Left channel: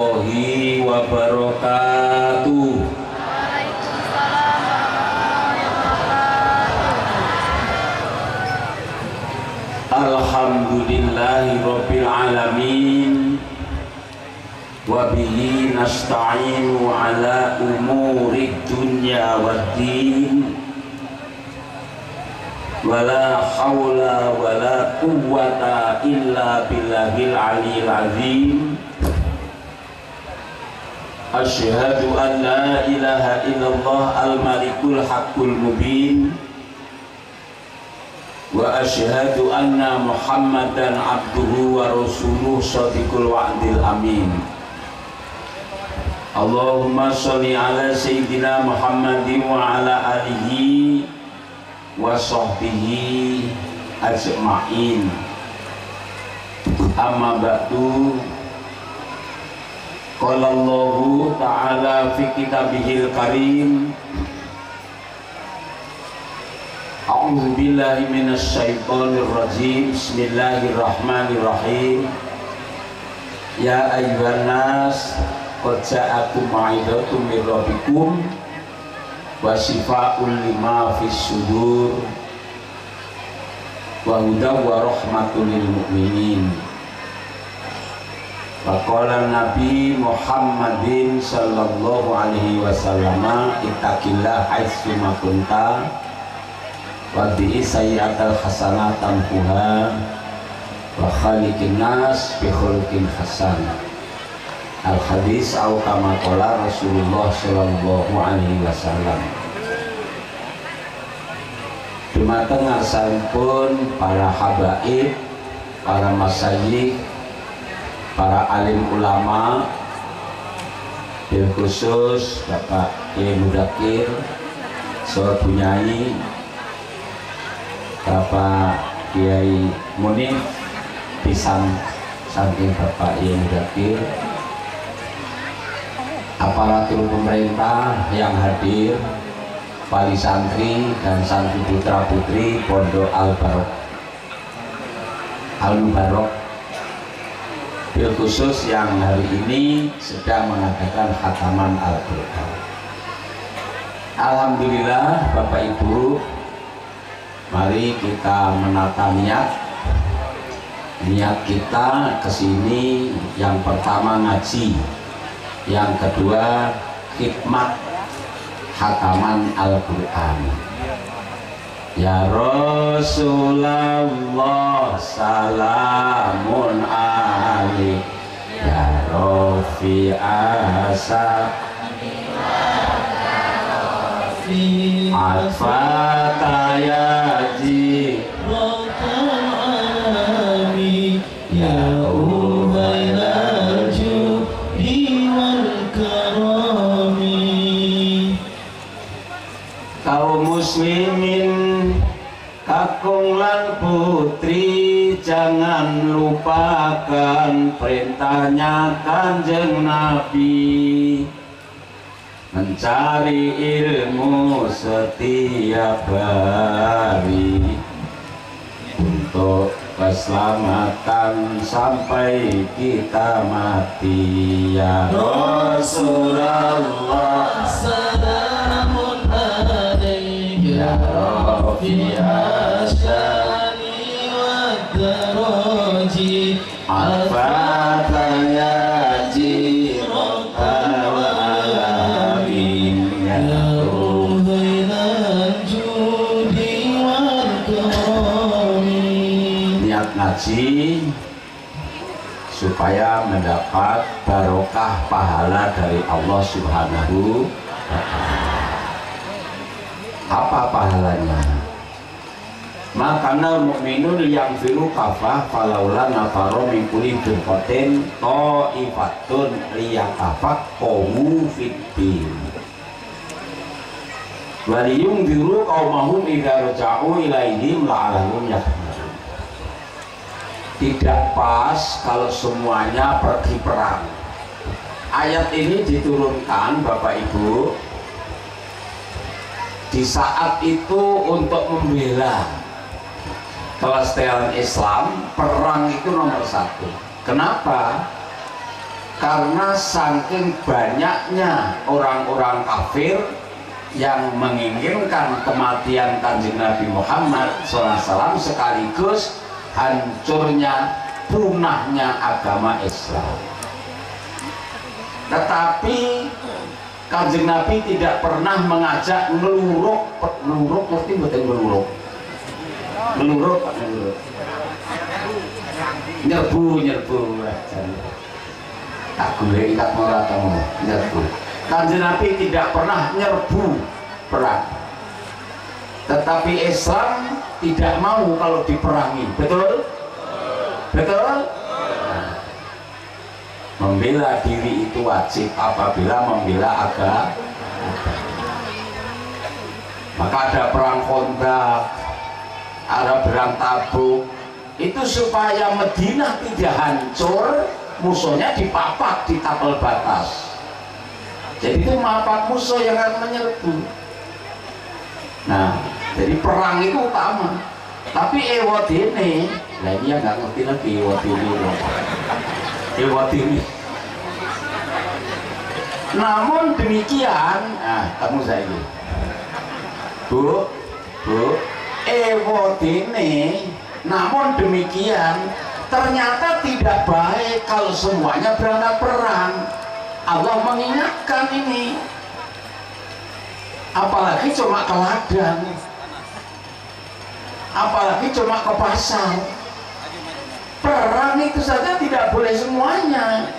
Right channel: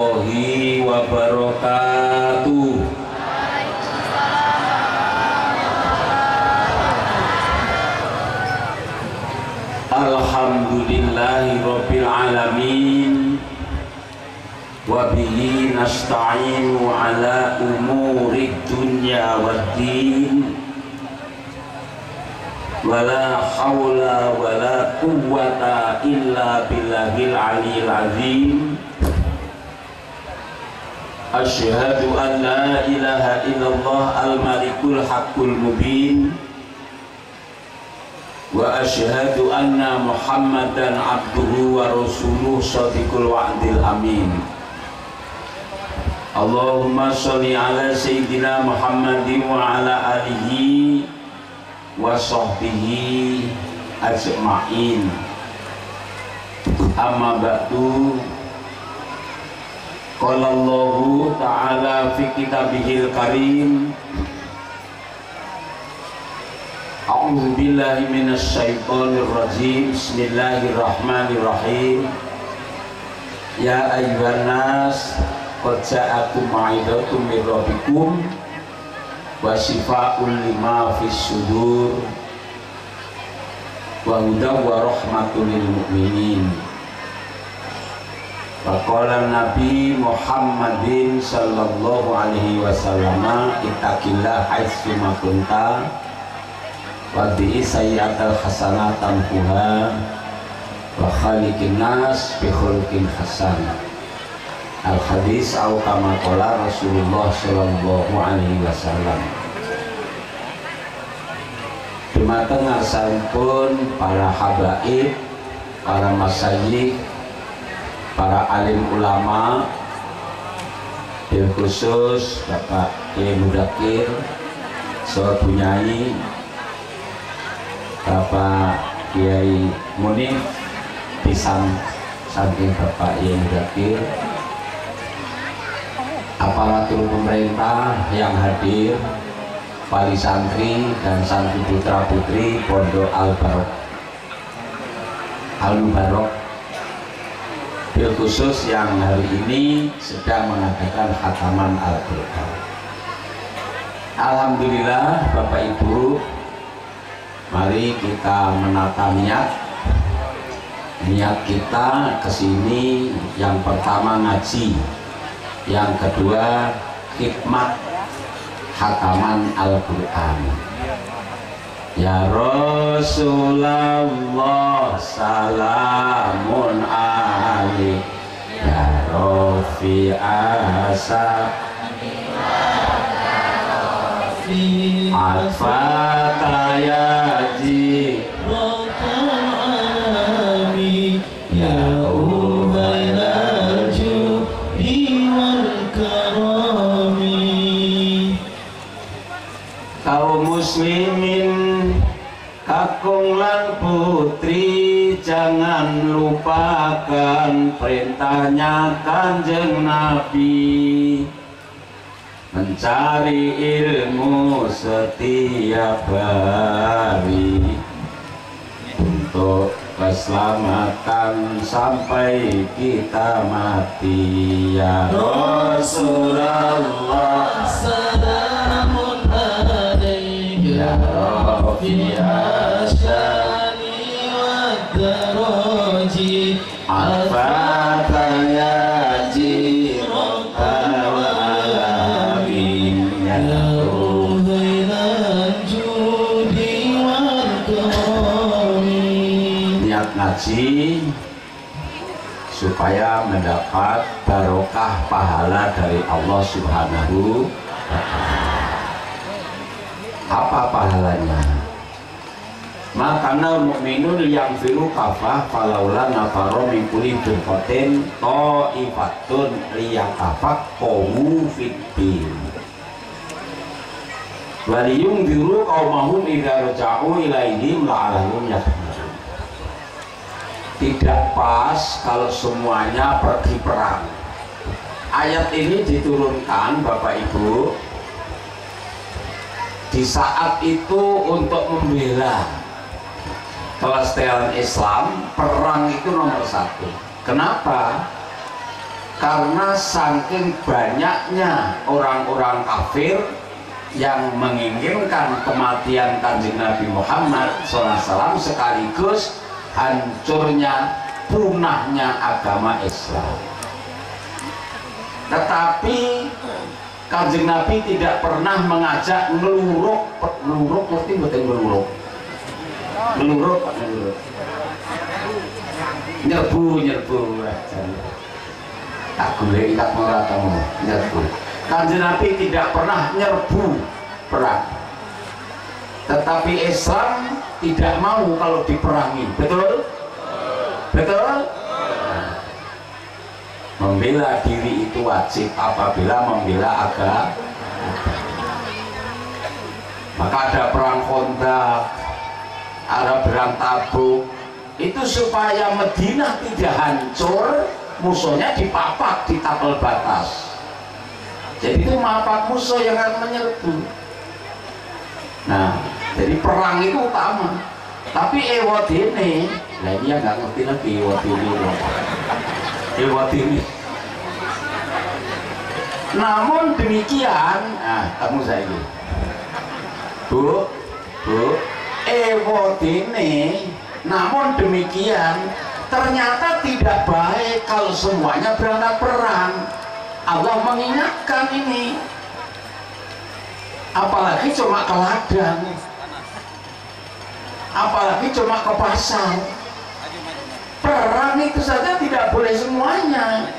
warahmatullahi wabarakatuh. Alhamdulillahi rabbil alamin, wabihi nasta'inu ala umuri dunya waddin, wala hawla wala quwwata illa billahil aliyil azim. Asyhadu an la ilaha illallah al-malikul haqqul mubin, wa asyhadu anna muhammadan abduhu wa rasuluh shadiqul wa'dil amin. Allahumma sholli ala sayyidina Muhammadin wa ala alihi wa sahbihi ajma'in. Amma ba'du. Qala Allahu ta'ala fi kitabihil karim, a'udzu billahi minasy syaithanir rajim. Bismillahirrahmanirrahim. Ya ayyuhan nas, qad ja'akum mau'izatun mir rabbikum wa shifaa'un lima fis sudur wa hudan wa rahmatul lil mu'minin. Faqala Nabi Muhammadin sallallahu alaihi wasallam, ittaqillah haitsu ma kunta wad'i sayyi'atal hasanatan tamhuha wa khaliqin nas bi khuluqin hasan. Al hadis au kama qala Rasulullah sallallahu alaihi wasallam. Dumateng ngarsanipun para habaib, para masyayikh, para alim ulama, bil khusus Bapak Kiai Mudakir Soal Bunyai, Bapak Kiai Munif, pisang saking Bapak Kiai Mudakir, aparatur pemerintah yang hadir, wali santri dan santri putra putri Pondok Al-Mubarok, bil khusus yang hari ini sedang mengadakan khataman Al-Quran. Alhamdulillah Bapak Ibu, mari kita menata niat kita kesini. Yang pertama ngaji, yang kedua khidmat khataman Al-Quran. Ya Rasulullah salamun alaik, ya Rafi'asa Al-Fatah ya Jibril, ya Ubaidal Judi wal Karami. Kaum muslimin kakung lan putri, jangan lupakan perintahnya Kanjeng Nabi, mencari ilmu setiap hari untuk keselamatan sampai kita mati. Ya Rasulullah salamun alaik, ya Rafi asyani wa daraji, al-Fatah ya Jibril alamin, ya Ubaidal Judi wal Karami. Niat ngaji supaya mendapat barokah pahala dari Allah Subhanahu wa ta'ala. Apa pahalanya? Makana mu'minun yang firu kafah falaula nafaro min kulli firqatin ta'ifatun liyatafaqahu fiddin wa liyunziru qaumahum idza raja'u ilaihim la'allahum yahtadun. Tidak pas kalau semuanya pergi perang. Ayat ini diturunkan Bapak Ibu di saat itu untuk membela kelestarian Islam. Perang itu nomor satu. Kenapa? karena saking banyaknya orang-orang kafir yang menginginkan kematian Kanjeng Nabi Muhammad SAW sekaligus hancurnya, punahnya agama Islam. Tetapi Kanjeng Nabi tidak pernah mengajak ngeluruk, ngerti betul ngeluruk? Ngeluruk, nyerbu. Tak boleh ikat moratamu, nyerbu. Kanjeng Nabi tidak pernah nyerbu perang, tetapi Islam tidak mau kalau diperangi. Betul? Betul? Membela diri itu wajib apabila membela agama. Maka ada perang Khandaq, ada perang Tabuk, itu supaya Madinah tidak hancur, musuhnya dipapak di tapel batas. Jadi itu mapak musuh yang akan menyerbu. Nah, jadi perang itu utama. Tapi ewadene, nah ini yang nggak ngerti lagi ewadene. Namun demikian, nah kamu saya ini, bu, ewadene. Namun demikian, ternyata tidak baik kalau semuanya berangkat perang. Allah mengingatkan ini, apalagi cuma ke ladang, apalagi cuma ke pasar. Perang itu saja tidak boleh semuanya.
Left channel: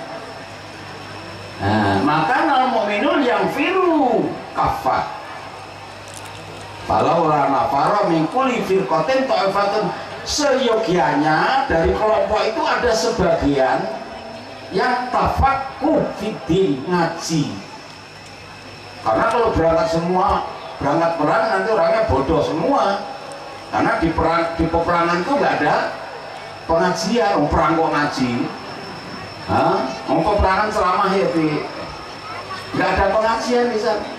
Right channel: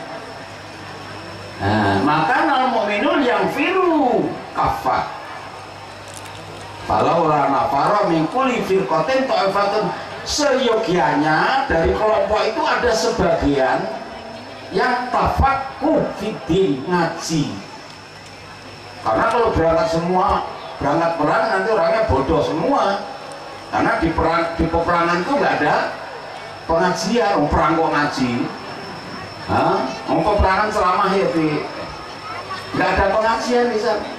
Nah, maka al mu'minun yang firu kafah. Falau la nafara min kulli firqatin ta'ifatun, seyogianya dari kelompok itu ada sebagian yang tafaqquh fiddin, ngaji. Karena kalau berangkat semua, berangkat perang nanti orangnya bodoh semua. Karena di peperangan itu nggak ada pengajian, perang kok ngaji. Peperangan selama hidup nggak ada pengajian di sana.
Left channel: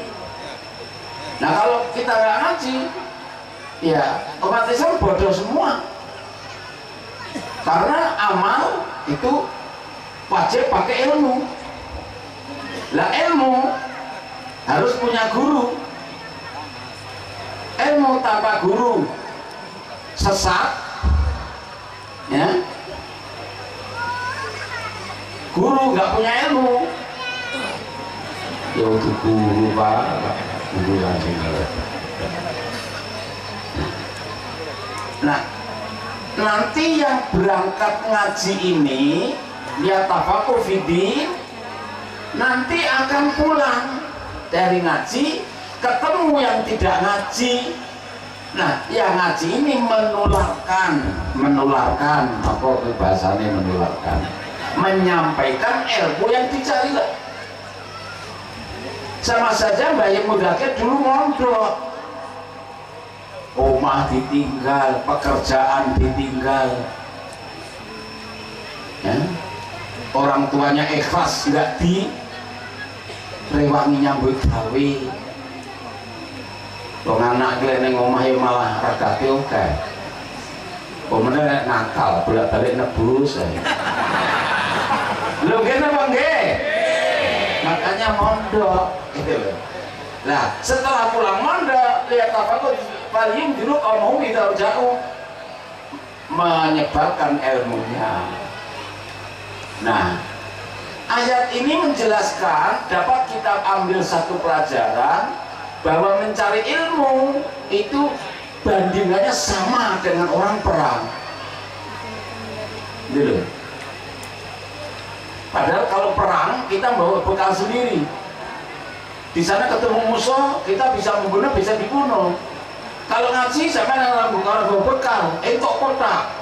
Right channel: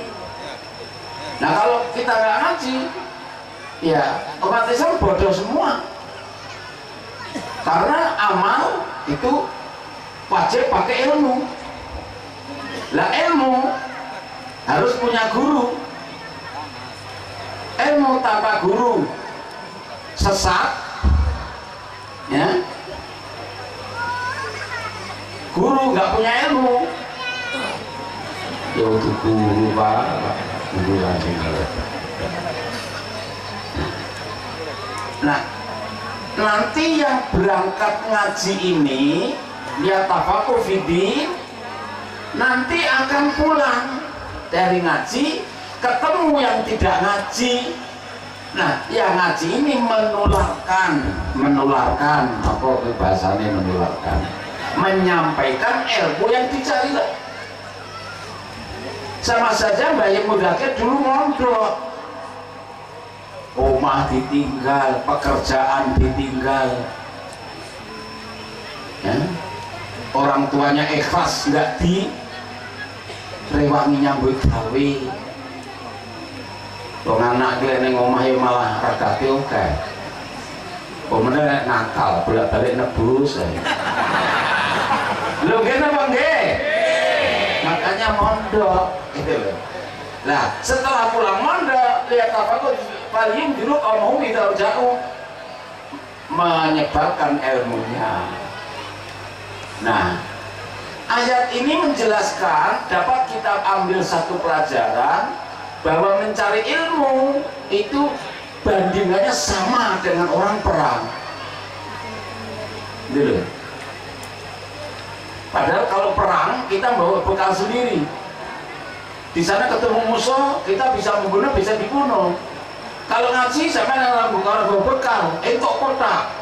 Nah kalau kita nggak ngaji, ya umat Islam bodoh semua. Karena amal itu wajib pakai ilmu. Lah ilmu harus punya guru. Ilmu tanpa guru sesat, ya. Guru nggak punya ilmu, ya itu guru pak, guru langsung. Nah, nanti yang berangkat ngaji ini dia tafaqquh fiddin, nanti akan pulang dari ngaji ketemu yang tidak ngaji. Nah, yang ngaji ini menularkan apa bahasanya, menularkan, menyampaikan ilmu yang dicari. Sama saja Mbah Yem Mudakir dulu mondok, rumah ditinggal, pekerjaan ditinggal, ya. Orang tuanya ikhlas nggak direwangi nyambut gawe. Wong anak ki ning omah ya malah ragate oke. Pemene nakal, bolak-balik nebus. Lho kene apa nggih? Makanya mondok gitu loh. Nah, setelah pulang mondok, lihat apa kok paling dulu omong tidak jauh menyebarkan ilmunya. Nah, ayat ini menjelaskan, dapat kita ambil satu pelajaran bahwa mencari ilmu itu bandingannya sama dengan orang perang. Gitu. Padahal kalau perang kita bawa bekal sendiri. Di sana ketemu musuh, kita bisa membunuh, bisa dibunuh. Kalau ngaji sama dengan bawa bekal, entok kotak.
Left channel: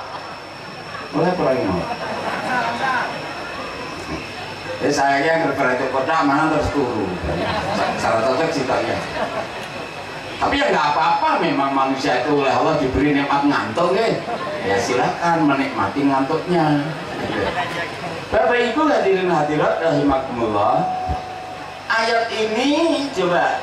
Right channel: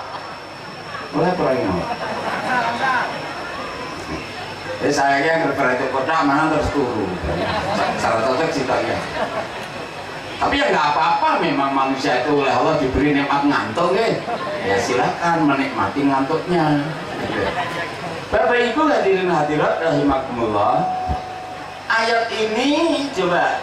Boleh perangnya. Saya yang berarti kota mana terus turun. Salah satu ceritanya. Tapi ya nggak apa-apa, memang manusia itu oleh Allah diberi nikmat ngantuk, ya silakan menikmati ngantuknya. Bapak Ibu hadirin hadirat rahimakumullah, ayat ini coba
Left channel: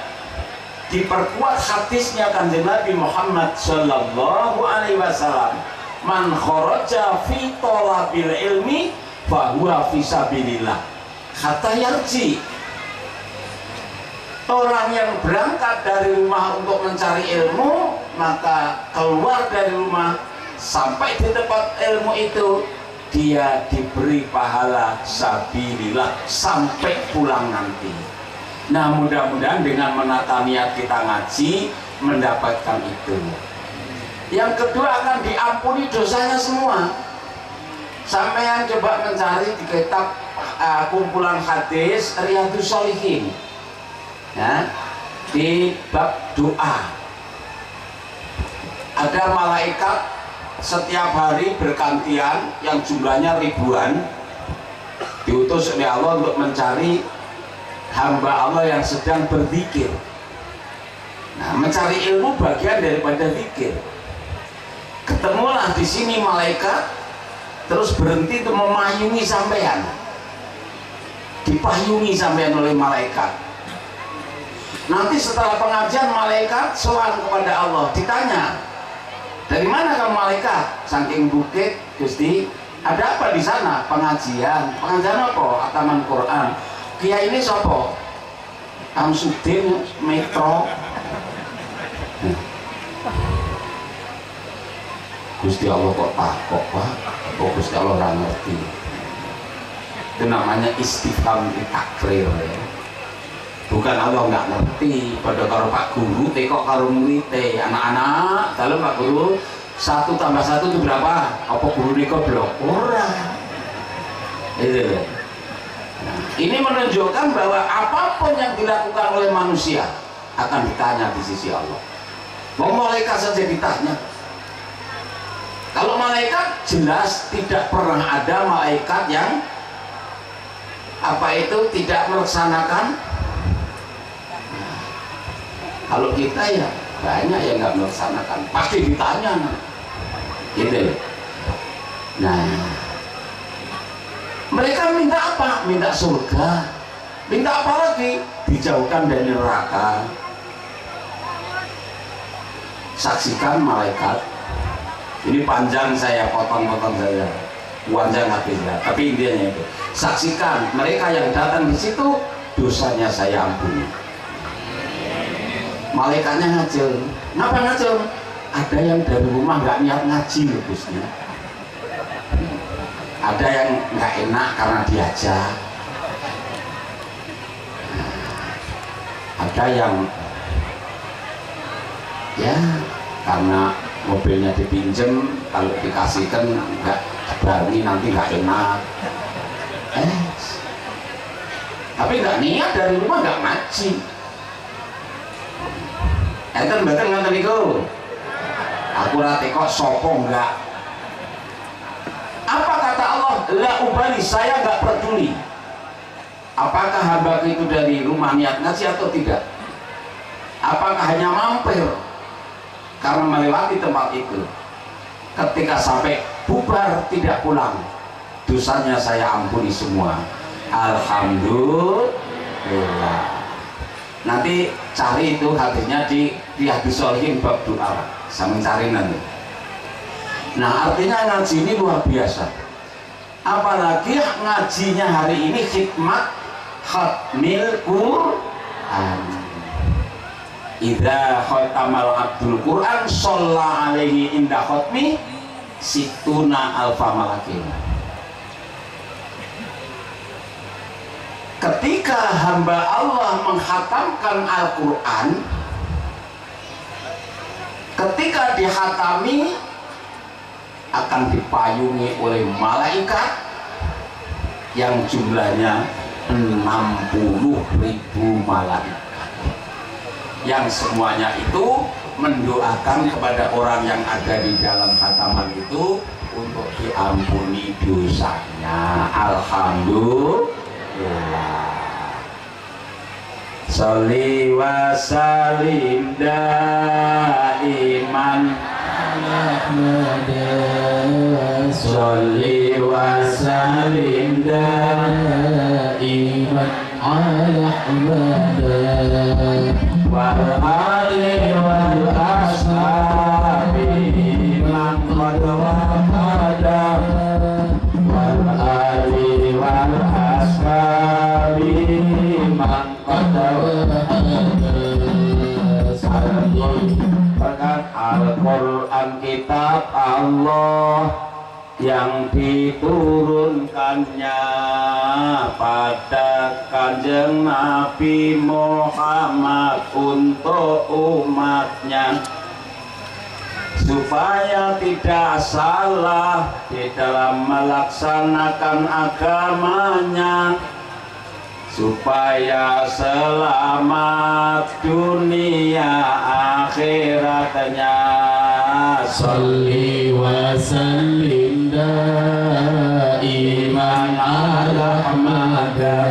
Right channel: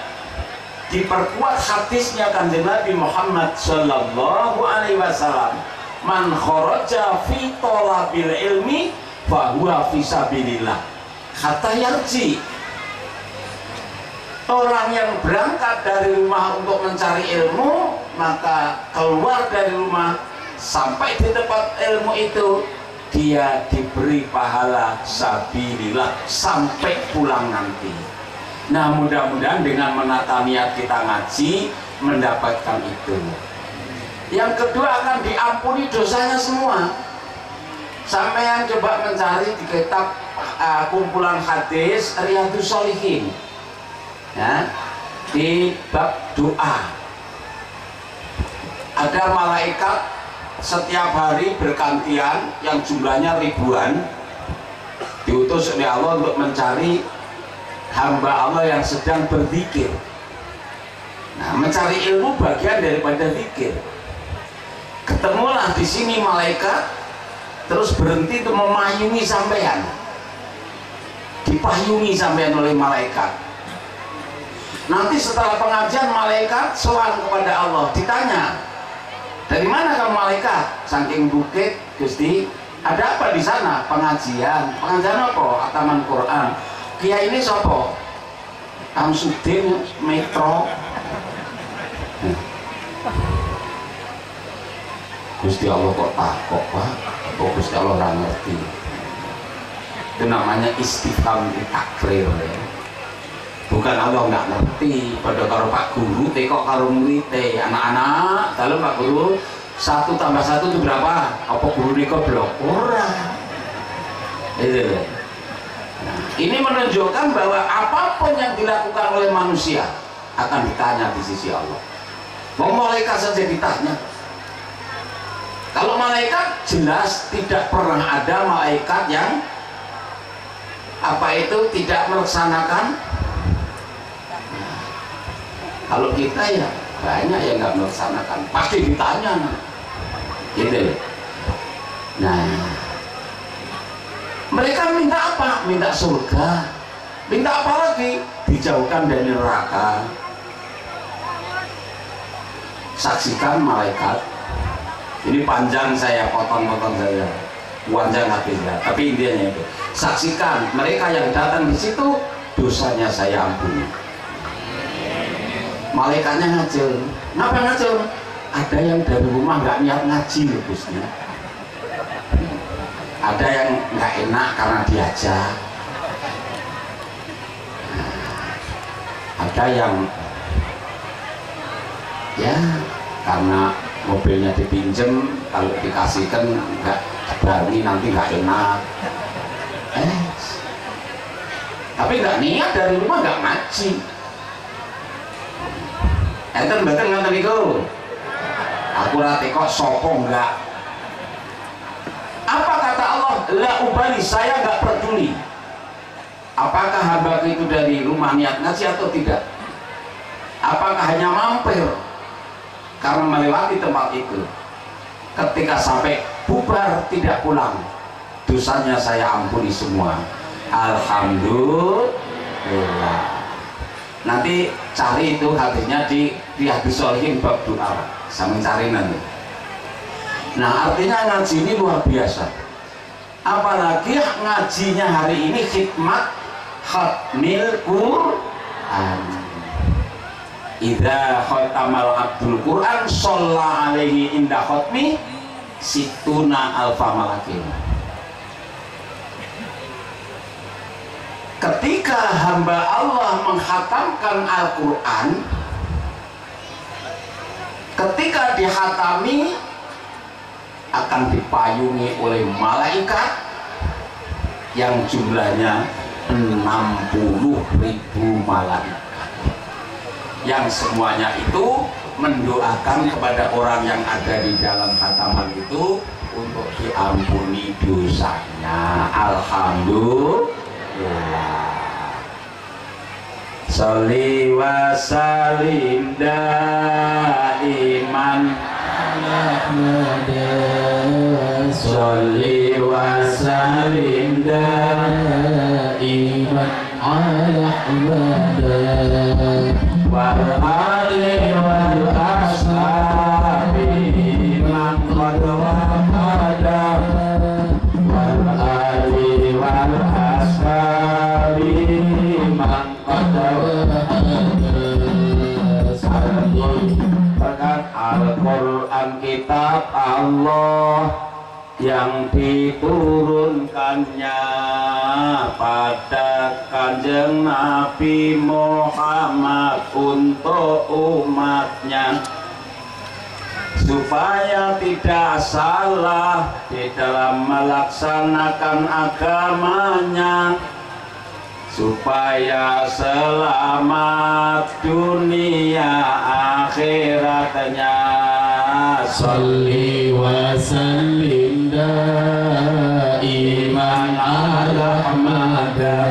diperkuat hadisnya Kanjeng Nabi Muhammad Sallallahu Alaihi Wasallam, man kharaja fi thalabil ilmi fahuwa fi sabilillah. hatta yarji. Orang yang berangkat dari rumah untuk mencari ilmu, maka keluar dari rumah sampai di tempat ilmu itu, dia diberi pahala sabilillah sampai pulang nanti. Nah, mudah-mudahan dengan menata niat kita ngaji mendapatkan itu. Yang kedua, akan diampuni dosanya semua. Sampean coba mencari di kitab kumpulan hadis Riyadhus Shalihin, ya, di bab doa ada malaikat setiap hari bergantian yang jumlahnya ribuan, diutus oleh Allah untuk mencari hamba Allah yang sedang berzikir. Nah, mencari ilmu bagian daripada zikir. Ketemulah di sini malaikat, terus berhenti untuk memayungi sampean, dipayungi sampean oleh malaikat. Nanti setelah pengajian malaikat soal kepada Allah, ditanya, dari mana kamu malaikat? Saking bukit, Gusti, ada apa di sana? Pengajian. Pengajian apa? Ataman Quran. Kiai ini siapa? Kamsudin Metro. Gusti Allah kok takok, Pak? Oh, Gusti Allah nggak ngerti. Itu namanya istifham takrir, ya. Bukan Allah nggak ngerti. Pada karo Pak Guru, kok karo murid, anak-anak, kalau Pak Guru 1 tambah 1 itu berapa? Apa guru ini goblok? Ora. Itu. Nah, ini menunjukkan bahwa apapun yang dilakukan oleh manusia akan ditanya di sisi Allah. Mau malaikat saja ditanya. Kalau malaikat jelas tidak pernah ada malaikat yang apa itu tidak melaksanakan. Nah, kalau kita ya banyak yang nggak melaksanakan, pasti ditanya, gitu. Nah, mereka minta apa? Minta surga. Minta apa lagi? Dijauhkan dari neraka. Saksikan malaikat. Ini panjang, saya potong-potong saja, panjang habisnya. Tapi intinya itu, saksikan mereka yang datang di situ, dosanya saya ampuni. Malaikatnya ngajel. Kenapa ngajel? Ada yang dari rumah nggak niat ngaji loh, Gusti. Ada yang nggak enak karena diajak. Ada yang ya karena mobilnya dipinjem, kalau dikasihkan nggak berani, nanti nggak enak. Tapi nggak niat dari rumah nggak ngaji. Enten betul nggak niku? Aku rate kok sopo enggak. Apa kata Allah? La ubali, saya nggak peduli. Apakah hamba itu dari rumah niat ngaji atau tidak? Apakah hanya mampir karena melewati tempat itu? Ketika sampai bubar tidak pulang, dosanya saya ampuni semua. Alhamdulillah. Nanti cari itu hadisnya di Riyadhus Shalihin bab doa, sama cari nanti. Nah, artinya ngaji ini luar biasa. Apalagi ngajinya hari ini khidmat khatmil Quran. Idza khatamal abdul Quran shalla alaihi inda khatmi situna alfa malakin. Ketika hamba Allah menghatamkan Al-Quran, ketika dihatami akan dipayungi oleh malaikat yang jumlahnya 60.000 malaikat, yang semuanya itu mendoakan kepada orang yang ada di dalam khataman itu untuk diampuni dosanya. Alhamdulillah. Sholli wa salim daiman Sholli wa salim daiman ala wal ali wal ashabi man qad wahada wal ali wal ashabi Al-Quran kitab Allah yang diturunkannya pada Kanjeng Nabi Muhammad untuk umatnya supaya tidak salah di dalam melaksanakan agamanya, supaya selamat dunia akhiratnya. Salli wa sallim daiman ala Ahmada.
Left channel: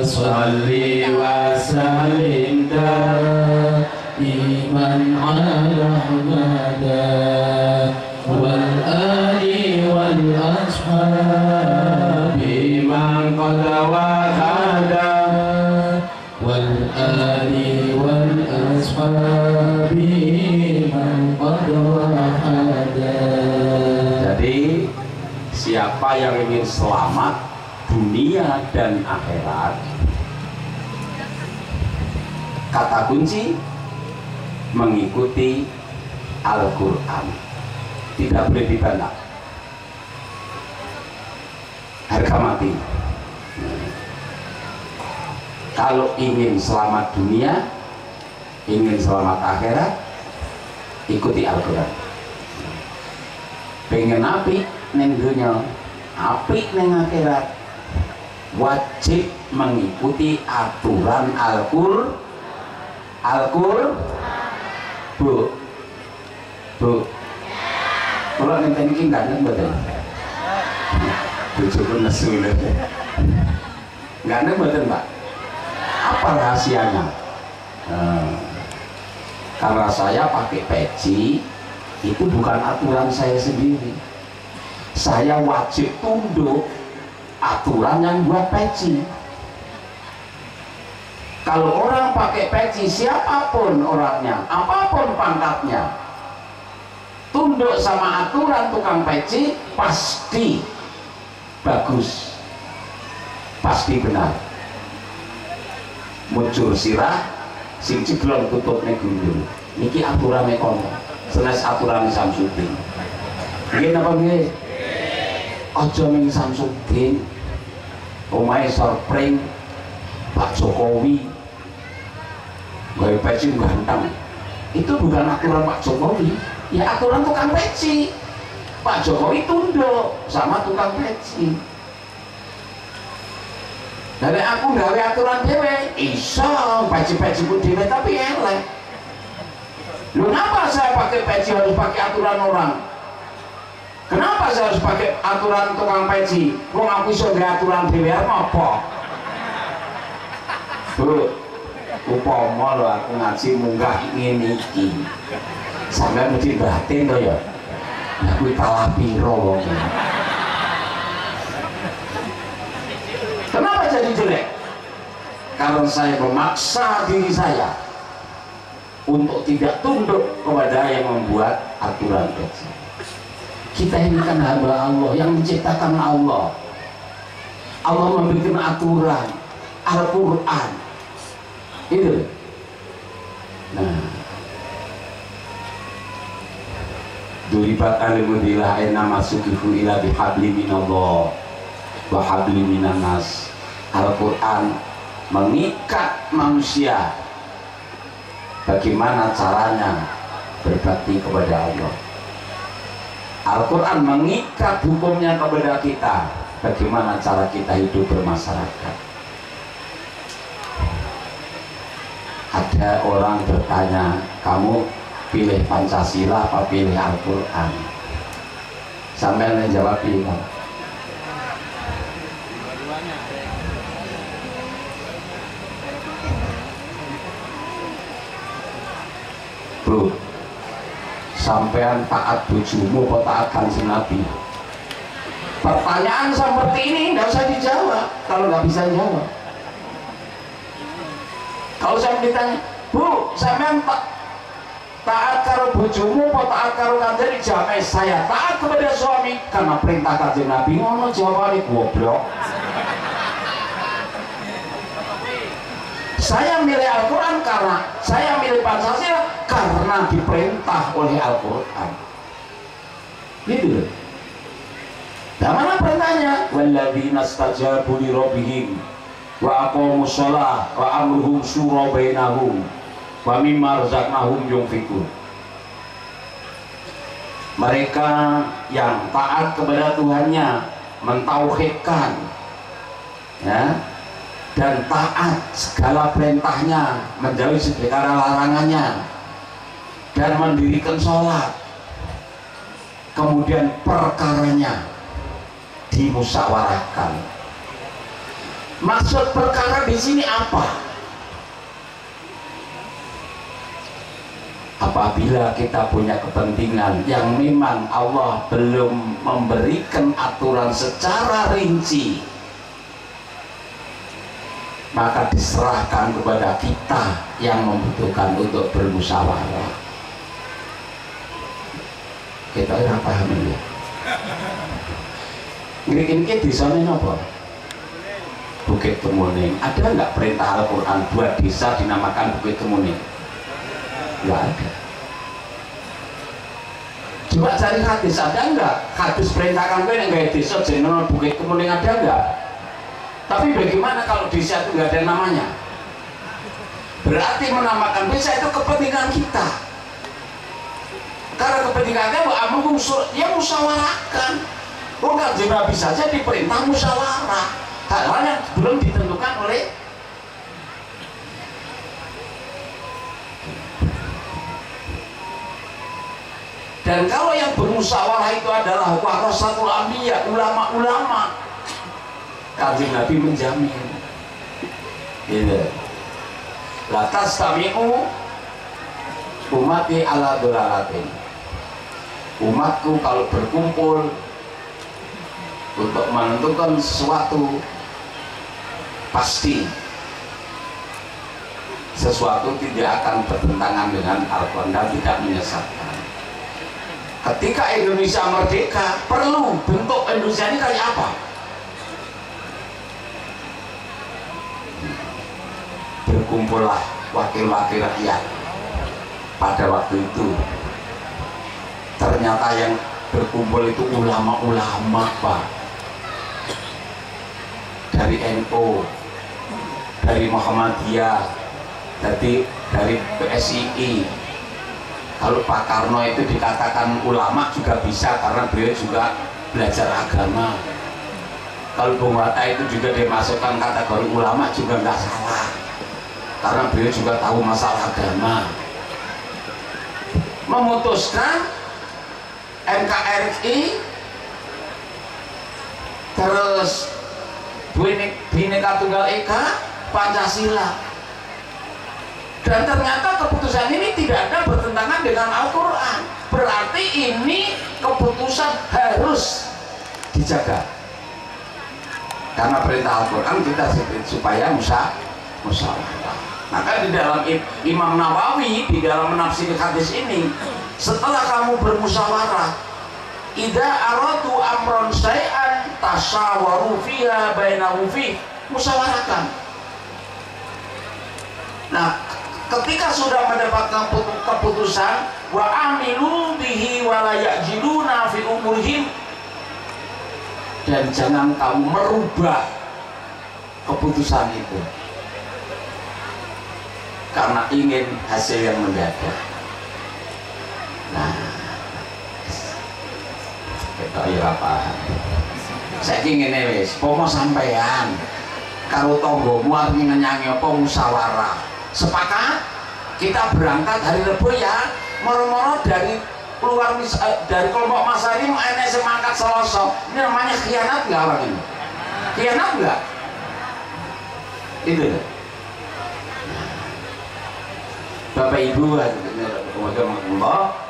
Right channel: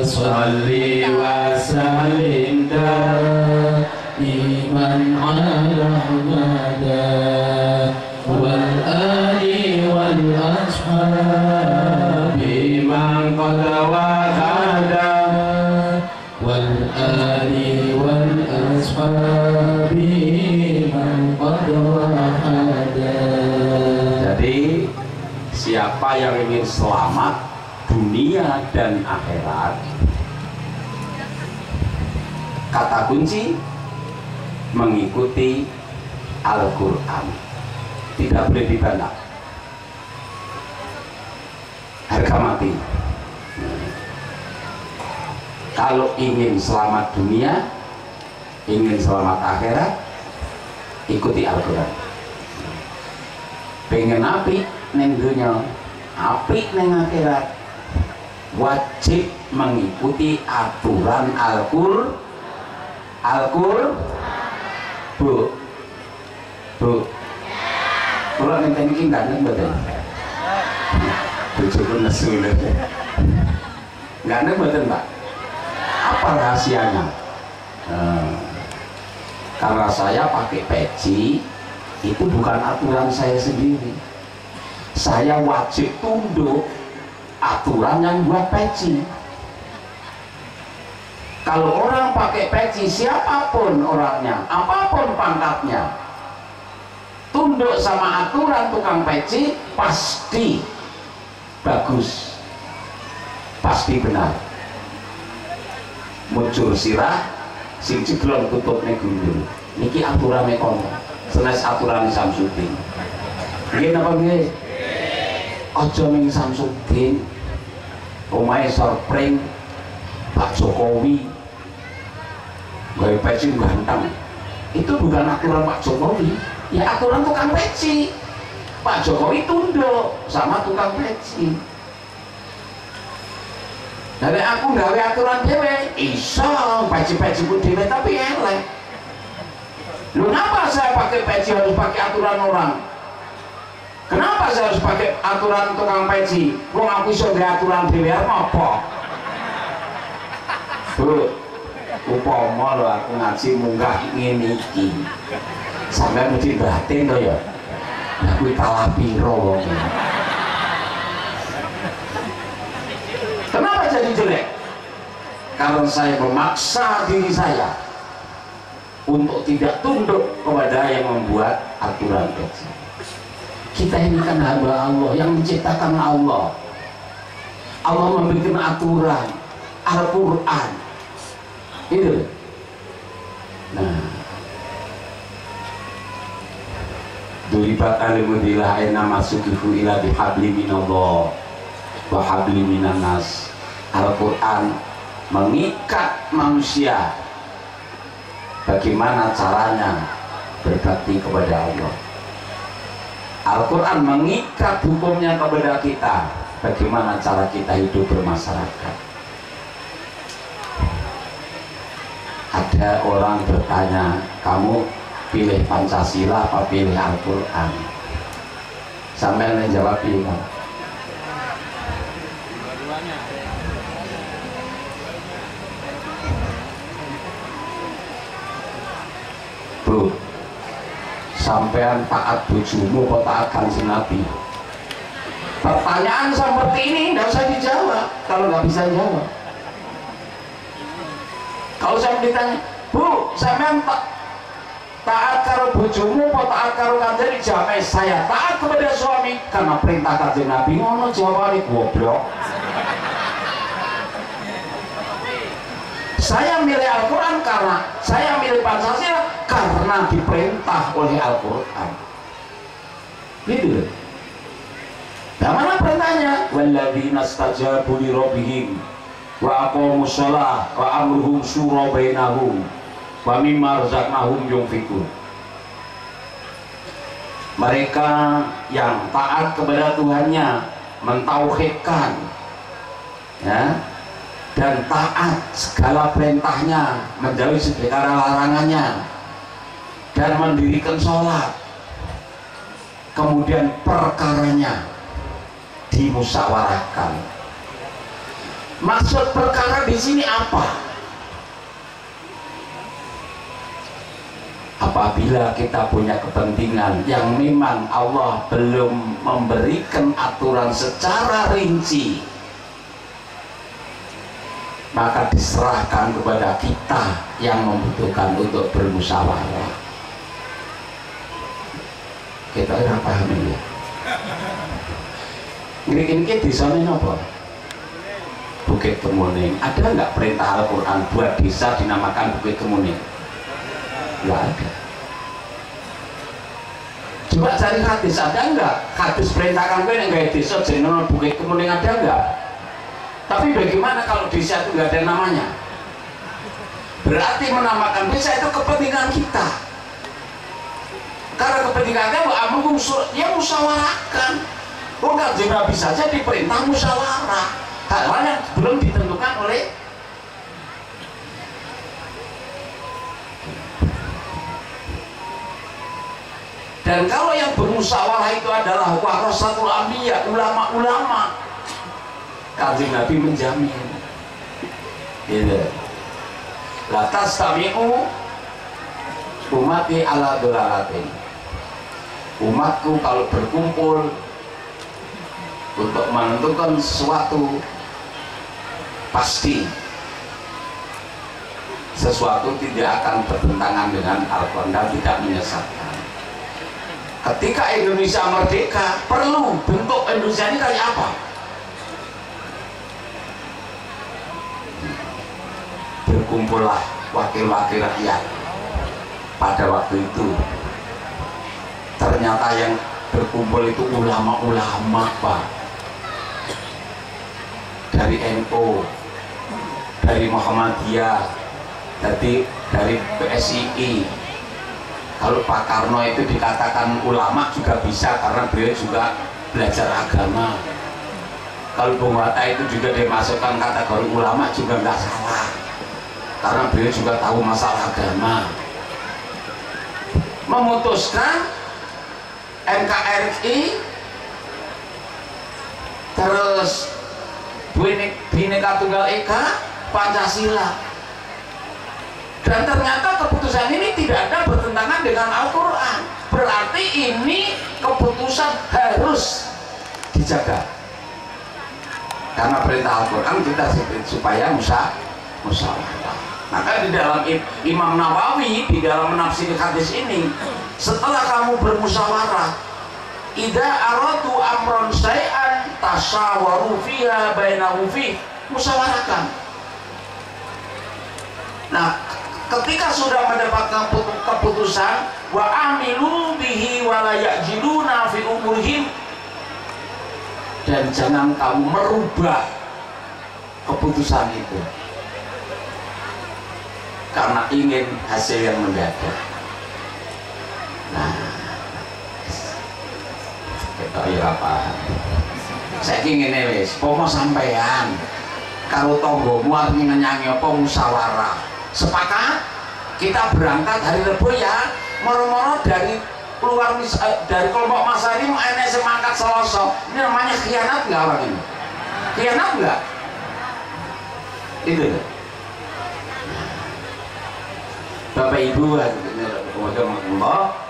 Salli wa sallim daiman ala Ahmada wal ali wal ashabi man qad wahada wal ali wal ashabi. Jadi siapa yang ingin selamat dunia dan akhirat, kata kunci mengikuti Al-Quran, tidak boleh dibantah, harga mati. Kalau ingin selamat dunia, ingin selamat akhirat, ikuti Al-Quran. Pengen apik neng dunia, apik neng akhirat, wajib mengikuti aturan Al-Qur'an. Bu, kalau neng tadi nggak neng betul, tujuh nesu nggak neng betul mbak. Apa rahasianya? Karena saya pakai peci, itu bukan aturan saya sendiri. Saya wajib tunduk aturan yang buat peci. Kalau orang pakai peci, siapapun orangnya, apapun pangkatnya, tunduk sama aturan tukang peci, pasti bagus, pasti benar. Muncul sirah, sing ciblon tutupnya gundul. Niki aturannya kono. Senes aturan Samsudin. Nggih napa nggih? Aja ning Samsudin. Omahe sorpring Pak Jokowi. Gawe peci ganteng. Itu bukan aturan Pak Jokowi, ya aturan tukang peci. Pak Jokowi tunduk sama tukang peci. Dari aku gawe aturan dhewe, iso peci-peciku dhewe tapi elek. Lu kenapa saya pakai peci harus pakai aturan orang? Kenapa saya harus pakai aturan tukang peci? Wong aku iso gawe aturan dhewe apa? Bu, upama lho aku ngaji munggah ngene iki. Sampeyan mesti batin to ya. Lah kuwi kalah piro wong. Kenapa jadi jelek? Karena saya memaksa diri saya untuk tidak tunduk kepada yang membuat aturan peci. Kita ini kan hamba Allah, yang menciptakan Allah. Allah membuat aturan Al-Quran itu. Nah, duribat alimudillah aina masukifu ila bihabli minallah wa habli minannas. Al-Quran mengikat manusia bagaimana caranya berbakti kepada Allah. Al-Quran mengikat hukumnya kepada kita, bagaimana cara kita hidup bermasyarakat. Ada orang bertanya, kamu pilih Pancasila apa pilih Al-Quran? Sampai menjawab pilih. Bro, sampean taat bojomu kok taat Kanjeng Nabi? Pertanyaan seperti ini nggak usah dijawab kalau nggak bisa jawab. Kalau saya ditanya, Bu, sampean taat karo bojomu kok taat karo Kanjeng? Jawab saya taat kepada suami karena perintah Kanjeng Nabi. Ngono jawabane goblok. Saya milih Al-Quran karena saya milih Pancasila karena diperintah oleh Al-Quran. Gitu. Nah, mana perintahnya? Walladzina stajabu li rabbihim wa aqamus shalah wa amruhum syura bainahum wa mimma razaqnahum yunfiqun. Mereka yang taat kepada Tuhannya, mentauhidkan, ya, dan taat segala perintahnya, menjauhi segala larangannya, dan mendirikan sholat. Kemudian perkaranya dimusyawarahkan. Maksud perkara di sini apa? Apabila kita punya kepentingan yang memang Allah belum memberikan aturan secara rinci, maka diserahkan kepada kita yang membutuhkan untuk bermusyawarah. Kita ora paham ya. Ngrikin di sana apa? Bukit Kemuning. Ada nggak perintah Al-Quran buat desa dinamakan Bukit Kemuning? Nggak ada. Coba cari hadis, ada nggak? Hadis perintahkan gue yang gaya desa jeneng Bukit Kemuning, ada nggak? Tapi bagaimana kalau desa itu nggak ada namanya? Berarti menamakan desa itu kepentingan kita. Karena kepentingannya ya musyawarahkan. Bukan Nabi saja diperintah musyawarah. Hal-hal yang belum ditentukan oleh dan kalau yang bermusyawarah itu adalah warasatul anbiya, ulama-ulama, Kanjeng Nabi menjamin gitu. La tastami'u umati ala dolalatin. Umatku kalau berkumpul untuk menentukan sesuatu, pasti sesuatu tidak akan bertentangan dengan Al-Quran dan tidak menyesatkan. Ketika Indonesia merdeka, perlu bentuk Indonesia ini kayak apa? Berkumpullah wakil-wakil rakyat. Pada waktu itu ternyata yang berkumpul itu ulama-ulama, Pak, dari NU, dari Muhammadiyah, dari PSII. Kalau Pak Karno itu dikatakan ulama juga bisa karena beliau juga belajar agama. Kalau Bung Hatta itu juga dimasukkan kategori ulama juga nggak salah karena beliau juga tahu masalah agama. Memutuskan NKRI terus Bhinneka Tunggal Ika, Pancasila, dan ternyata keputusan ini tidak ada bertentangan dengan Al-Quran. Berarti ini keputusan harus dijaga karena perintah Al-Quran kita supaya musyawarah. Maka di dalam Imam Nawawi di dalam menafsir hadis ini, setelah kamu bermusyawarah, idza aradu amron syai'an tasyawaru fiha bainahu fi, musyawarahkan. Nah, ketika sudah mendapatkan keputusan, wa amilu bihi wa la ya'jiluna fi umurihim, dan jangan kamu merubah keputusan itu karena ingin hasil yang mendadak. Nah, kita ya paham. Saya ingin wis, pomo sampean kalau tonggomu arep nyanyi apa musyawarah. Sepakat kita berangkat hari Rebo ya, moro-moro dari keluar dari kelompok Mas Ari enek semangat Selasa. Ini namanya khianat nggak orang ini? Khianat nggak? Itu ya. Bapak Ibu,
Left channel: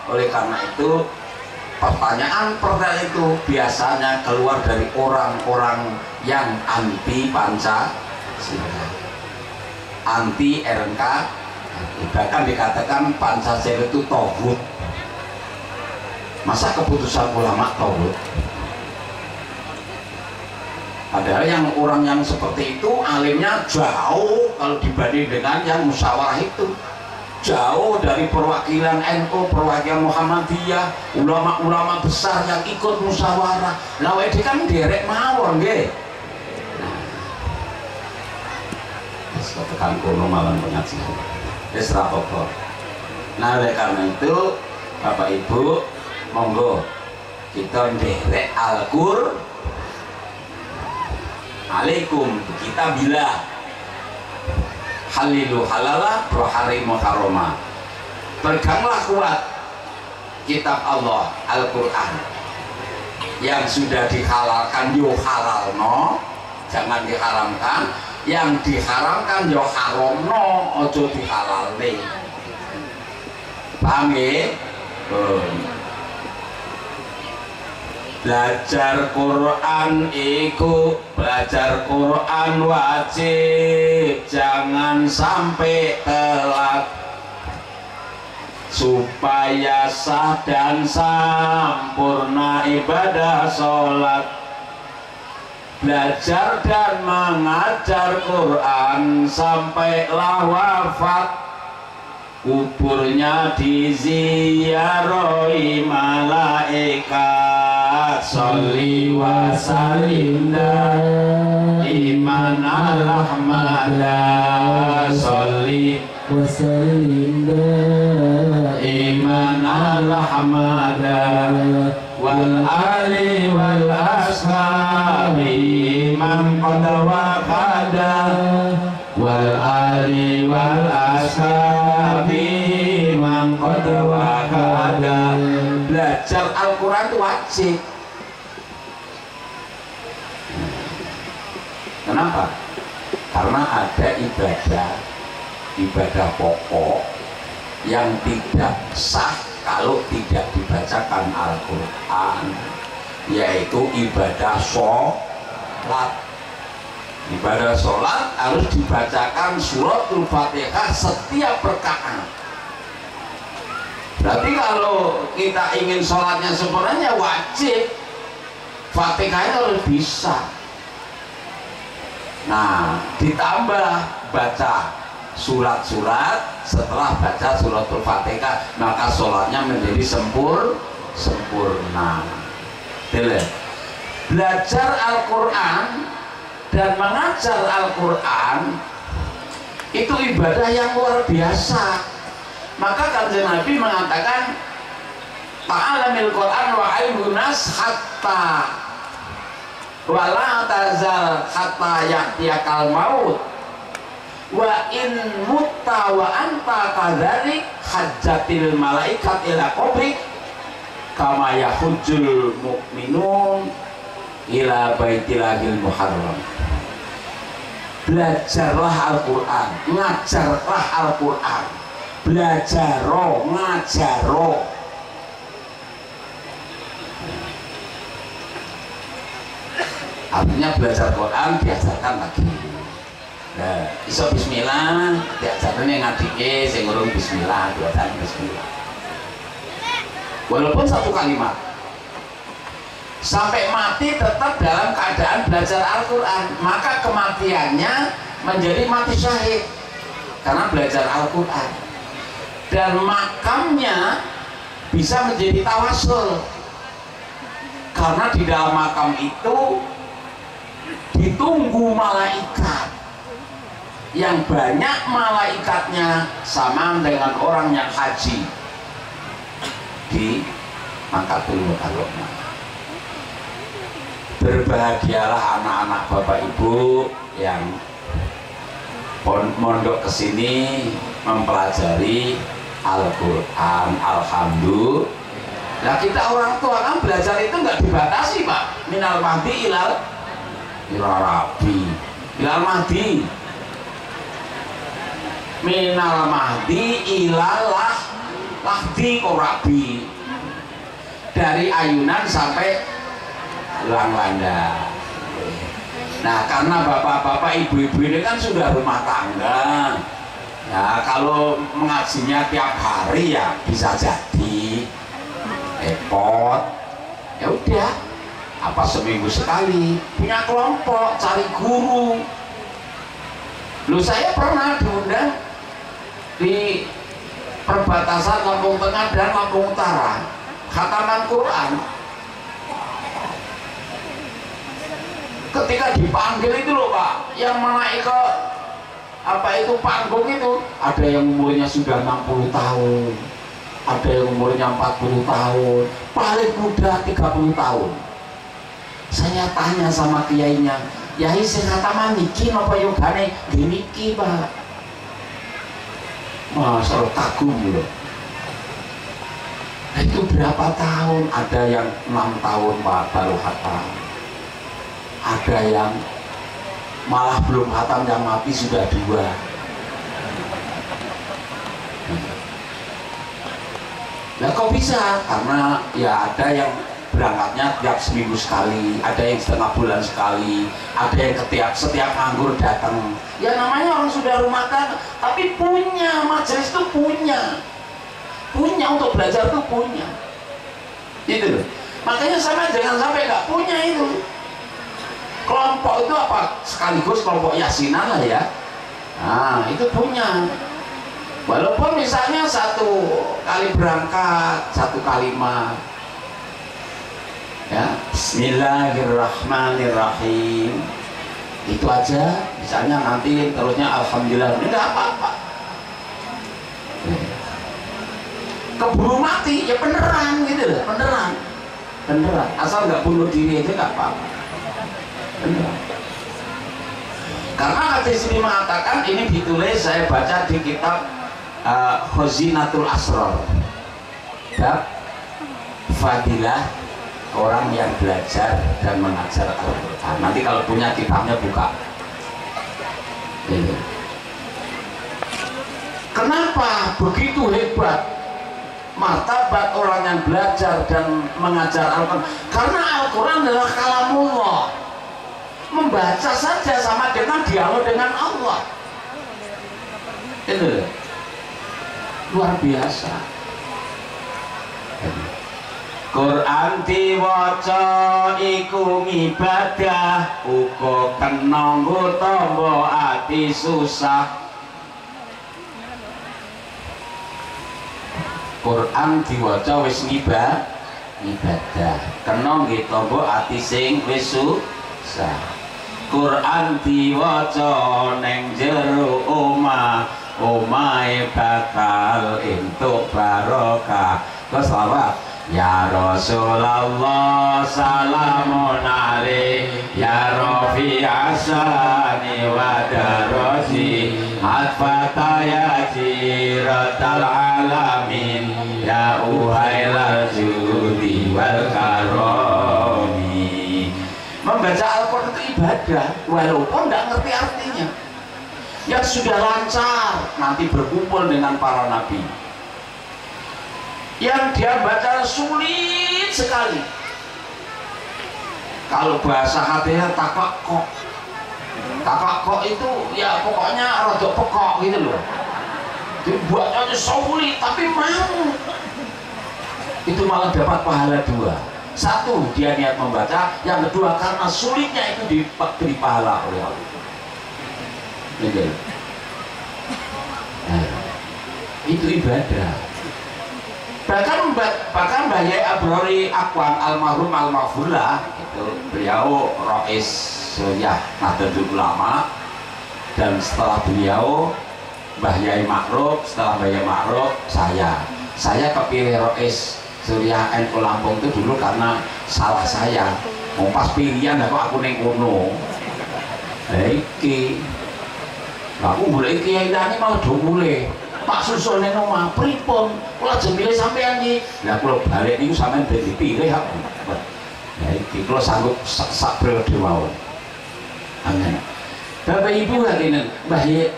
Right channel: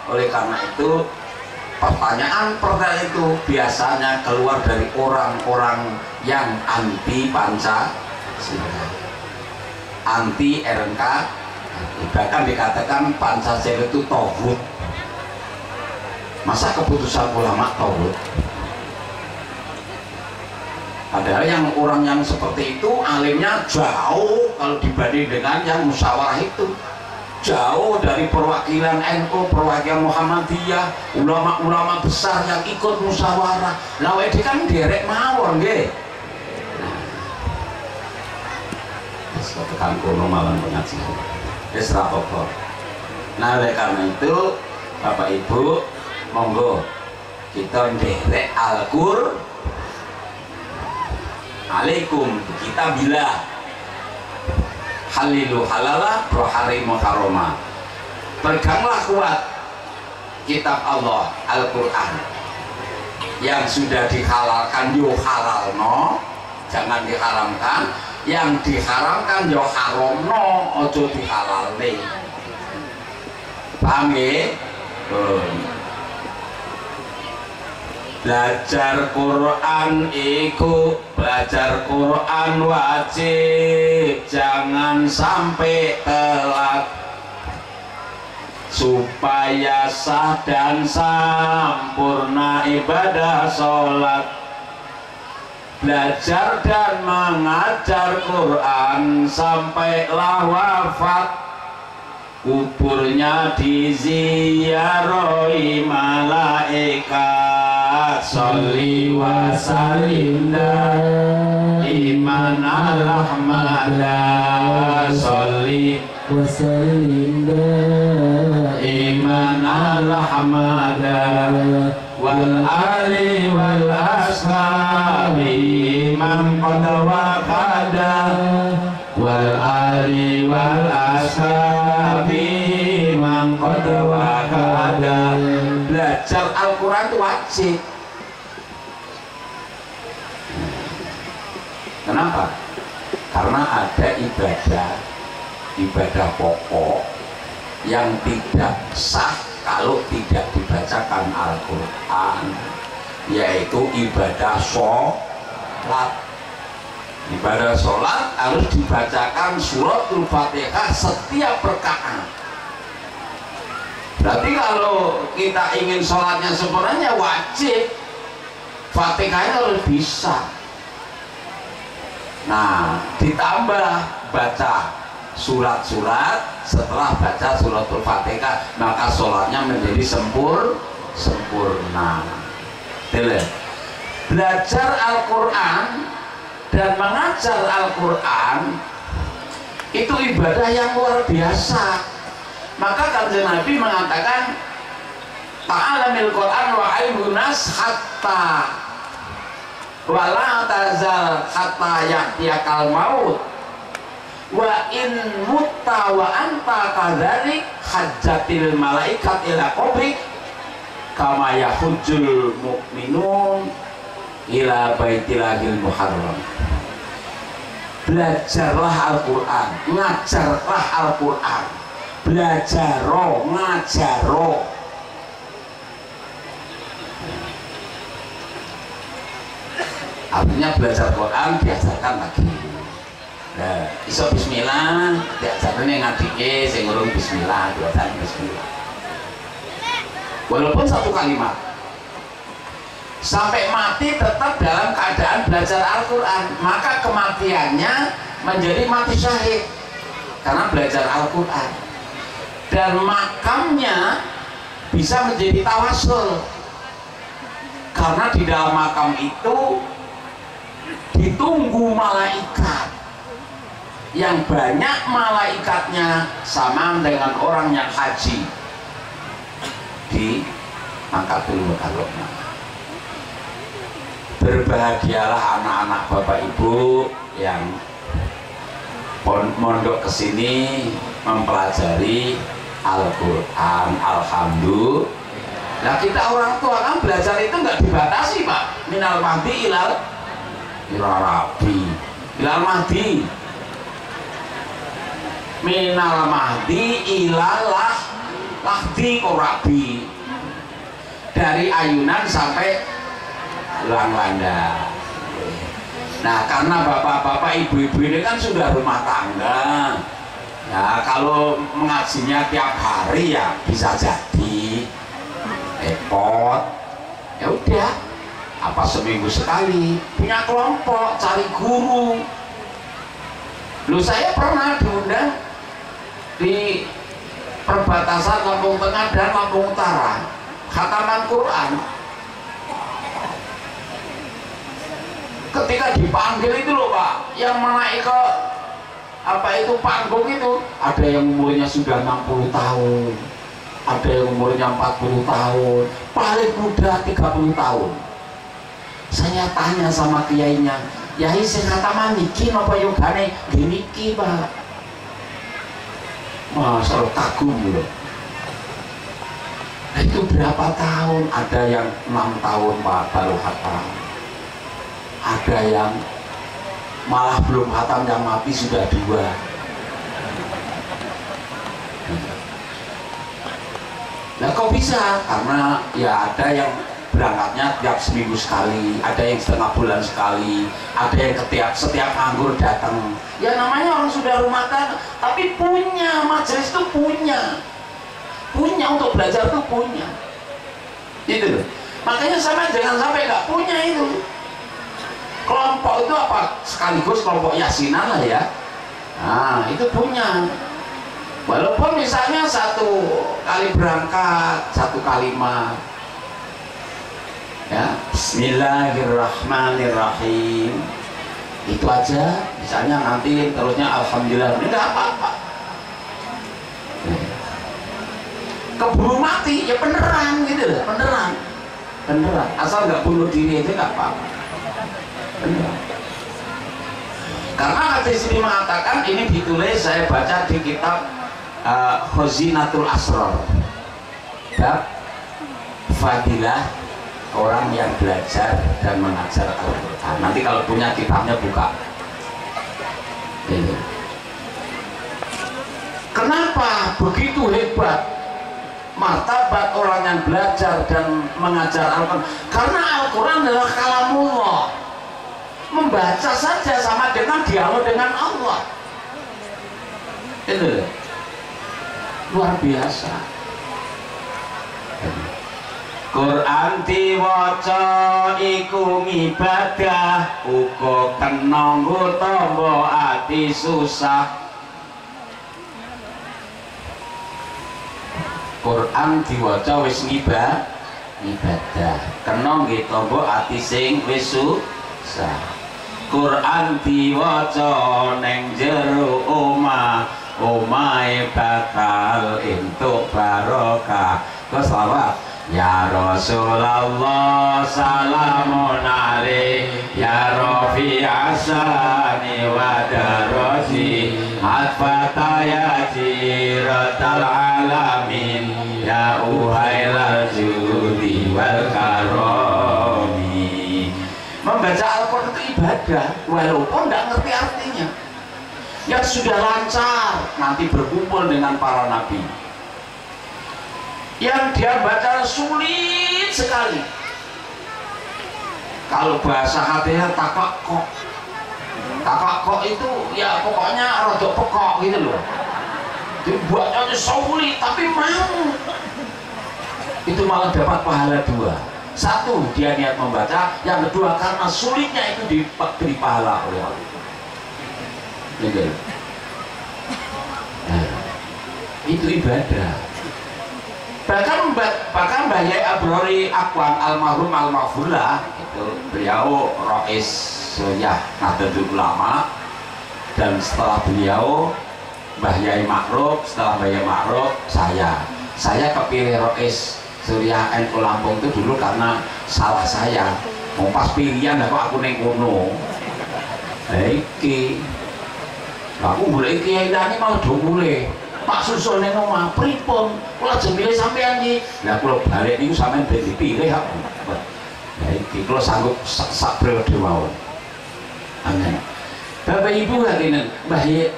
oleh karena itu pertanyaan itu biasanya keluar dari orang-orang yang anti Pancasila, anti RNK, bahkan dikatakan Pancasila itu togut. Masa keputusan ulama togut? Padahal yang orang yang seperti itu alimnya jauh kalau dibanding dengan yang musyawarah itu, jauh dari perwakilan NU, perwakilan Muhammadiyah, ulama-ulama besar yang ikut musyawarah. Lah wedi kan derek mawon nggih. Wis tekan kono malam pengajian. Wis ra apa-apa. Nah, oleh karena itu Bapak Ibu monggo kita derek Al-Qur'an alaikum kita bila halilu halala wa harimu haroma. Peganglah kuat kitab Allah Al-Quran yang sudah dihalalkan yo halal no, jangan diharamkan, yang diharamkan yo haram no, ojo dihalal nih. Paham ya? Belajar Quran iku, belajar Quran wajib, jangan sampai telat supaya sah dan sempurna ibadah sholat. Belajar dan mengajar Quran sampailah wafat, kuburnya diziarahi malaikat. Sholli wa sallim iman al-ahmada, sholli wa sallim iman al-ahmada, wal ali wal ashabi man qad waqada, wal ali wal ashabi man qad waqada. Belajar Al-Quran itu wajib. Kenapa? Karena ada ibadah pokok yang tidak sah kalau tidak dibacakan Al-Quran, yaitu ibadah sholat. Ibadah sholat harus dibacakan suratul Fatihah setiap rakaat. Berarti kalau kita ingin sholatnya sempurnanya wajib Fatihahnya harus bisa. Nah, ditambah baca surat-surat, setelah baca suratul Fatihah maka sholatnya menjadi sempurna. Belajar Al-Quran dan mengajar Al-Quran itu ibadah yang luar biasa. Maka Kanjeng Nabi mengatakan ta'alamil Quran wa aibunas hatta wala tazal hatta ya'tiyakal maut wa in mutta wa anta kadzalik hajjatil malaikat ila qabrik kama yahujjul mu'minun ila baitilahil muharram. Belajarlah Al-Quran, ngajarlah Al-Quran, belajaro, ngajaro. Artinya belajar Quran diajarkan lagi. Nah, iso bismillah, diajarkan yang ngadike, sing ngurung bismillah, diajarkan bismillah. Walaupun satu kalimat, sampai mati tetap dalam keadaan belajar Al-Quran, maka kematiannya menjadi mati syahid karena belajar Al-Quran. Dan makamnya bisa menjadi tawasul karena di dalam makam itu ditunggu malaikat yang banyak, malaikatnya sama dengan orang yang haji di Makkatul Mukarramah. Berbahagialah anak-anak Bapak Ibu yang mondok kesini mempelajari Al-Quran. Alhamdulillah. Nah, kita orang tua kan belajar itu nggak dibatasi, Pak. Minal mahdi ilal rabi, ilal mahdi, minal mahdi ilal lahdi korabi, dari ayunan sampai ulang landa. Nah, karena bapak-bapak, ibu-ibu ini kan sudah rumah tangga. Ya, kalau mengajinya tiap hari ya bisa jadi repot. Ya udah, apa seminggu sekali punya kelompok, cari guru. Lu saya pernah diundang di perbatasan Lampung Tengah dan Lampung Utara, khataman Quran. Ketika dipanggil itu loh Pak, yang menaik ke apa itu panggung itu, ada yang umurnya sudah 60 tahun, ada yang umurnya 40 tahun, paling muda 30 tahun. Saya tanya sama kiainya, yai sing khataman niki napa yogane niki Pak? Masa kagum loh. Nah, itu berapa tahun? Ada yang 6 tahun Pak baru khatam. Ada yang malah belum khatam, yang mati sudah 2. Nah kok bisa? Karena ya ada yang berangkatnya tiap seminggu sekali, ada yang setengah bulan sekali, ada yang setiap anggur datang. Ya namanya orang sudah rumah tangga, tapi punya majelis itu punya untuk belajar tuh punya. Itu loh. Makanya sama jangan sampai nggak punya itu. Kelompok itu apa? Sekaligus kelompok yasinan lah ya. Nah itu punya. Walaupun misalnya 1 kali berangkat 1 kalimat. Ya, Bismillahirrahmanirrahim, itu aja. Misalnya nanti terusnya Alhamdulillah, ini nggak apa-apa. Keburu mati ya beneran gitu loh, beneran asal nggak bunuh diri itu nggak apa-apa, beneran. Karena hadis ini mengatakan, ini ditulis saya baca di kitab Khazinatul Asrar, bab fadilah orang yang belajar dan mengajar Al-Quran. Nanti kalau punya kitabnya buka. Ini. Kenapa begitu hebat martabat orang yang belajar dan mengajar Al-Quran? Karena Al-Quran adalah kalamullah. Membaca saja sama dengan dialog dengan Allah. Itu luar biasa. Quran diwaca iku ibadah, uga kena nggo tamba ati susah. Quran diwaca wis ibadah, kena nggo tamba ati sing wis susah. Quran diwaca ning jero omah, omahe bakal entuk barokah. Terus selawat. Ya Rasulullah salamun alaik, ya Rafi asani wa daraji, atfata ya jiratal alamin, ya uhailal judi wal karomi. Membaca Al-Quran itu ibadah, walaupun tidak ngerti artinya. Yang sudah lancar nanti berkumpul dengan para nabi. Yang dia baca sulit sekali. Kalau bahasa hatinya takakok itu ya pokoknya rada pekok gitu loh. Dibuatnya sulit tapi mau. Itu malah dapat pahala 2. 1 dia niat membaca, yang kedua karena sulitnya itu diberi pahala oleh Allah. Gitu. Nah, itu ibadah. Bahkan Mbah Yai Abrori Akwan almarhum almarhumlah itu beliau Rois Suyah Nahdlatul Ulama, dan setelah beliau Mbah Yai Ma'ruf, setelah Mbah Yai Ma'ruf saya kepilih Rois Suyah NU Lampung itu dulu karena salah saya. Mau pas pilihan aku neng kono. Iki aku mulai kiai ini malah do mulai Pak susul neng omah pripun kula jemile sampean iki. Lah kula balik niku sampean ben dipilih aku. Lah iki kula sanggup sak periode mawon. Amin. Bapak Ibu hadirin, Mbah Yai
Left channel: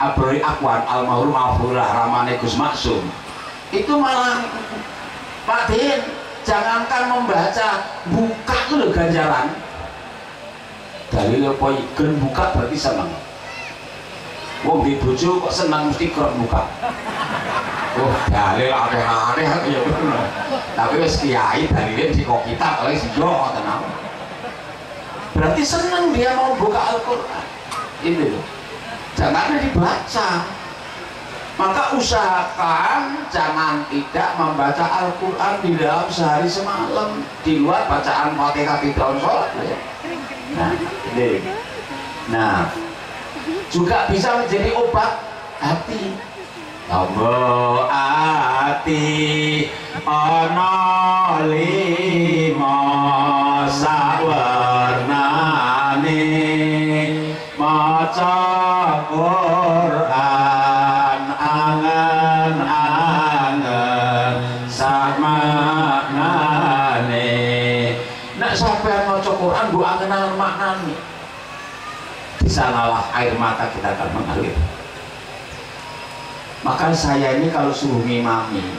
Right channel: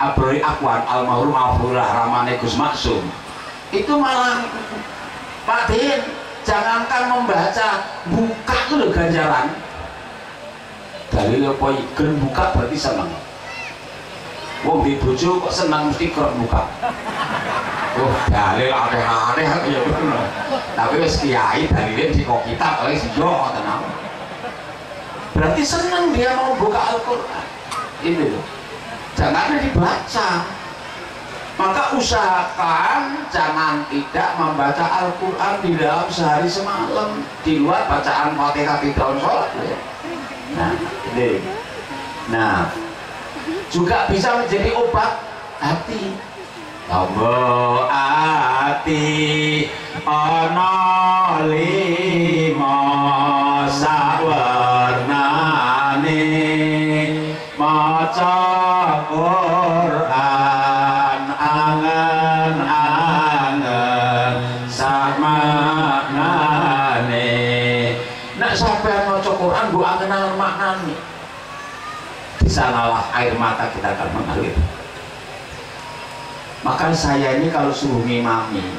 Abrori Akwan almarhum Abdullah ramane Gus Maksum. Itu malah Pak Din, jangankan membaca, buka itu loh ganjaran. Dalil apa gen buka berarti senang. Wong di bojo kok senang mesti kerep buka. Oh, dalil aneh-aneh ya bener. Tapi wis kiai dalile mesti kok kitab oleh si yo tenang. Berarti senang dia mau buka Al-Qur'an. Ini loh. Jangan dibaca. Maka usahakan jangan tidak membaca Al-Qur'an di dalam sehari semalam di luar bacaan Fatihah di dalam sholat ya. Nah, ini. Nah, juga bisa menjadi obat hati. Tombo ati ana lima sawarnane maca Quran angen-angen samaknane. Nek sampeyan maca Quran mbok angen-angen maknane, di sanalah air mata kita akan mengalir. Maka saya ini kalau suruh ngimami,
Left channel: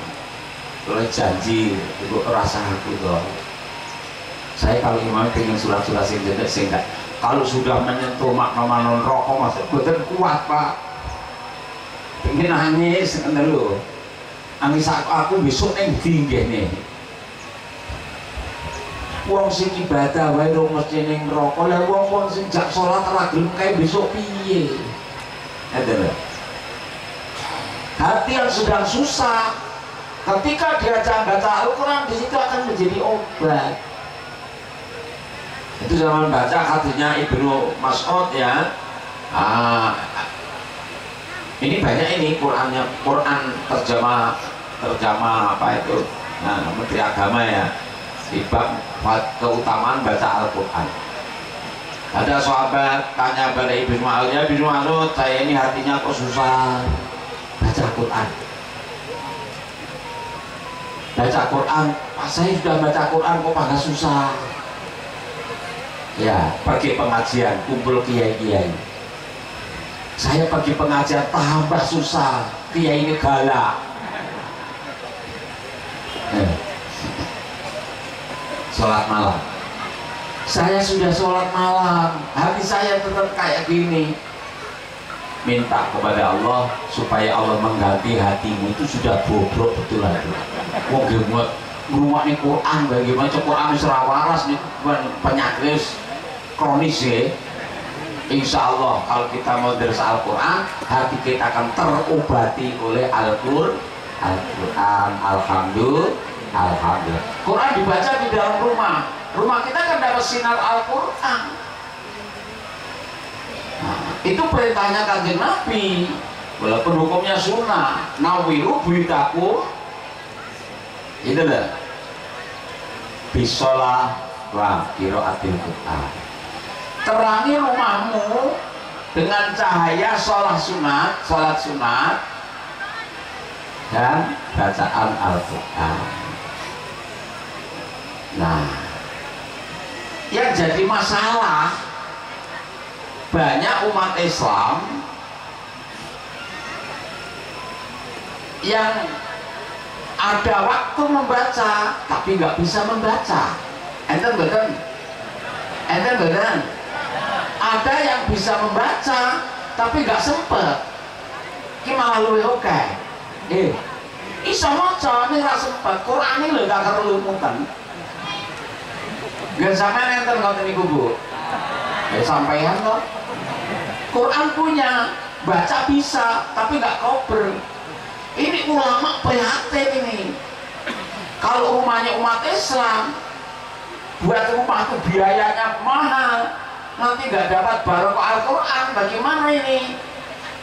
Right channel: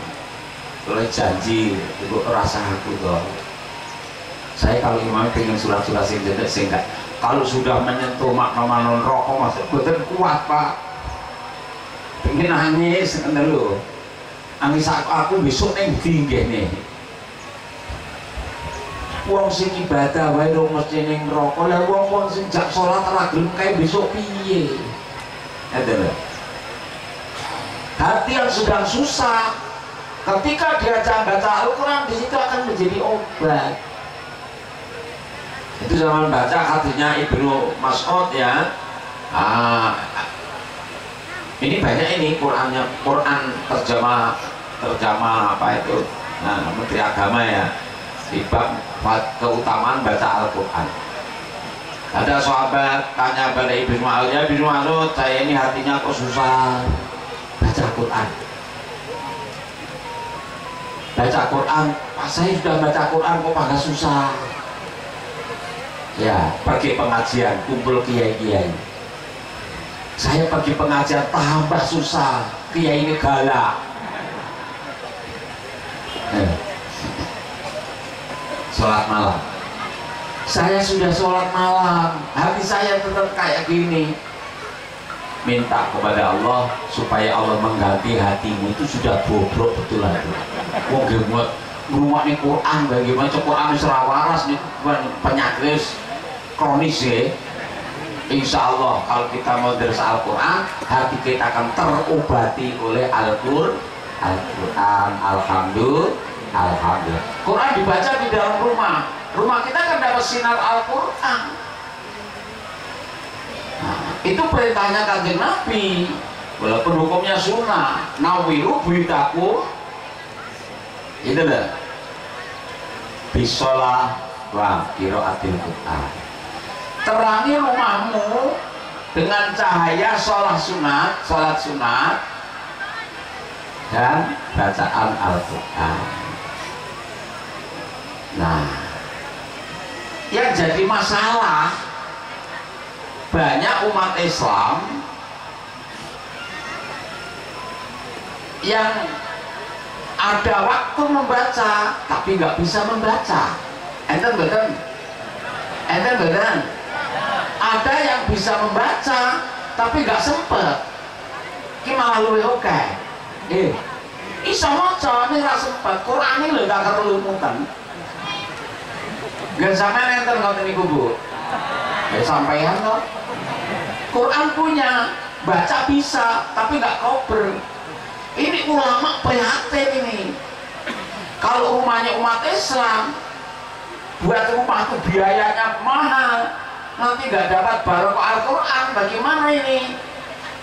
oleh janji, ibu rasa aku toh. Saya kalau ngimami pengen surat-surat sing jendek sing enggak. Kalau sudah menyentuh makna-makna rokok masuk, betul kuat pak. Pengen nangis, dulu. Nangis aku besok neng tinggi nih. Wong sing ibadah wae dong mesti ning rokok, lah wong sing jak salat ora gelem kae besok piye? Ada. Hati yang sedang susah, ketika diajak baca Al-Quran, di situ akan menjadi obat. Itu zaman baca hadisnya Ibnu Mas'ud ya. Ini banyak ini Quran terjemah apa itu? Nah, Menteri Agama ya, di bab keutamaan baca Al-Quran. Ada sahabat tanya pada Ibnu Mas'ud, ya Ibnu Mas'ud, saya ini hatinya kok susah baca Quran. Baca Quran, saya sudah baca Quran kok pada susah. Ya, pergi pengajian, kumpul kiai-kiai. Saya pergi pengajian tambah susah, kiai ini galak. Sholat malam. Saya sudah sholat malam, hati saya tetap kayak gini. Minta kepada Allah supaya Allah mengganti hatimu itu sudah bobrok betul lagi. Wong gemot ngrumakne Quran bagaimana Quran wis ora waras nih penyakit kronis ya. Insya Allah kalau kita mau deres Al-Quran, hati kita akan terobati oleh Al-Quran. Alhamdulillah. Quran dibaca di dalam rumah kita kan dapat sinar Al-Quran. Itu perintahnya Kanjeng Nabi, walaupun hukumnya sunnah. Nawiru buyutakum, itu lah bisolah wa qiraatil Quran. Terangi rumahmu dengan cahaya sholat sunat dan bacaan Al-Quran. Nah, yang jadi masalah banyak umat Islam yang ada waktu membaca tapi nggak bisa membaca. Enten betul. Ada yang bisa membaca tapi nggak sempet. Ki malah luwih oke. Iso maca ning ra sempet. Qur'ane lho gak perlu mutan. Gak sampean enten ngoten niku, Bu. Ya sampean kok. Quran punya, baca bisa, tapi nggak kober. Ini ulama prihatin ini. Kalau rumahnya umat Islam, buat rumah itu biayanya mahal, nanti nggak dapat barokah Al-Quran. Bagaimana ini?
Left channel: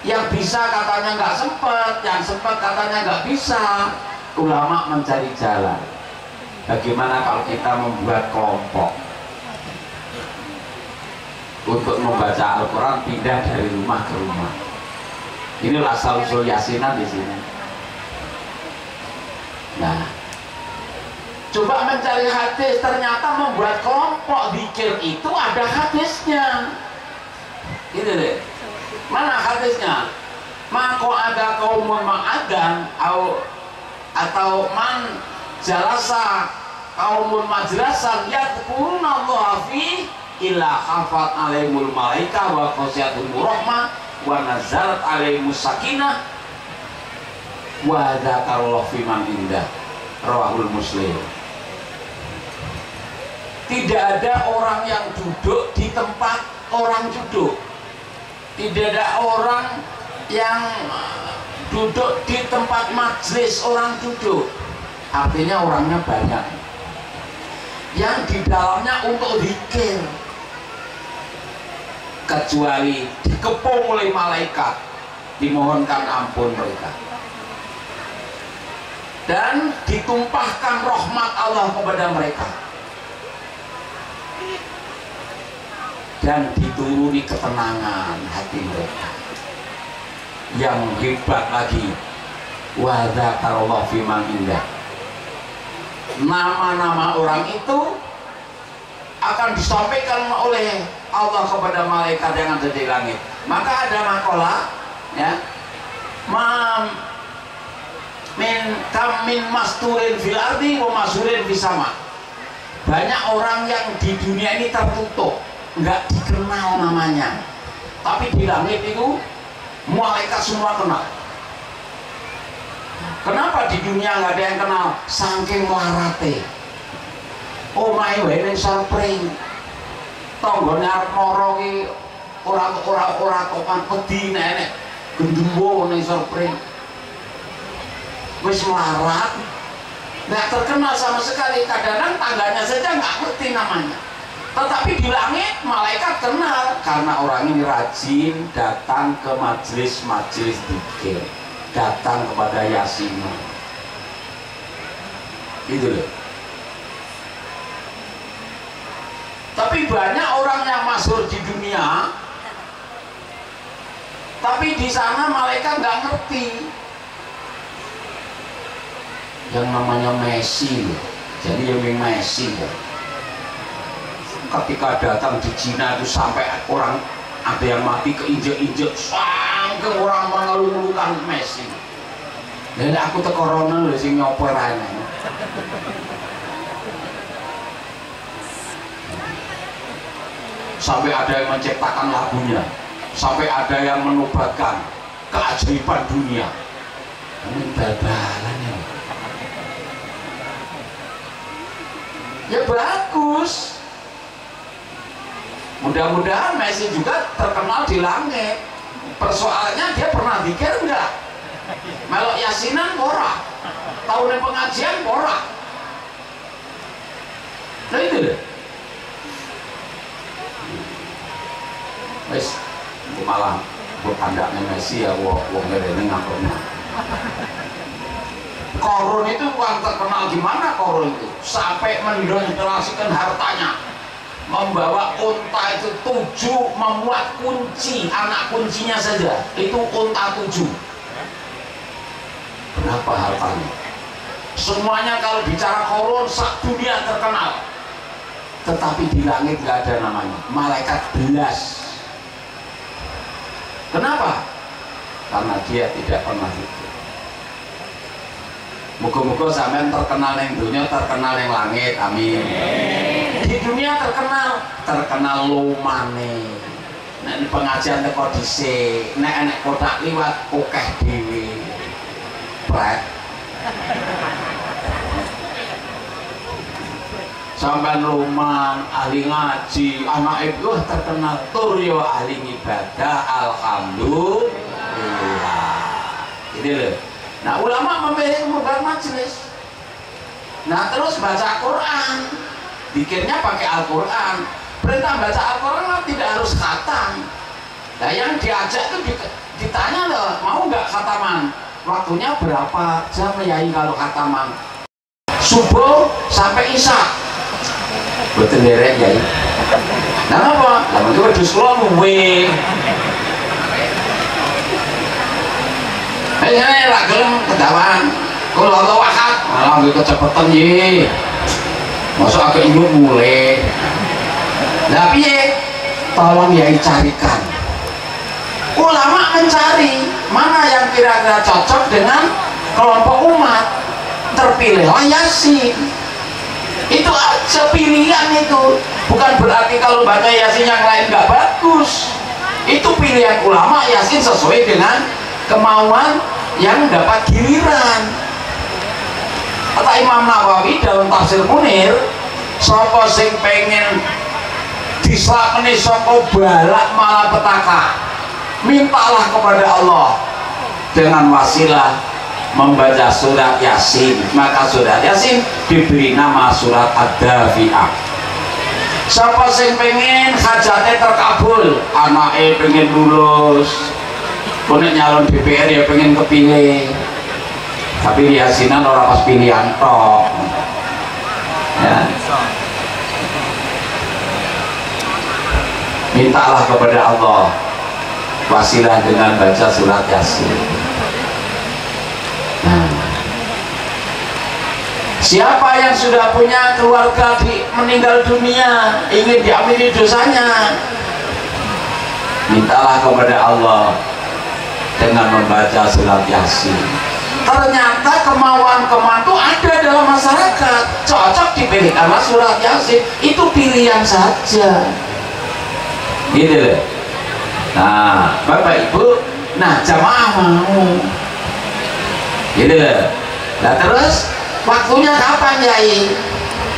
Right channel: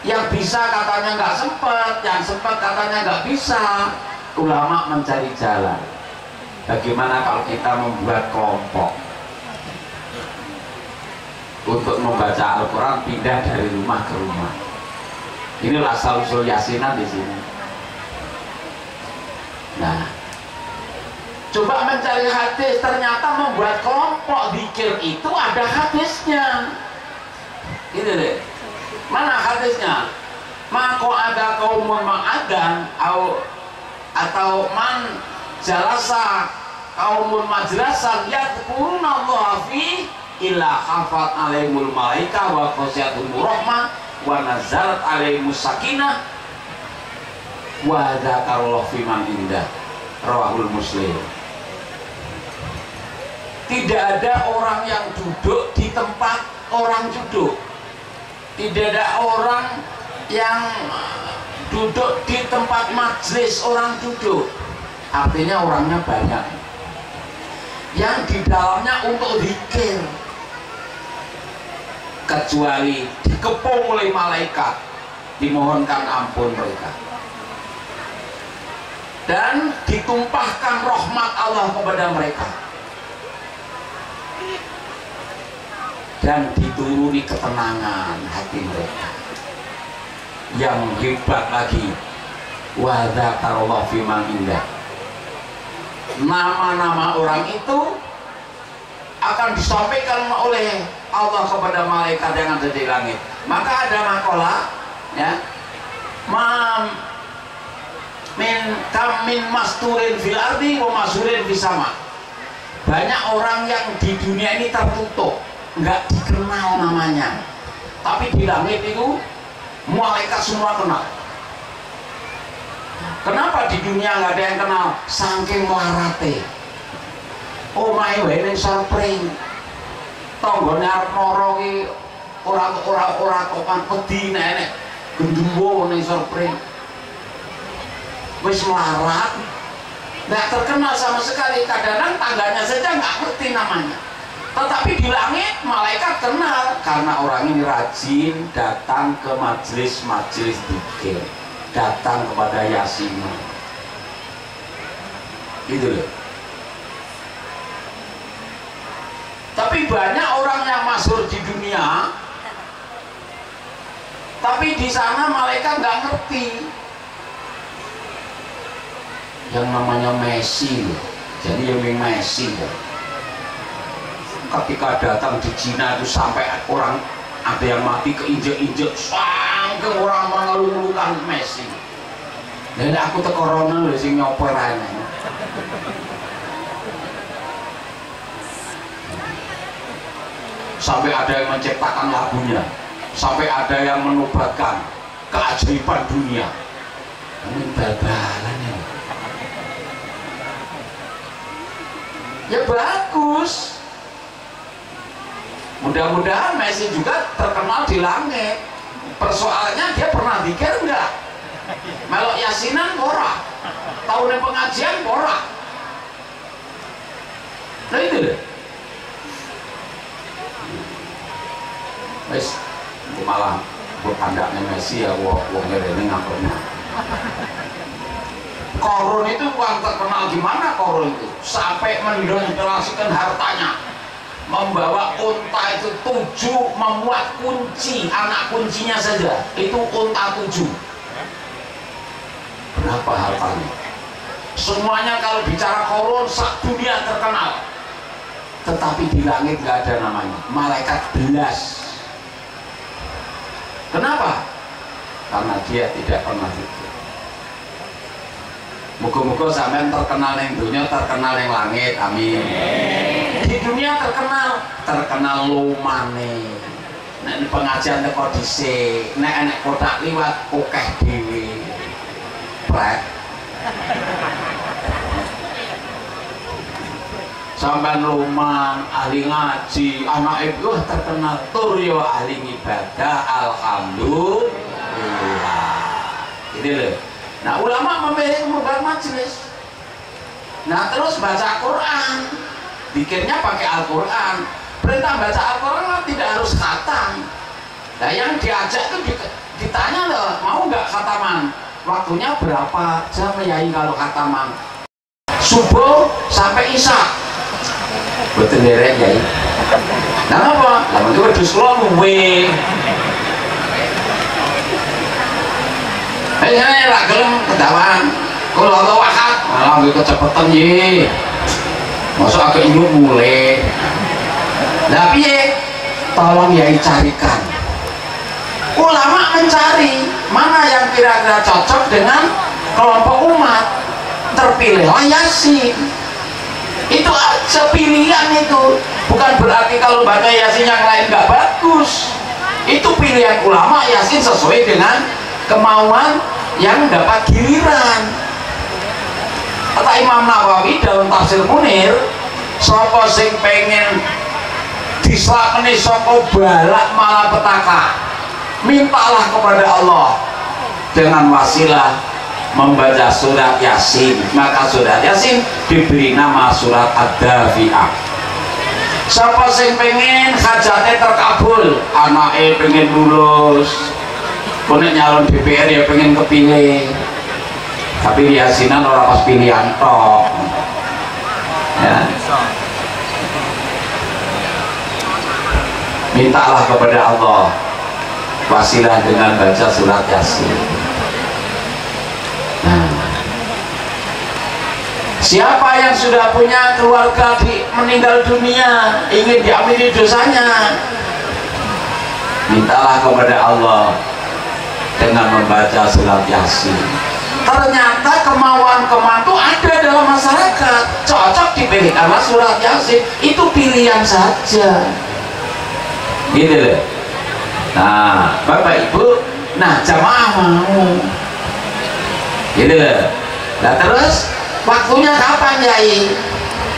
Yang bisa katanya nggak sempat, yang sempat katanya nggak bisa. Ulama mencari jalan. Bagaimana kalau kita membuat kelompok untuk membaca Al-Quran, pindah dari rumah ke rumah. Ini asal usul yasinan di sini. Nah, coba mencari hadis, ternyata membuat kelompok zikir itu ada hadisnya. Gitu deh. Mana hadisnya? Maka ada kaumun ma'adan atau man jalasa kaumun majlasan yadkuruna Allah fi illa khafat alaihimul malaika wa khasyatumur rahmah wa nazalat alaihimus sakinah wa dzakarallahu fi man indah. Rawahul Muslim. Tidak ada orang yang duduk di tempat orang duduk. Tidak ada orang yang duduk di tempat majelis orang duduk. Artinya orangnya banyak. Yang di dalamnya untuk zikir. Kecuali dikepung oleh malaikat, dimohonkan ampun mereka. Dan ditumpahkan rahmat Allah kepada mereka. Dan dituruni ketenangan hati mereka. Yang hebat lagi, wa dzakarallahu fi man indah. Nama-nama orang itu akan disampaikan oleh Allah kepada malaikat yang ada di langit. Maka ada makalah, ya, min masturin fil ardi wa masurin fis sama. Banyak orang yang di dunia ini tertutup, nggak dikenal namanya, tapi di langit itu malaikat semua kenal. Kenapa di dunia nggak ada yang kenal? Saking larate. Omahe wae ning sarpring, tanggane arep mara ki ora topan wedi nek gendembo ning sarpring. Wis melarat, nggak terkenal sama sekali. Kadang-kadang tangganya saja nggak ngerti namanya. Tetapi di langit malaikat kenal karena orang ini rajin datang ke majelis-majelis zikir, datang kepada Yasin. Gitu loh. Tapi banyak orang yang masyhur di dunia, tapi di sana malaikat nggak ngerti. Yang namanya Messi, jadi yang Messi. Ketika datang di Cina itu sampai orang ada yang mati keinjek-injek, sampai orang mengeluh-ngeluhkan Messi. Dan aku tekorona loh sing nyoper aja. Sampai ada yang menciptakan lagunya, sampai ada yang menobatkan keajaiban dunia. Ini bal-balan ya. Ya bagus. Mudah-mudahan Messi juga terkenal di langit. Persoalannya dia pernah zikir enggak? Melok yasinan ora. Tahunnya pengajian ora. Nah itu deh. Wes, malah berkandaknya Messi ya, wong ini ngapain? Korun itu bukan terkenal gimana korun itu, sampai mendonasikan hartanya, membawa unta itu 7, memuat kunci, anak kuncinya saja itu unta 7. Berapa hartanya? Semuanya kalau bicara korun sak dunia terkenal, tetapi di langit nggak ada namanya, malaikat belas. Kenapa? Karena dia tidak pernah zikir. Muga-muga sampean terkenal yang dunia, terkenal yang langit, amin. Di dunia terkenal lumane. Nek pengajian teko dhisik, nek enek kotak liwat akeh dhewe. Pret. Sampean luman, ahli ngaji, anak ibu terkenal tur yo ahli ibadah, alhamdulillah. Gitu loh. Nah ulama memilih membuat majelis. Nah terus baca Quran, zikirnya pakai Al-Quran. Perintah baca Al-Quran tidak harus khatam. Nah yang diajak itu ditanya loh, mau nggak khataman? Waktunya berapa jam yai kalau khataman? Subuh sampai isya. Betul derek yai. Nah apa? Lama itu wedhus kula luwe. Ini ra gelem kedawan. Kula Allah wahad, malah nggih kecepetan ye. Masuk agak ibu mulai. Nah piye? Tolong yai carikan. Ulama mencari mana yang kira-kira cocok dengan kelompok umat. Terpilihlah Yasin. Itu aja pilihan itu. Bukan berarti kalau baca Yasin yang lain nggak bagus. Itu pilihan ulama Yasin sesuai dengan kemauan yang dapat giliran. Kata Imam Nawawi dalam tafsir Munir, sapa sing pengen dislapeni saka balak malapetaka, mintalah kepada Allah dengan wasilah membaca surat Yasin. Maka surat Yasin diberi nama surat Ad-Dafi'ah. Siapa sing pengen hajatnya terkabul, anaknya pengen lulus, konek nyalon DPR ya pengen kepilih, tapi Yasinan orang pas pilihan tok ya. Mintalah kepada Allah wasilah dengan baca surat Yasin. Siapa yang sudah punya keluarga meninggal dunia, ingin diampuni dosanya, mintalah kepada Allah dengan membaca surat Yasin. Ternyata kemauan-kemauan itu ada dalam masyarakat, cocok dipilih karena surat Yasin itu pilihan saja. Gitu loh. Nah, Bapak Ibu, nah jamaah mau. Gitu loh. Nah terus waktunya kapan Yai?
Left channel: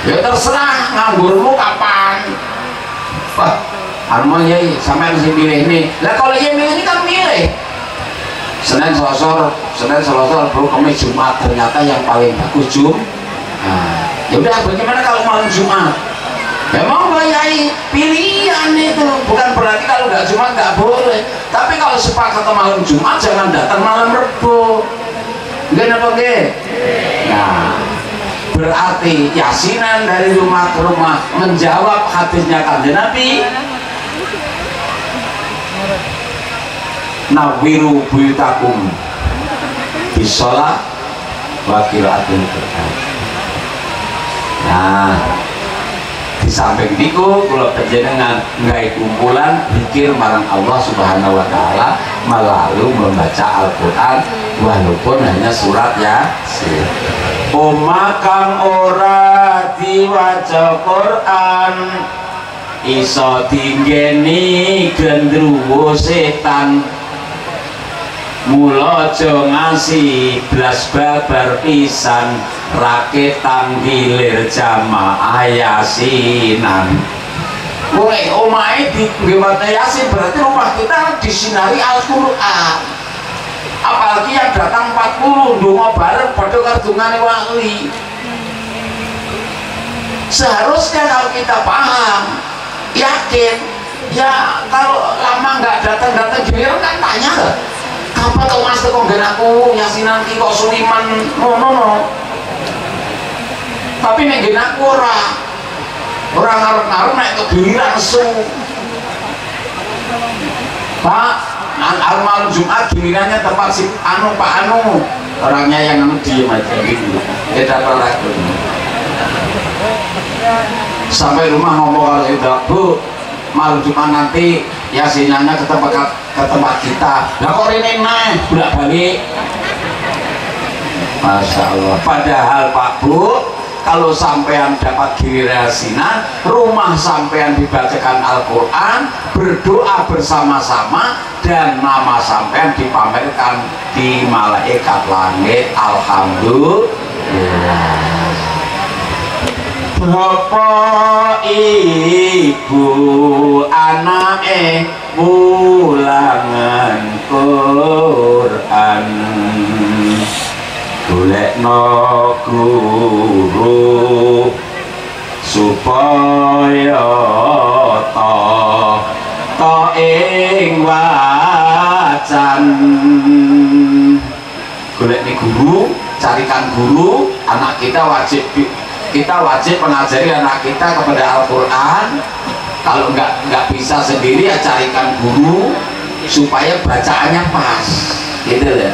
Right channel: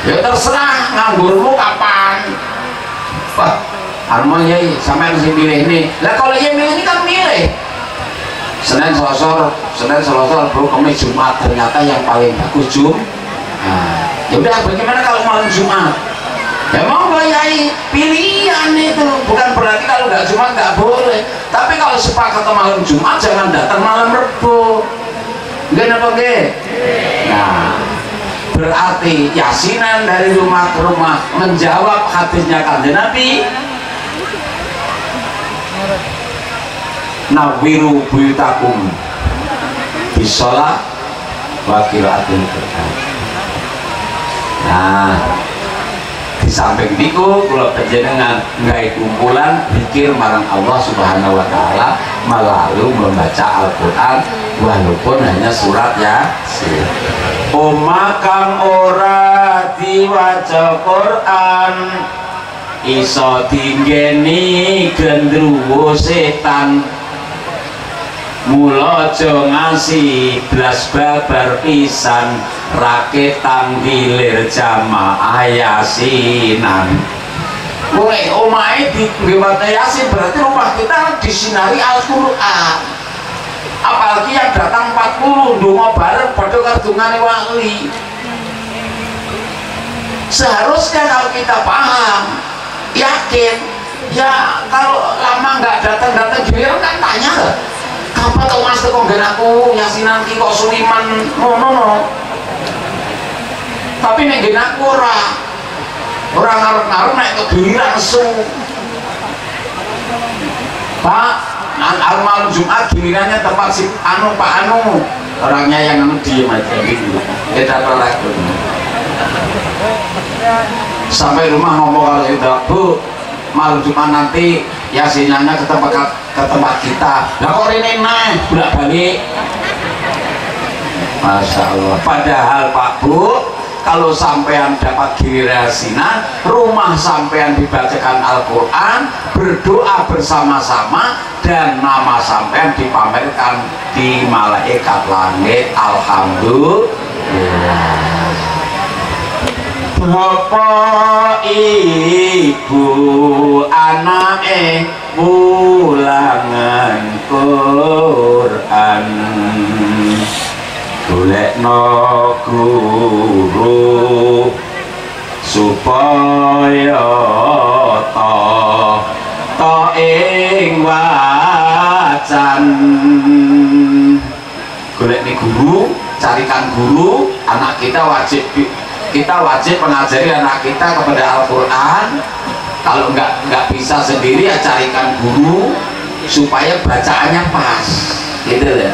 Ya terserah, nganggurmu kapan. Wah, anu Yai, sampai harus pilih ini. Lah kalau Yai milih ini kan milih Senin Selasa, Rabu, Kamis, Jumat, ternyata yang paling bagus Nah, ya udah bagaimana kalau malam Jumat? Ya mau nggak Yai, pilihan itu. Bukan berarti kalau nggak Jumat nggak boleh, tapi kalau sepakat malam Jumat jangan datang malam Rebo. Enggak apa enggak? Nah, berarti Yasinan dari rumah ke rumah menjawab hadisnya Kanjeng Nabi, nawiru buyutakum bisolah wa qiraatil Qur'an. Nah, di samping niku kula panjenengan nggawe kumpulan zikir marang Allah Subhanahu wa taala melalui membaca Al-Qur'an walaupun hanya surat Yasin. Omah kang ora diwaca Qur'an iso dinggeni gendruwo setan. Mula aja ngasi blas babar pisan rakit tanggilir jamaah Yasinan. Mulai omahe digawe Yasin berarti rumah kita disinari Al-Qur'an. Apalagi yang datang 40 ndonga bareng padha kardungane wali. Seharusnya kalau kita paham, yakin, ya kalau lama nggak datang giliran kan tanya lah, kapan tau mas kok nggen aku Yasinan ki kok suliman no. Tapi nek nggen aku ora ngarep-ngarep nek kegiliran su. Pak, malam Jumat gilirannya tempat si Pak Anu, orangnya yang diem aja gitu. Tidak laku. Sampai rumah ngomong kalau sudah Bu, malam Jumat nanti Yasinannya ke tempat kita. Lah kok ini bolak balik. Masya Allah. Padahal Pak Bu, kalau sampean dapat giliran Yasinan, rumah sampean dibacakan Al-Quran, berdoa bersama-sama, dan nama sampean dipamerkan di malaikat langit. Alhamdulillah. Bapak ibu anake mulangan Quran, golekno guru supaya ta ing wacan. Golekne guru, carikan guru. Anak kita wajib mengajari anak kita kepada Al-Quran. Kalau nggak bisa sendiri ya carikan guru supaya bacaannya pas, gitu ya.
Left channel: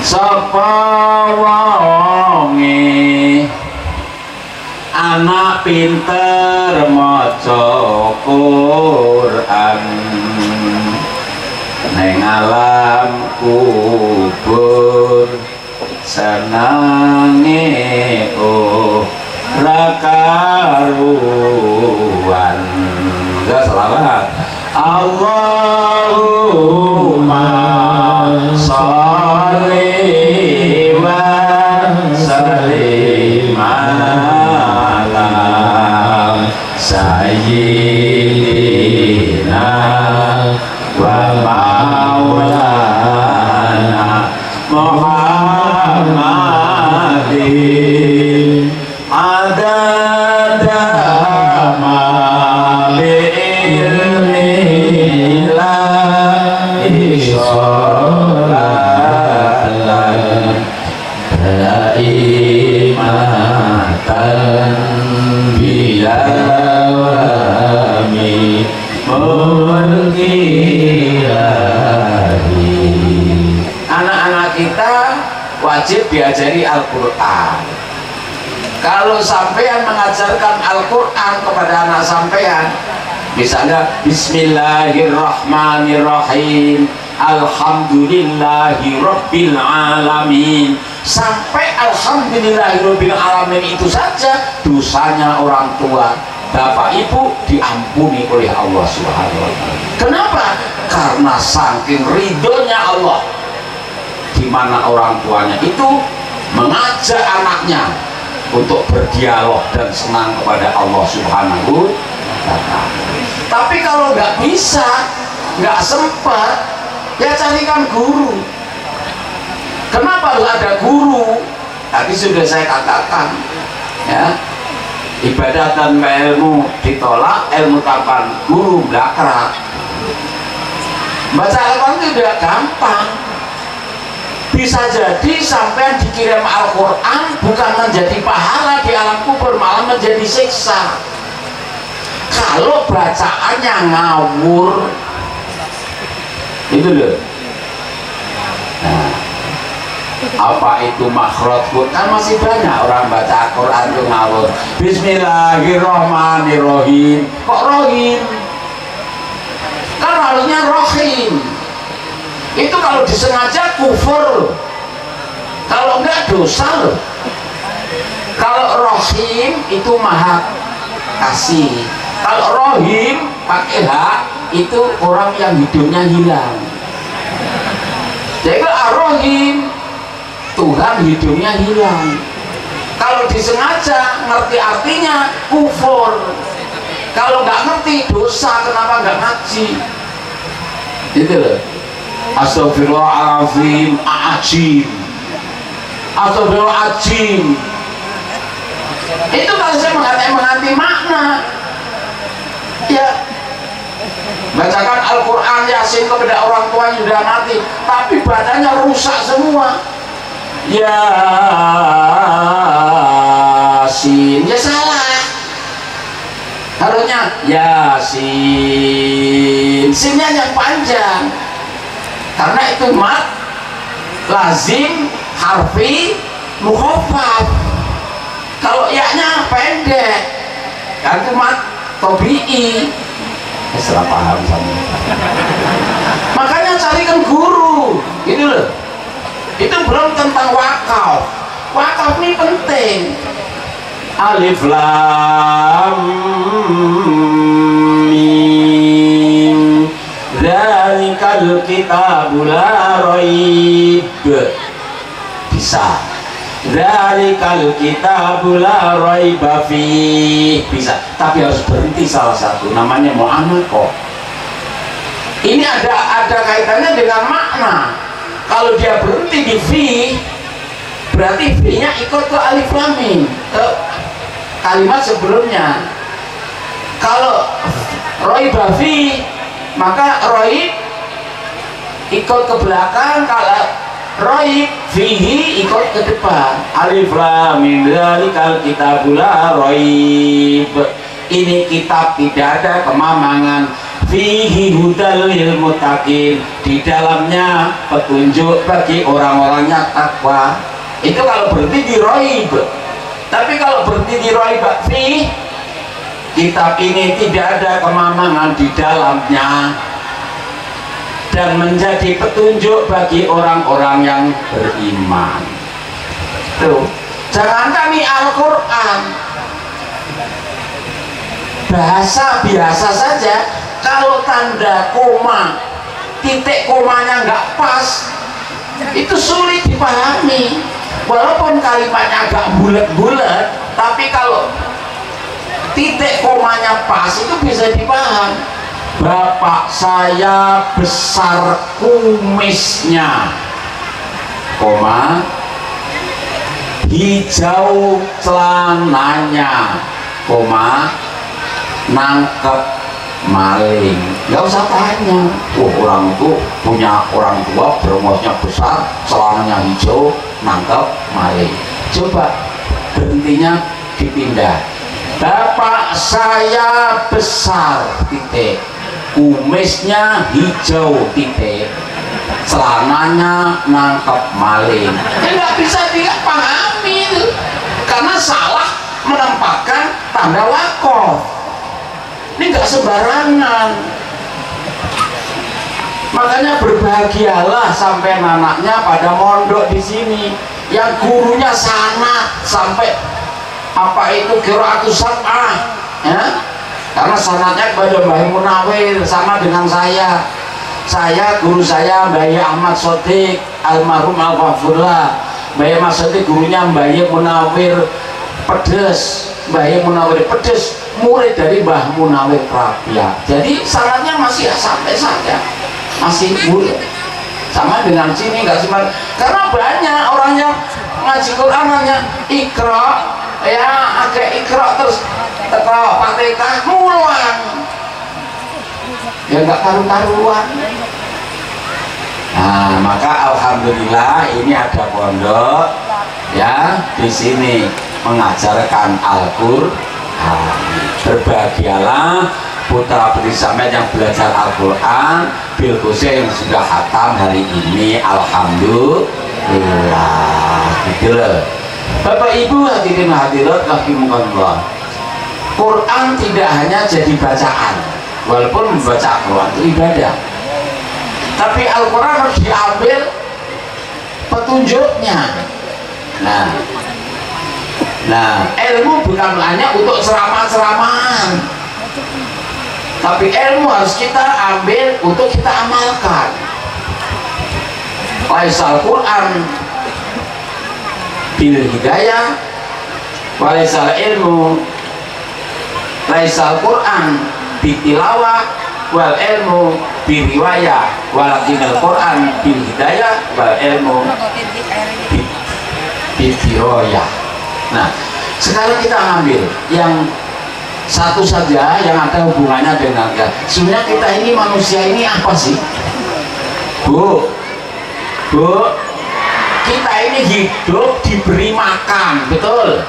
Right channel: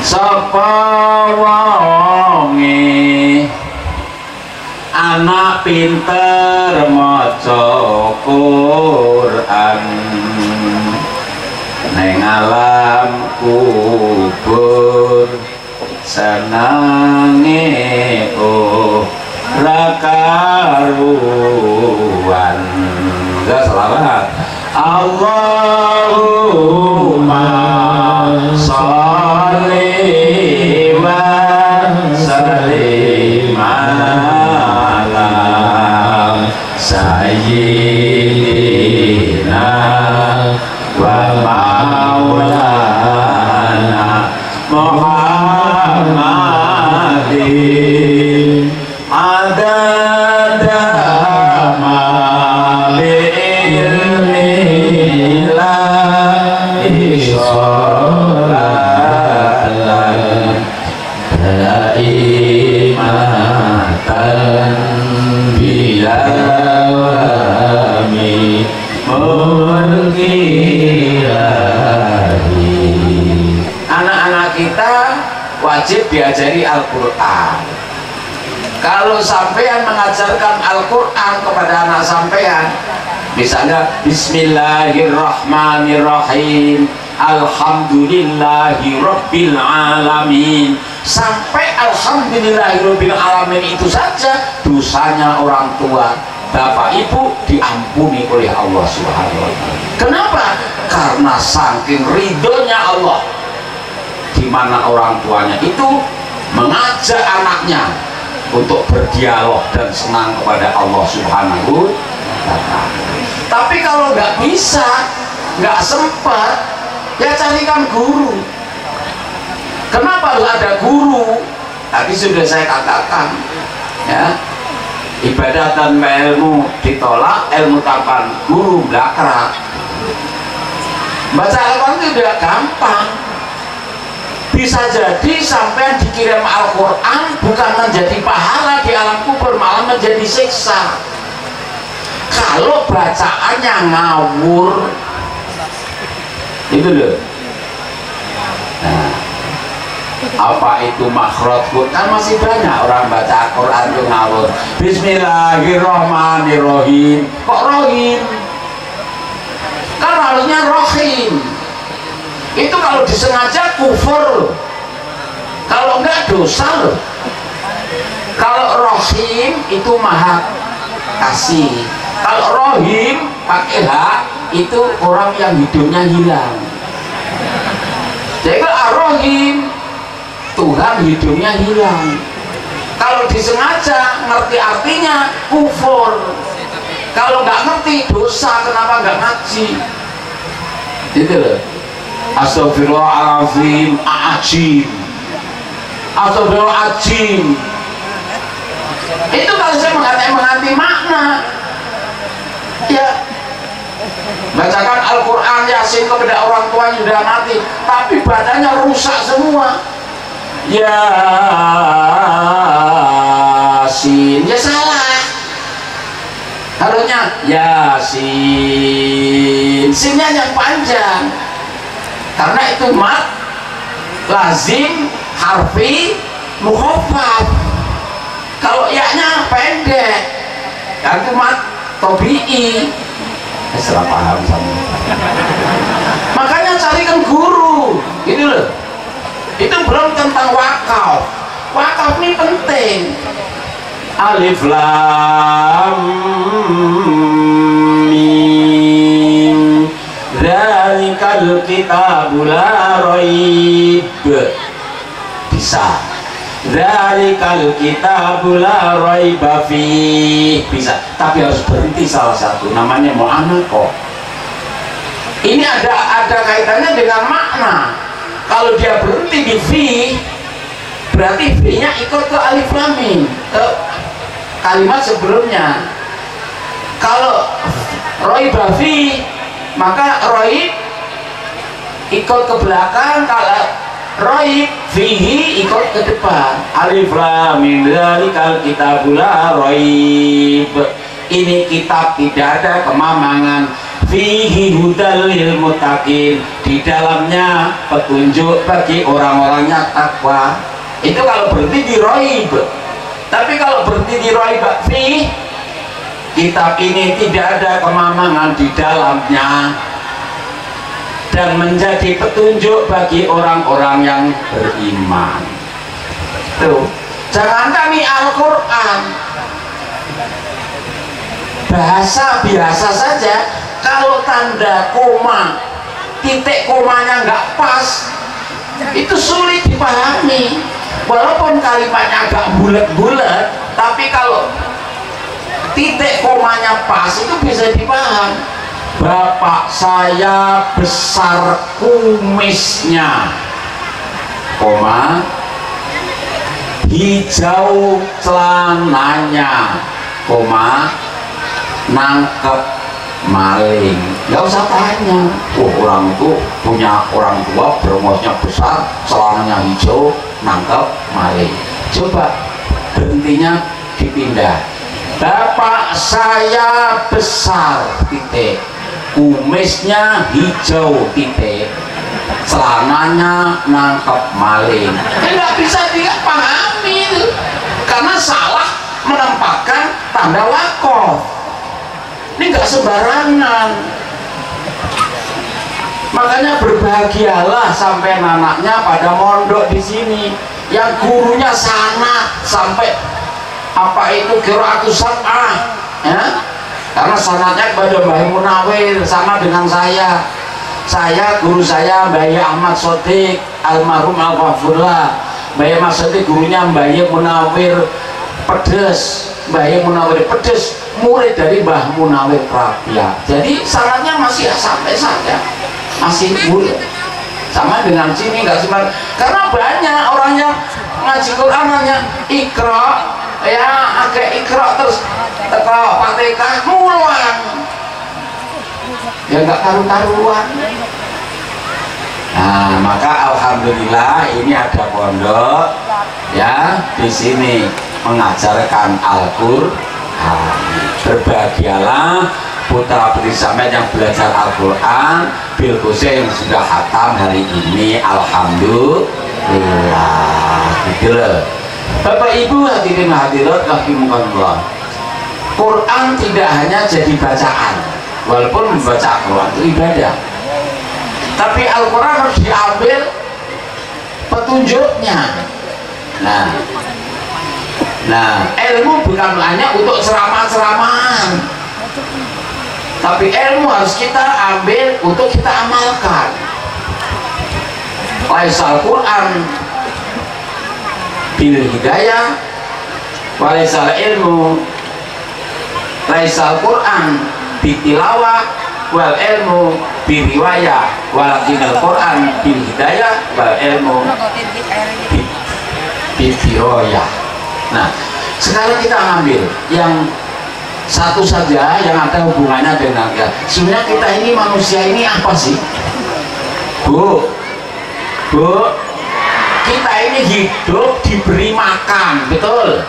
Sapa wonge anak pinter maca Quran neng alam kubur senange ora karuan. Enggak selawat. Allahumma sholli wa sallim ala sayyidina wa maulana Muhammadin adada ma bi'ilmillahi sholatan daimatan biyawami mulkilahi. Anak-anak kita wajib diajari Al-Quran. Kalau sampean mengajarkan Al-Quran kepada anak sampean, misalnya Bismillahirrahmanirrahim, Alhamdulillahi Rabbil Alamin, sampai Alhamdulillahi Rabbil Alamin itu saja dosanya orang tua bapak ibu diampuni oleh Allah Subhanahu wa Ta'ala. Kenapa? Karena saking ridhonya Allah, di mana orang tuanya itu mengajak anaknya untuk berdialog dan senang kepada Allah Subhanahu wa Ta'ala. Tapi kalau nggak bisa, nggak sempat, ya carikan guru. Kenapa harus ada guru? Tadi sudah saya katakan, ya, ibadah dan ilmu ditolak, ilmu tanpa guru belakrak. Baca Al-Quran itu udah gampang. Bisa jadi sampai dikirim Al-Quran bukan menjadi pahala di alam kubur, malah menjadi siksa. Kalau bacaannya ngawur, itu loh. Nah, apa itu makhraj? Kan masih banyak orang baca Al-Quran itu ngawur. Bismillahirrahmanirrahim, kok rohim? Kan harusnya rohim. Itu kalau disengaja kufur, kalau enggak dosa loh. Kalau rohim itu maha kasih, kalau rohim pakai hak itu orang yang hidupnya hilang. Jadi rohim Tuhan hidupnya hilang. Kalau disengaja ngerti artinya kufur, kalau nggak ngerti dosa. Kenapa nggak ngaji? Gitu loh. Astagfirullahaladzim, ajim, astagfirullahaladzim. Itu kalau saya mengerti makna, ya bacakan Al-Quran Yasin kepada orang tua yang sudah mati, tapi badannya rusak semua. Yasin, ya salah. Harusnya Yasin, sinnya yang panjang. Karena itu mat lazim harfi mukhaffaf. Kalau ya-nya pendek, kan itu mat tabi'i. Salah paham sama. Makanya carikan guru, gitu loh. Itu belum tentang wakaf. Wakaf ini penting. Alif lam mim, dzalikal kitabu la raib. Bisa. Dzalikal kitabu la raiba fih. Bisa. Tapi harus berhenti salah satu. Namanya mu'anaqah. Ini ada kaitannya dengan makna. Kalau dia berhenti di fi, berarti fi-nya ikut ke alif lam mim, ke kalimat sebelumnya. Kalau raiba fi, maka raib ikut ke belakang, kalau raib fihi ikut ke depan. Alif lam mim, dzalikal kitabul la raib. Ini kitab tidak ada kemamangan. Fihi hudal lil muttaqin, di dalamnya petunjuk bagi orang-orang yang takwa. Itu kalau berhenti di raib. Tapi kalau berhenti di raib fi, kitab ini tidak ada kemamangan di dalamnya dan menjadi petunjuk bagi orang-orang yang beriman. Tuh, jangankan ini Al-Quran, bahasa biasa saja. kalau tanda koma, titik komanya nggak pas, itu sulit dipahami. Walaupun kalimatnya agak bulat-bulat, tapi kalau titik komanya pas itu bisa dipaham. Bapak saya besar kumisnya, koma, hijau celananya, koma, nangkep maling. Gak usah tanya, orang itu punya orang tua berumurnya besar, celananya hijau, nangkep maling. Coba berhentinya dipindah. Bapak saya besar, titik, kumisnya hijau, titik, celananya nangkep maling. Nggak bisa dipahami itu, karena salah menempatkan tanda wakof. Ini nggak sembarangan. Makanya berbahagialah sampai anaknya pada mondok di sini, yang gurunya sana sampai apa itu qiraatus sab'ah, ya? Karena sanadnya kepada Mbah Munawir sama dengan saya. Guru saya Mbah Ahmad Sodik almarhum al-Ghafurlah. Mbah Ahmad Sodik gurunya Mbah Munawir Pedes, Mbah Munawir Pedes murid dari Mbah Munawir Prabya. Jadi sanadnya masih sampai saja, masih murid. Sama dengan sini nggak sembar, karena banyak orangnya ngaji Quran hanya ikra, ya agak ikra terus teko Fatihah mulang, ya nggak karu-karuan. Nah, maka alhamdulillah ini ada pondok ya di sini mengajarkan Al-Qur'an. Berbahagialah putra putri sampean yang belajar Al-Qur'an, bil khusus yang sudah khatam hari ini, alhamdulillah. Gitu loh. Bapak Ibu hadirin hadirat rahimakumullah. Quran tidak hanya jadi bacaan, walaupun membaca Al-Quran itu ibadah, tapi Al-Quran harus diambil petunjuknya. Nah, ilmu bukan hanya untuk ceramah-ceramahan, tapi ilmu harus kita ambil untuk kita amalkan. Laisal Quran bil hidayah, walaisal ilmu, laisal Quran bitilawah, wal ilmu biriwayah, walakinal Quran bil hidayah, wal ilmu bidiroyah. Nah, sekarang kita ambil yang satu saja yang ada hubungannya dengan sebenarnya kita ini manusia ini apa sih, Bu? Kita ini hidup diberi makan, betul?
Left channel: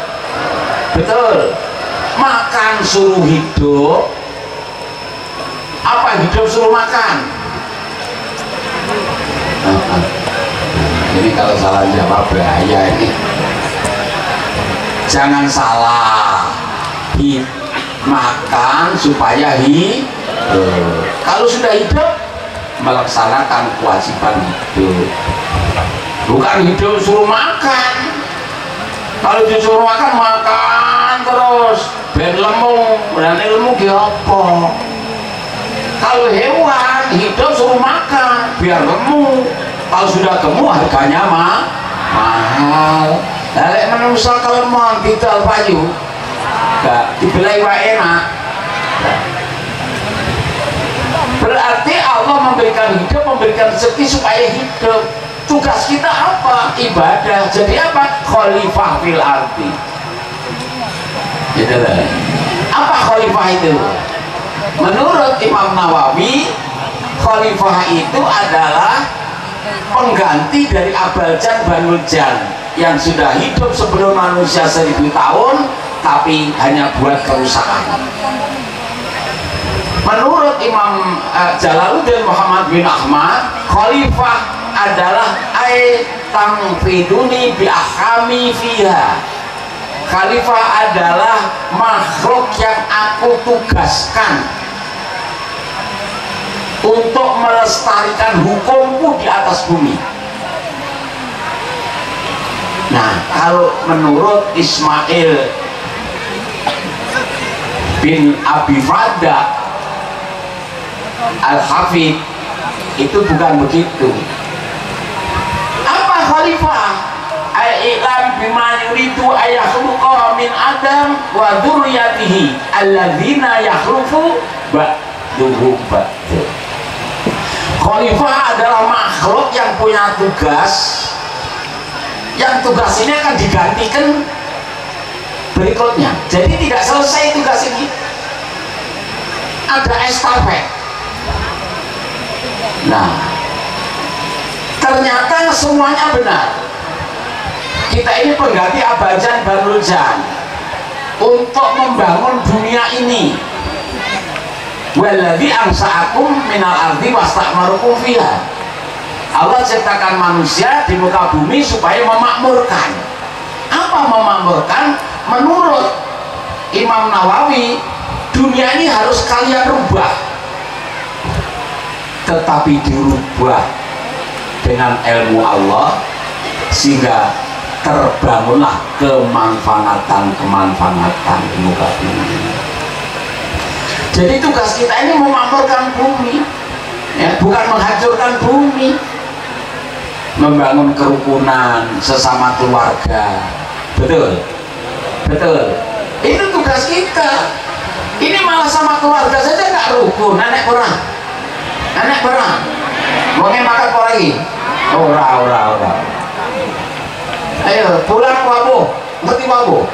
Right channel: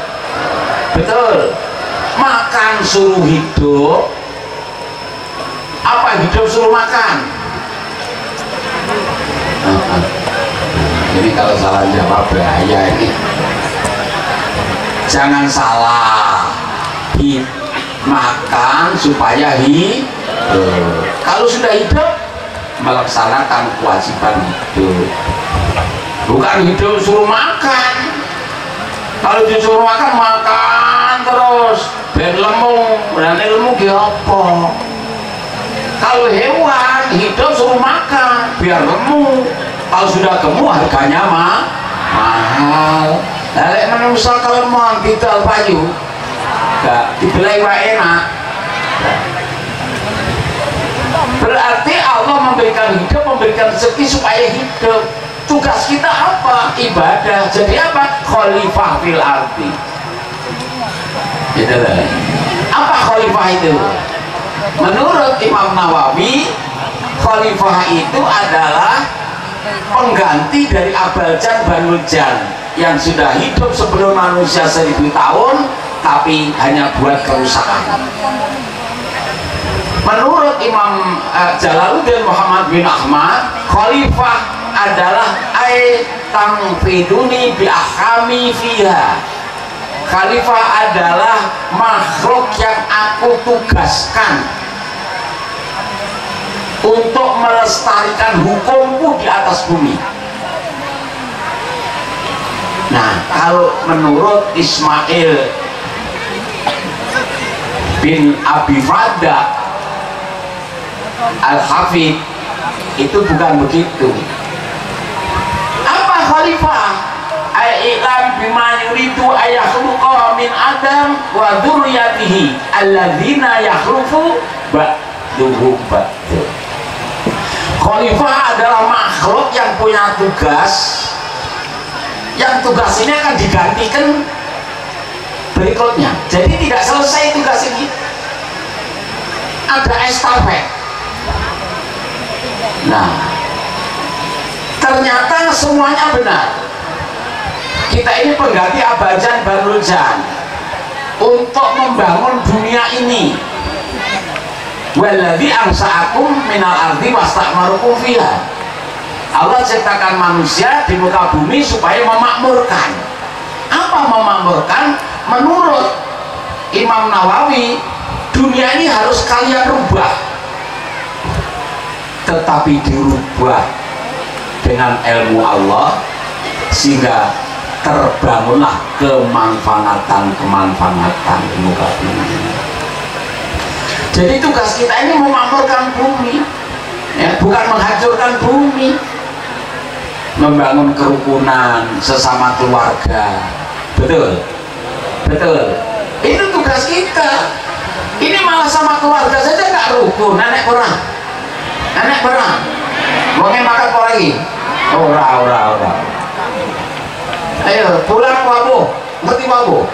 Makan suruh hidup, apa hidup suruh makan? Ini kalau salah jawab bahaya ini. Jangan salah, makan supaya hidup. Kalau sudah hidup, melaksanakan kewajiban hidup, bukan hidup suruh makan. Kalau disuruh makan terus ben lemu, dan ilmu ki apa? Kalau hewan hidup suruh makan biar lemu, kalau sudah gemuk harganya mahal. Lek manusia kalau mau didol payu gak dibelai wae enak. Berarti Allah memberikan hidup, memberikan rezeki supaya hidup. Tugas kita apa? Ibadah. Jadi apa? Khalifah fil ardi. Gitu lah. Apa khalifah itu? Menurut Imam Nawawi, khalifah itu adalah pengganti dari Abaljan Banul Jan yang sudah hidup sebelum manusia 1000 tahun tapi hanya buat kerusakan. Menurut Imam Jalaluddin Muhammad bin Ahmad, khalifah adalah tangfiduni bi ahkami fiha. Khalifah adalah makhluk yang aku tugaskan untuk melestarikan hukumku di atas bumi. Nah, kalau menurut Ismail bin Abi Fadda Al-Hafidh itu bukan begitu. Apa khalifah? Ai'lam bima yuridu ayakhluqa min adam wa dzurriyyatihi alladzina yakhlufu ba'duhu ba'du. Khalifah adalah makhluk yang punya tugas, yang tugas ini akan digantikan berikutnya. Jadi tidak selesai tugas ini, ada estafet. Nah, ternyata semuanya benar. Kita ini pengganti Abajan Baruljan untuk membangun dunia ini. Waladzi ansa'akum minal ardi wasta'marukum fiha. Allah ciptakan manusia di muka bumi supaya memakmurkan. Apa memakmurkan? Menurut Imam Nawawi, dunia ini harus kalian rubah, tetapi dirubah dengan ilmu Allah sehingga terbangunlah kemanfaatan di muka bumi. Jadi tugas kita ini memakmurkan bumi, ya, bukan menghancurkan bumi. Membangun kerukunan sesama keluarga, betul, betul. Itu tugas kita. Ini malah sama keluarga saja nggak rukun, nenek perang, Wongnya makan apa lagi? Ora. Ayo pulang wabuh, ngerti wabuh.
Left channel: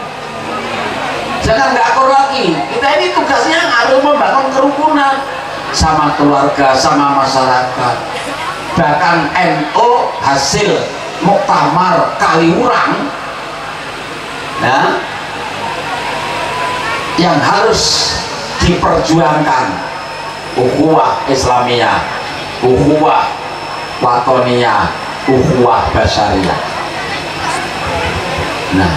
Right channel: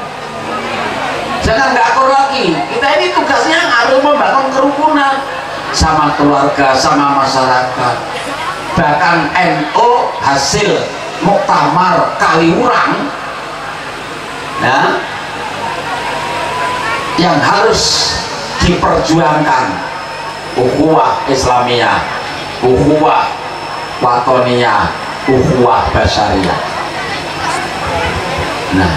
Jangan nggak akur lagi. Kita ini tugasnya harus membangun kerukunan sama keluarga, sama masyarakat. Bahkan NU hasil muktamar Kaliurang, nah, yang harus diperjuangkan ukhuwah Islamiyah, ukhuwah watoniyah, ukhuwah basyariyah. Nah,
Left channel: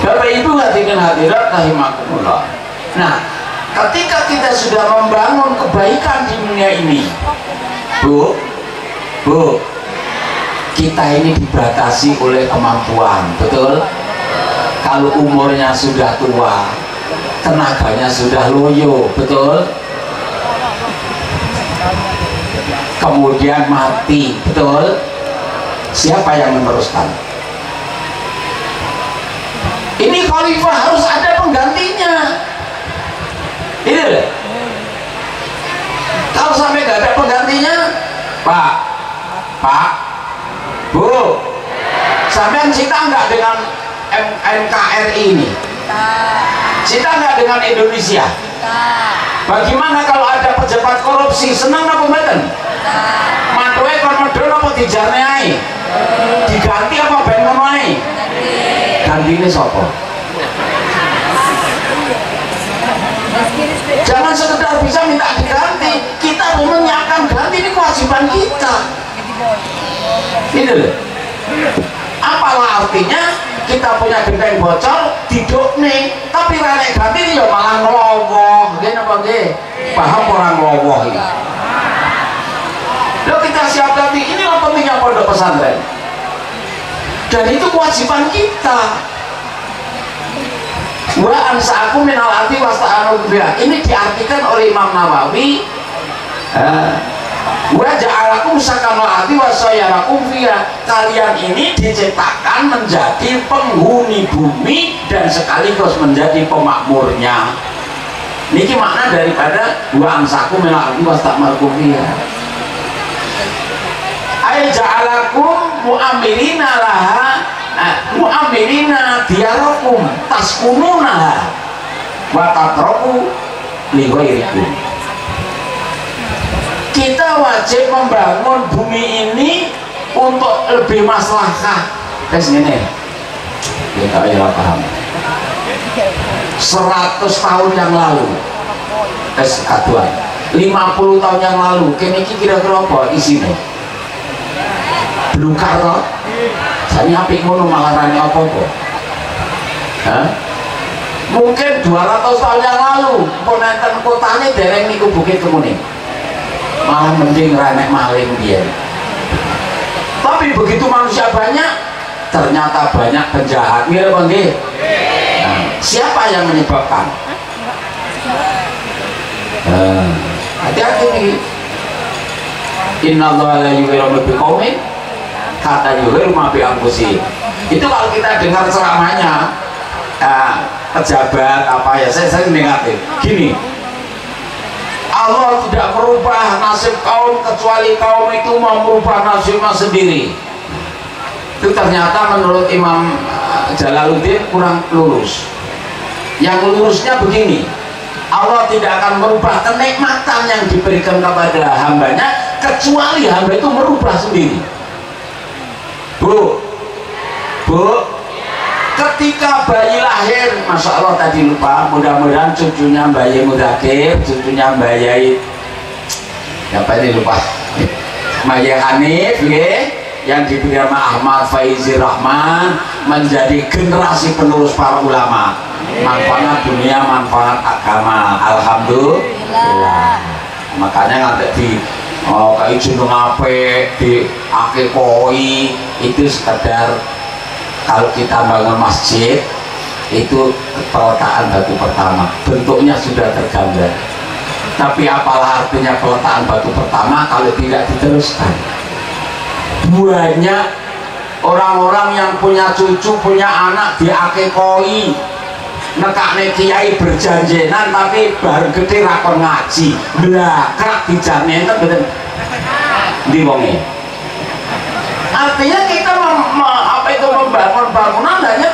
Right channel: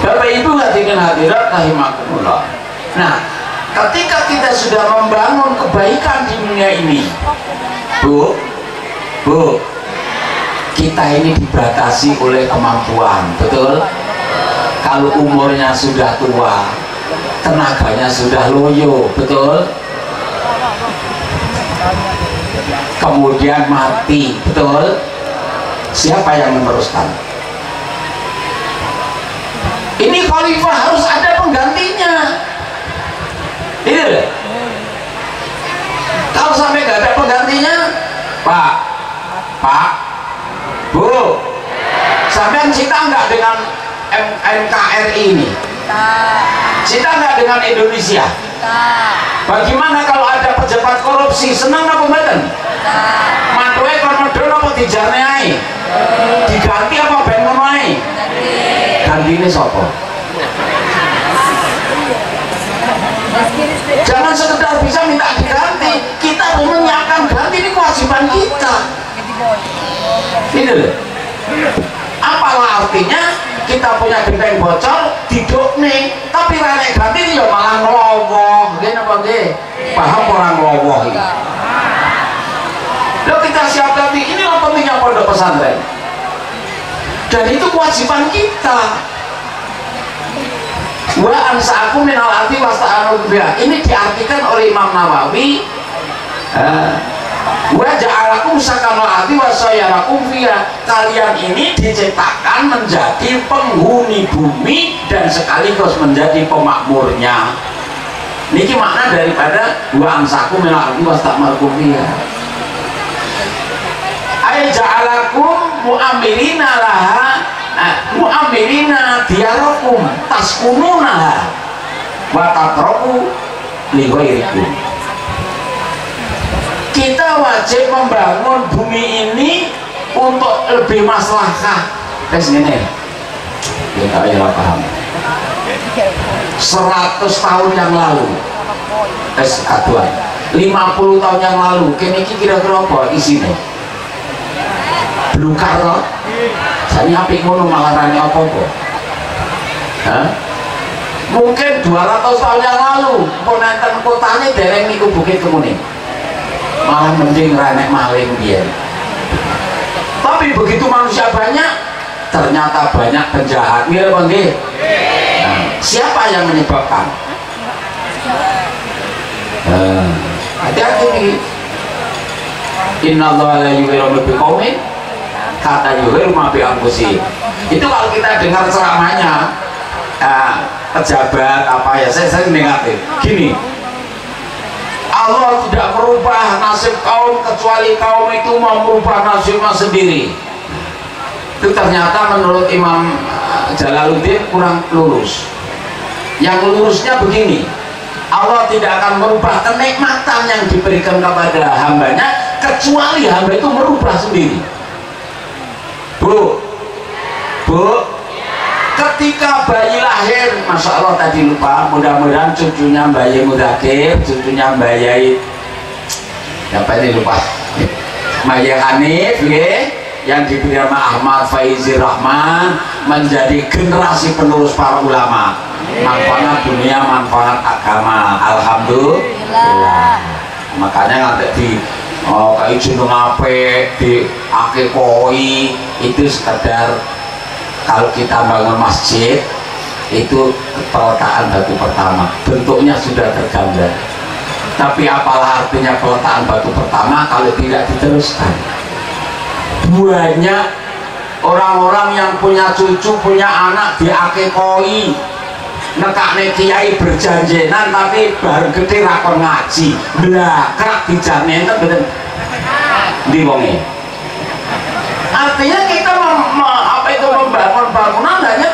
Bapak Ibu hadirin hadirat rahimakumullah. Nah, ketika kita sudah membangun kebaikan di dunia ini, Bu, kita ini dibatasi oleh kemampuan, betul? Kalau umurnya sudah tua, tenaganya sudah loyo, betul? Kemudian mati, betul? Siapa yang meneruskan? Ini khalifah harus ada penggantinya. Ini loh. Kalau sampai nggak ada penggantinya, Pak, Bu, sampean cinta nggak dengan NKRI ini? Cinta nggak dengan Indonesia? Bagaimana kalau ada pejabat korupsi, senang apa mboten? Matuwe kon medhun apa dijarneai? Diganti apa ben ngono ae? Gantine sapa? Jangan sekedar bisa minta diganti, kita harus menyiapkan ganti, ini kewajiban kita. Ini loh. Apalah artinya kita punya genteng bocor diduk nih, tapi rene ganti ya malah ngelowoh, gini apa nggih? Paham orang ngelowoh ini? Loh, kita siap ganti, inilah pentingnya pondok pesantren. Dan itu kewajiban kita. Wa ansa'akum minal ardi wasta'anu biha. Ini diartikan oleh Imam Nawawi. Wa ja'alakum sakanal ardi wasayyarakum fiha. Kalian ini diciptakan menjadi penghuni bumi dan sekaligus menjadi pemakmurnya. Niki makna daripada wa ansa'akum minal ardi wasta'anu fiha. Ay ja'alakum mu'amirina laha, mu'amirina diarakum taskununaha wa tatraku li ghairikum. Kita wajib membangun bumi ini untuk lebih maslahah. Tes ngene. Ya tak ya paham. 100 tahun yang lalu. Tes kaduan. 50 tahun yang lalu, kene iki kira-kira apa isine? Belum karo, saya apik ngono malah rane apa-apa. Mungkin 200 tahun yang lalu, ponenten kotanya dereng niku Bukit Kemuning, malah mending rane maling dia. Tapi begitu manusia banyak, ternyata banyak penjahat. Mira bangge. Siapa yang menyebabkan? hati-hati nih. Innallaha la yughayyiru ma biqaumin hatta yughayyiru ma bi anfusihim. Itu kalau kita dengar ceramahnya pejabat apa ya, saya dengar gini, Allah tidak merubah nasib kaum kecuali kaum itu mau merubah nasibnya sendiri. Itu ternyata menurut Imam Jalaluddin kurang lurus. Yang lurusnya begini, Allah tidak akan merubah kenikmatan yang diberikan kepada hambanya kecuali hamba itu merubah sendiri. Bu, ketika bayi lahir, Masya Allah tadi lupa, mudah-mudahan cucunya Mbak Yai Mudakir, cucunya Mbak Yai apa ini lupa, Mbak Yai Hanif yang diberi nama Ahmad Faizir Rahman menjadi generasi penerus para ulama, manfaat dunia, manfaat agama, alhamdulillah. Makanya nanti di kayak Gunung Ape, di Akekoi itu sekedar kalau kita bangun masjid itu peletakan batu pertama, bentuknya sudah tergambar. Tapi apalah artinya peletakan batu pertama kalau tidak diteruskan? Banyak orang-orang yang punya cucu, punya anak di Akekoi, nekakne kiai berjanjenan tapi baru gede rakon ngaji, belakang dijamin kan betul di wongi. Artinya kita membangun bangunan hanya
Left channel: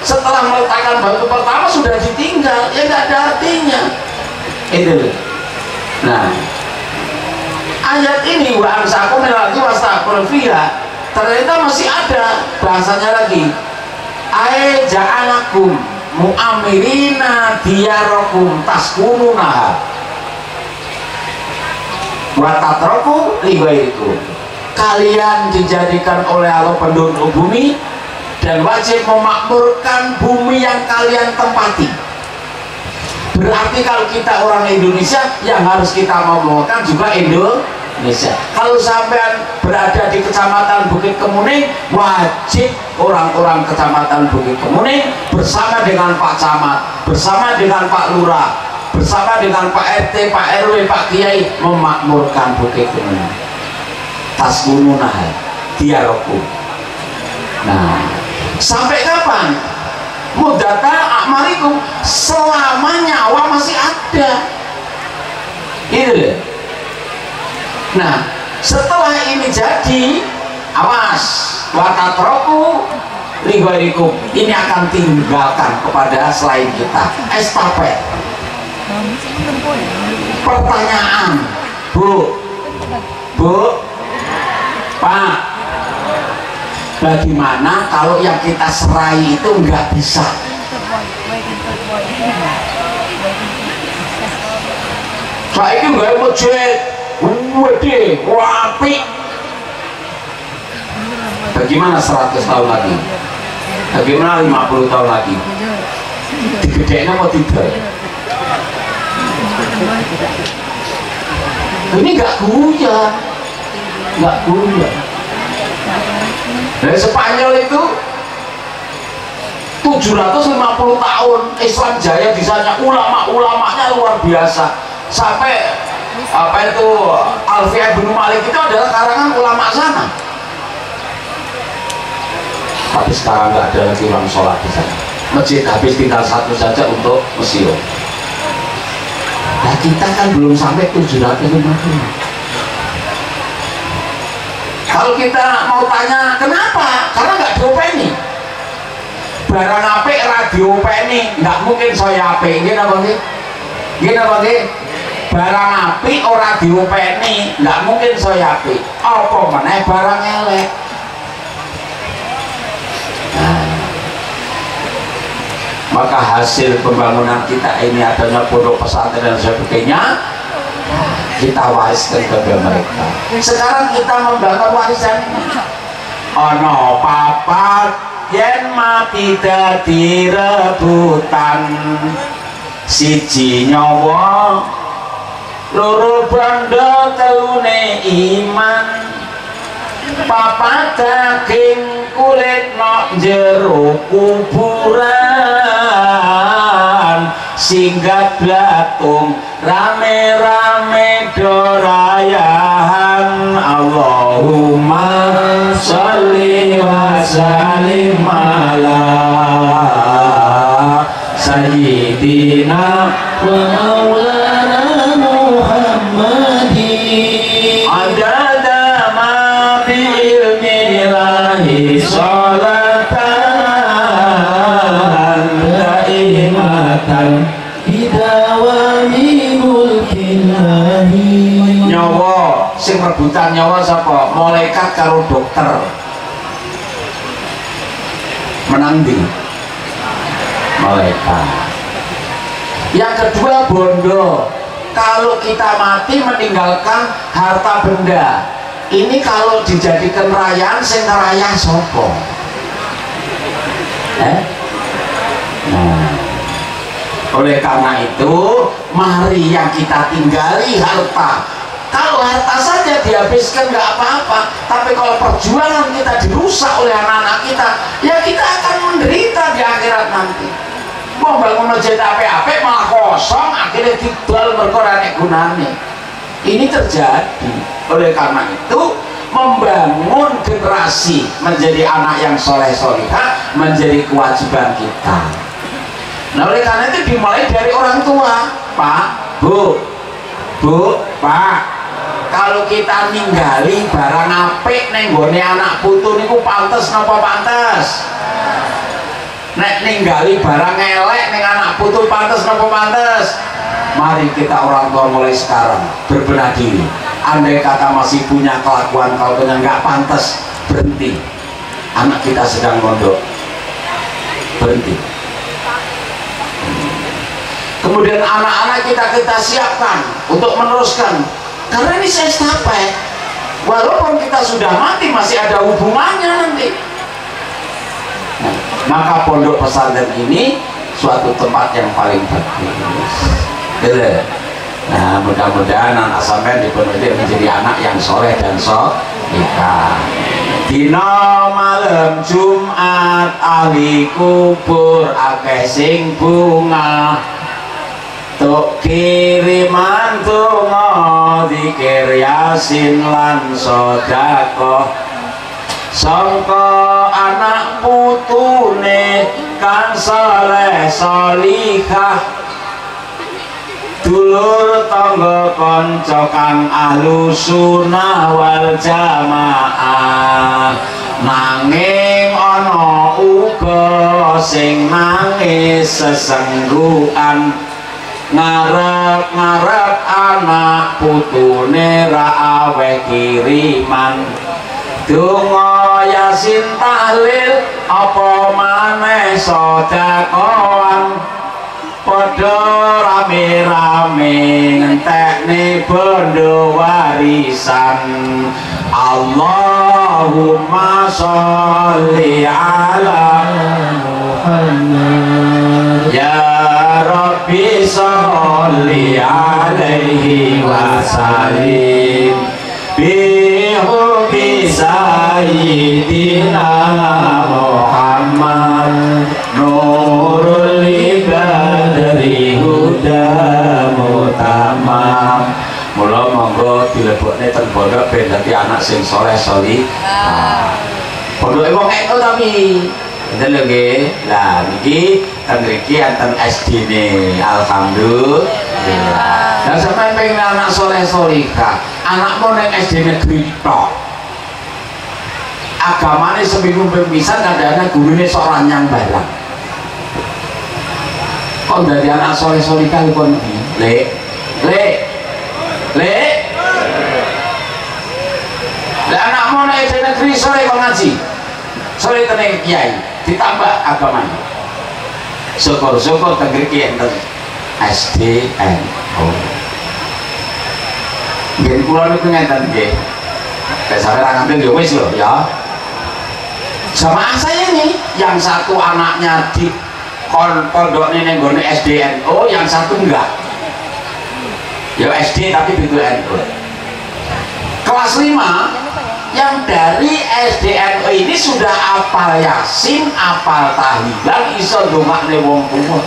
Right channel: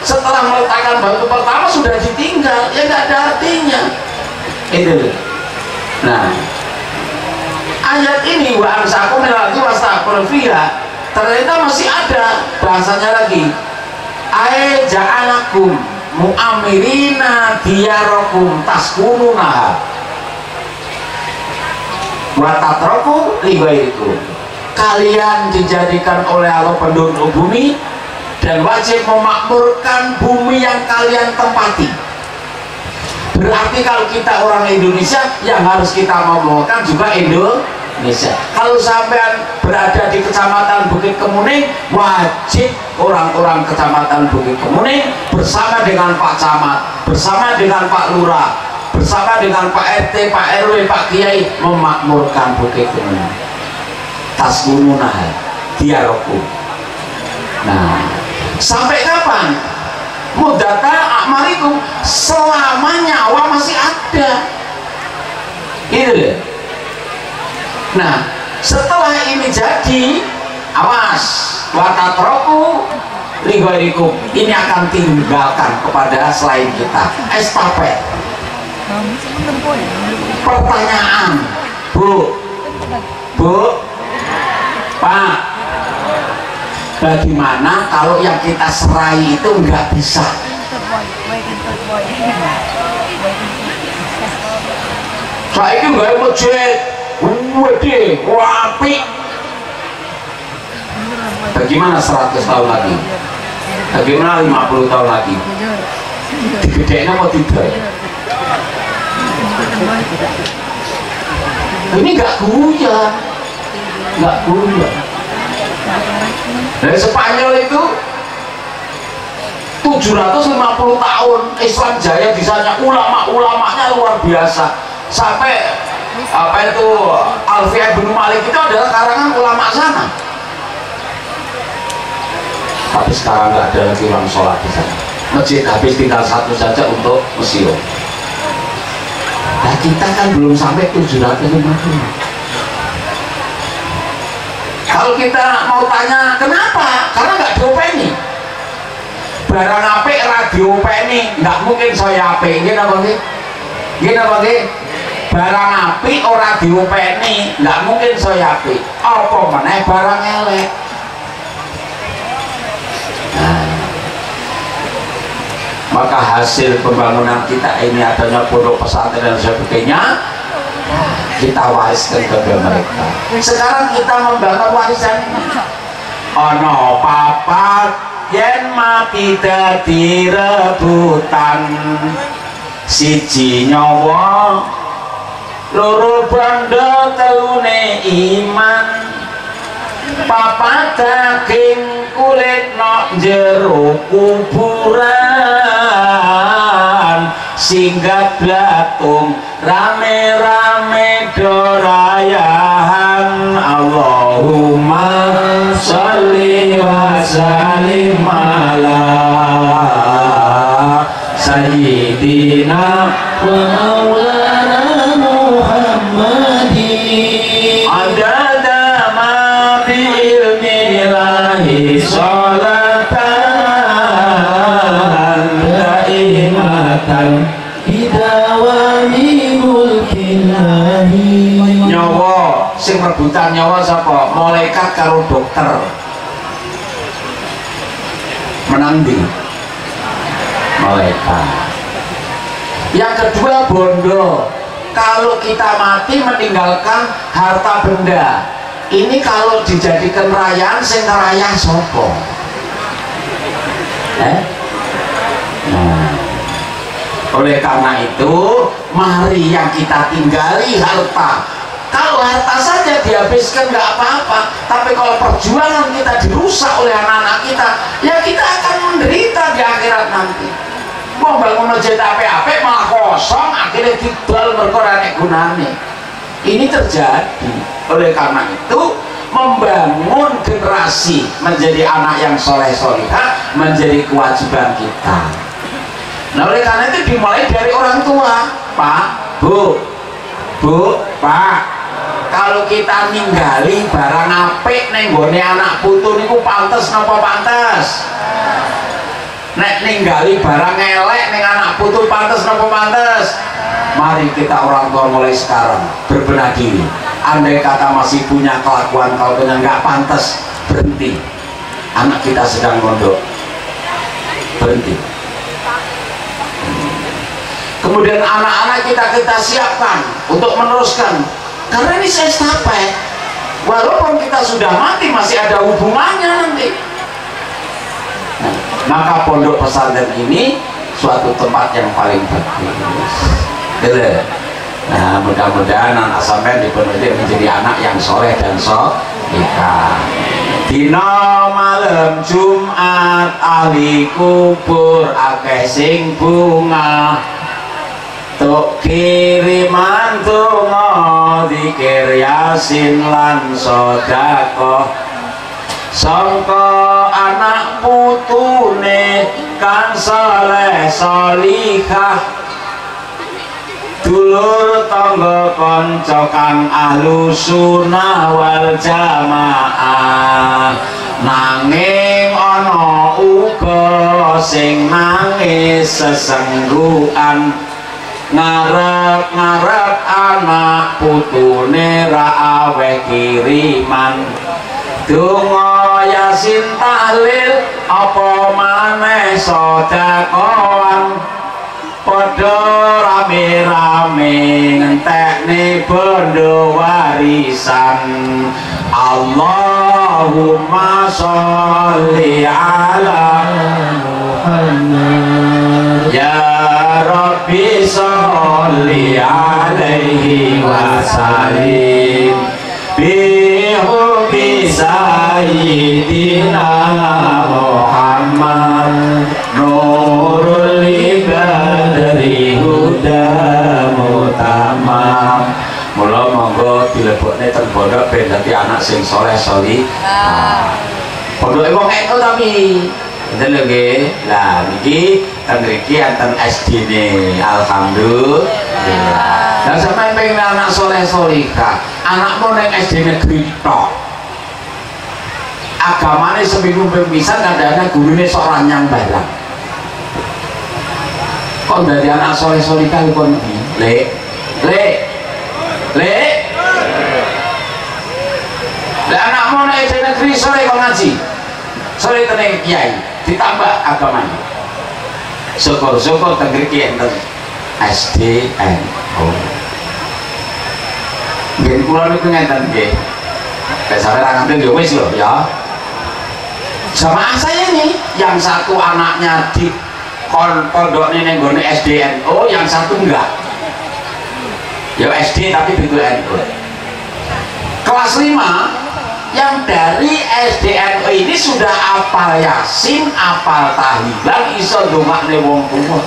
setelah meletakkan batu pertama sudah ditinggal, ya nggak ada artinya. Itu. Nah, ayat ini wa ansakum lagi wastaqul fiha ternyata masih ada bahasanya lagi. Ai ja'alakum mu'amirina diyarakum taskununaha wa tatraku li ghairikum. Kalian dijadikan oleh Allah penduduk bumi dan wajib memakmurkan bumi yang kalian tempati. Berarti kalau kita orang Indonesia yang harus kita makmurkan juga Indonesia. Kalau sampean berada di Kecamatan Bukit Kemuning, wajib orang-orang Kecamatan Bukit Kemuning bersama dengan Pak Camat, bersama dengan Pak Lurah, bersama dengan Pak RT, Pak RW, Pak Kiai memakmurkan Bukit Kemuning. Tasgununah diaroku. Nah, sampai kapan? Mudata amarikum, selama nyawa masih ada. Gitu deh. Nah, setelah ini jadi, awas, watatroku ligorikum, ini akan tinggalkan kepada selain kita. Estafet. Pertanyaan, Bu, Pak, bagaimana kalau yang kita serai itu nggak bisa? Saya ini nggak masjid, wede, wapi. Bagaimana 100 tahun lagi? Bagaimana 50 tahun lagi? Digedein apa tidak? Ini nggak guyon. Dari Spanyol itu 750 tahun Islam jaya di sana, ulama-ulamanya luar biasa. Sampai apa itu Alfiah bin Malik itu adalah karangan ulama sana. Tapi sekarang nggak ada lagi orang sholat di sana. Masjid habis tinggal satu saja untuk museum. Nah kita kan belum sampai 750. Kalau kita mau tanya kenapa? Karena nggak diopeni. Barang apik radio openi, nggak mungkin saya apik. Gini apa sih? Barang apik ora diopeni, nggak mungkin saya apik. Apa meneh barang elek? Nah, maka hasil pembangunan kita ini adanya pondok pesantren dan sebagainya, kita wariskan kepada mereka. Sekarang kita membangun warisan ono papat yen mati dadi rebutan, siji nyawa loro bandha telune iman, papat daging kulit nok jero kuburan, singgat blatung rame-rame dorayahan Allahumma sholli wa sallim ala sayyidina wa maulana Muhammadin adada ma bi ilmillahi sholatan daimatan bidawami mulkillahi. Nyawa sing rebutan nyawa sapa? Malaikat karo dokter. Menang di malaikat. Yang kedua bondo. Kalau kita mati meninggalkan harta benda, ini kalau dijadikan rayaan sing ngerayah sapa? Nah, oleh karena itu mari yang kita tinggali harta. Kalau harta saja dihabiskan nggak apa-apa, tapi kalau perjuangan kita dirusak oleh anak-anak kita, ya kita akan menderita di akhirat nanti. Mau bangun masjid apa-apa malah kosong, akhirnya dibal berkorane gunane. Ini terjadi. Oleh karena itu membangun generasi menjadi anak yang soleh solihah menjadi kewajiban kita. Nah oleh karena itu dimulai dari orang tua. Pak, Bu, Pak, kalau kita ninggali barang apik ning gone anak putu niku pantes napa pantes? Nek ninggali barang elek ning anak putu pantes napa pantes? Mari kita orang tua mulai sekarang berbenah diri. Andai kata masih punya kelakuan kalau nggak pantas, berhenti. Anak kita sedang mondok, berhenti. Kemudian anak-anak kita siapkan untuk meneruskan, karena ini saya estafet. Walaupun kita sudah mati masih ada hubungannya nanti. Nah, maka pondok pesantren ini suatu tempat yang paling bagus. Gitu. Nah mudah-mudahan anak sampean di pondok ini menjadi anak yang soleh dan solihah. Dina malam Jumat ahli kubur akeh sing bunga. Tuk kiriman donga zikir yasin lan sedekah sangka anak putune kang saleh salihah dulur tangga kanca kang ahlu sunnah wal jamaah. Nanging ana uga sing nangis sesenggukan ngarep-ngarep anak putune ra aweh kiriman donga yasin tahlil apa maneh sedekahan padha rame-rame ngentekne bondo warisan. Allahumma sholli ala Muhammad ya Rabbi sholli alaihi wa sallim bihubbi sayyidina Muhammad nurul ibadri huda mutamam. Mula monggo dilebokne teng pondok ben dadi anak sing saleh salihah. Pondoke wong eno tapi enten lho nggih. Lah niki teng mriki enten SD-ne. Alhamdulillah. Lah sampeyan pengen anak saleh salihah, anakmu ning SD negeri tok. Agamane seminggu pisan kadang-kadang gurune sok ranyang barang. Kok dadi anak saleh salihah kon iki? Lek lah anakmu nek SD negeri sore kok ngaji, sore teneng kiai ditambah agamanya. Syukur-syukur teng mriki enten SDNO. Nggih kula niku ngenten nggih. Nek sampeyan ngambil ya wis lho ya. Jamaah saya nih, yang satu anaknya di pondok ning nggone SDNO, yang satu enggak. Ya SD tapi begitu NU. Kelas 5 yang dari SDNU ini sudah apal Yasin, apal tahlilan, iso ndongakne wong tuwa.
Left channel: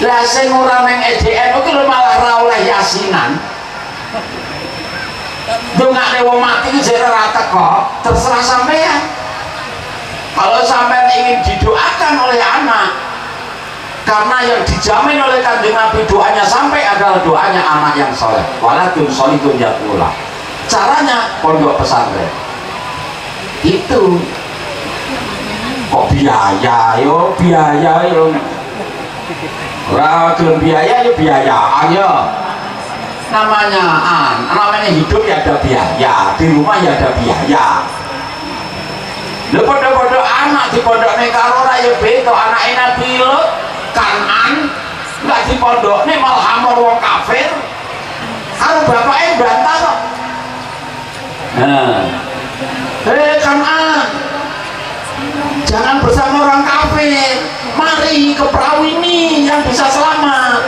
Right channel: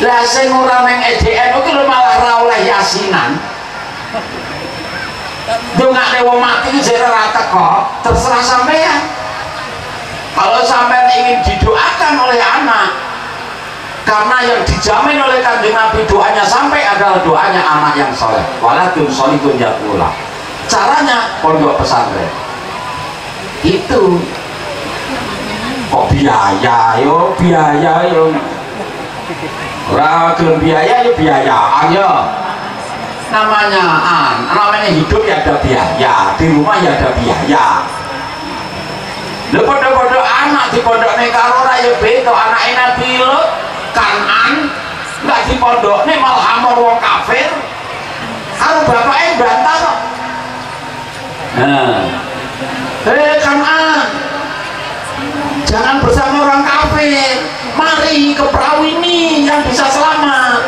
Lah sing ora ning EDN iki lho malah ra oleh yasinan. Dongane wong mati iki jare ora teko, terserah sampean. Kalau sampean ingin didoakan oleh anak, karena yang dijamin oleh Kanjeng Nabi doanya sampai adalah doanya anak yang soleh. Waladun sholihun yaqula. Caranya pondok pesantren. Itu kok biaya yo. Ora gelem biaya yo biayaan yo. Namanya hidup ya ada biaya, di rumah ya ada biaya. Lha padha-padha anak di pondokne karo ora ya beda, anake Nabi Lut Kanan enggak di pondokne malah amor wong kafir. Karo bapake bantah kok. Nah. Kanan. Jangan bersama orang kafir. Mari ke perahu ini yang bisa selamat.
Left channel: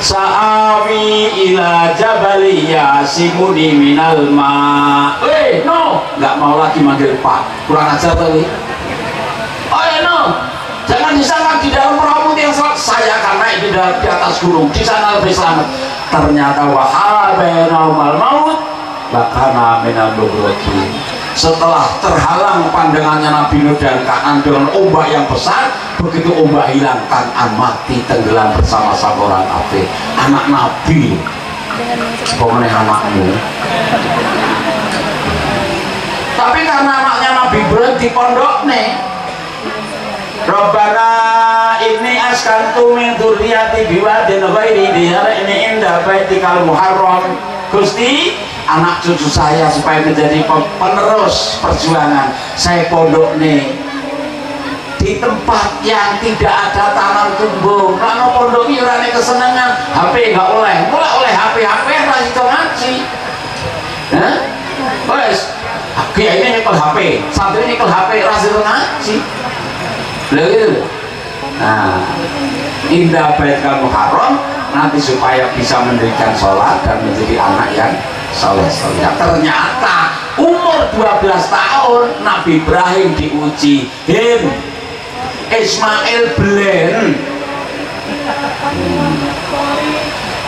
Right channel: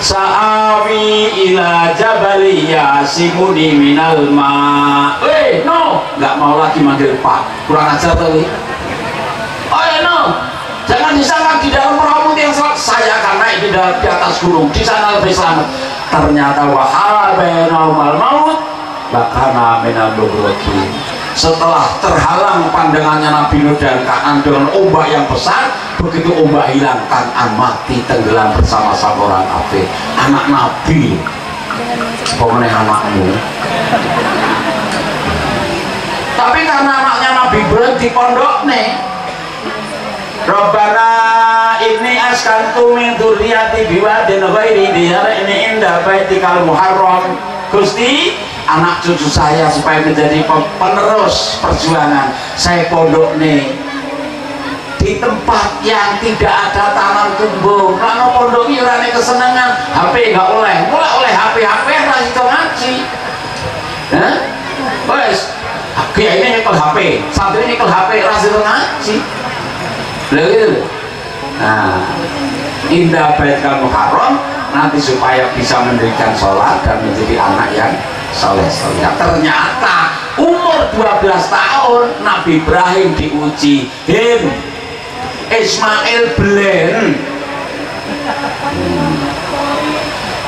Sa'awi ila jabali yasimuni minal ma. No, nggak mau lagi manggil Pak. Kurang ajar tuh. No, jangan disangka di dalam perahu yang selamat. Saya karena di atas gunung, di sana lebih selamat. Ternyata wahala bainal maut bakana minal lughati. Setelah terhalang pandangannya Nabi Nuh dan Kanan dengan ombak yang besar, begitu ombak hilang, Kanan mati tenggelam bersama-sama orang kafir. Anak Nabi, pemenang anakmu. Tapi karena anaknya Nabi berhenti pondok nih, Rabbana inni askantu min dzurriyyati biwadin ghairi dzari inda baitikal muharram. Gusti, anak cucu saya supaya menjadi penerus perjuangan saya pondok nih di tempat yang tidak ada tanam tumbuh. Karena pondok ini orangnya kesenangan HP nggak oleh HP lah itu ngaji. Wes kiai ini nyekel HP, santri nyekel HP rasih ngaji. Gitu. Nah, indah baitkal muharram nanti supaya bisa mendirikan sholat dan menjadi anak yang soleh. Nah, ternyata umur 12 tahun Nabi Ibrahim diuji. Ismail belen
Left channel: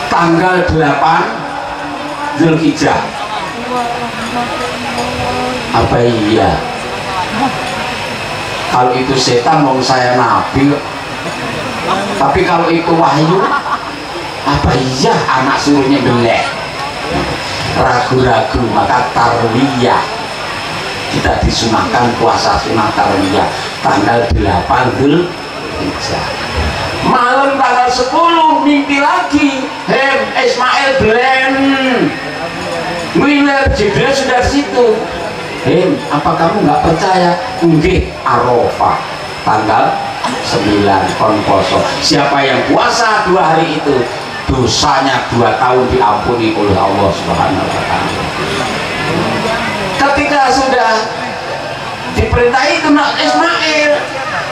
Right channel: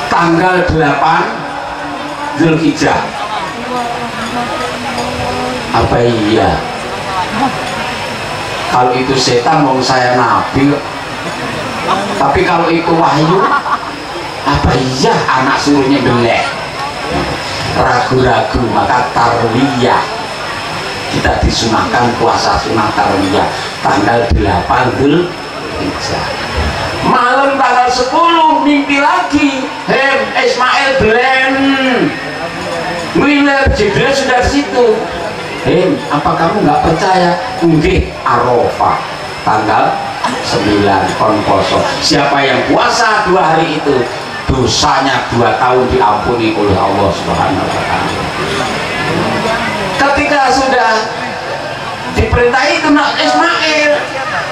tanggal 8 Zulhijjah. Apa iya? Kalau itu setan mau saya Nabi. Tapi kalau itu wahyu, apa iya anak suruhnya belek? Ragu-ragu, maka tarwiyah kita disunahkan puasa sunah tarwiyah tanggal 8 Zulhijjah. Malam tanggal 10 mimpi lagi, Ismail belen Wiler Jibril sudah di situ. Apa kamu nggak percaya? Nggih, Arafah tanggal 9 kon poso. Siapa yang puasa 2 hari itu dosanya 2 tahun diampuni oleh Allah Subhanahu wa Ta'ala. Ketika sudah diperintah itu nak Ismail,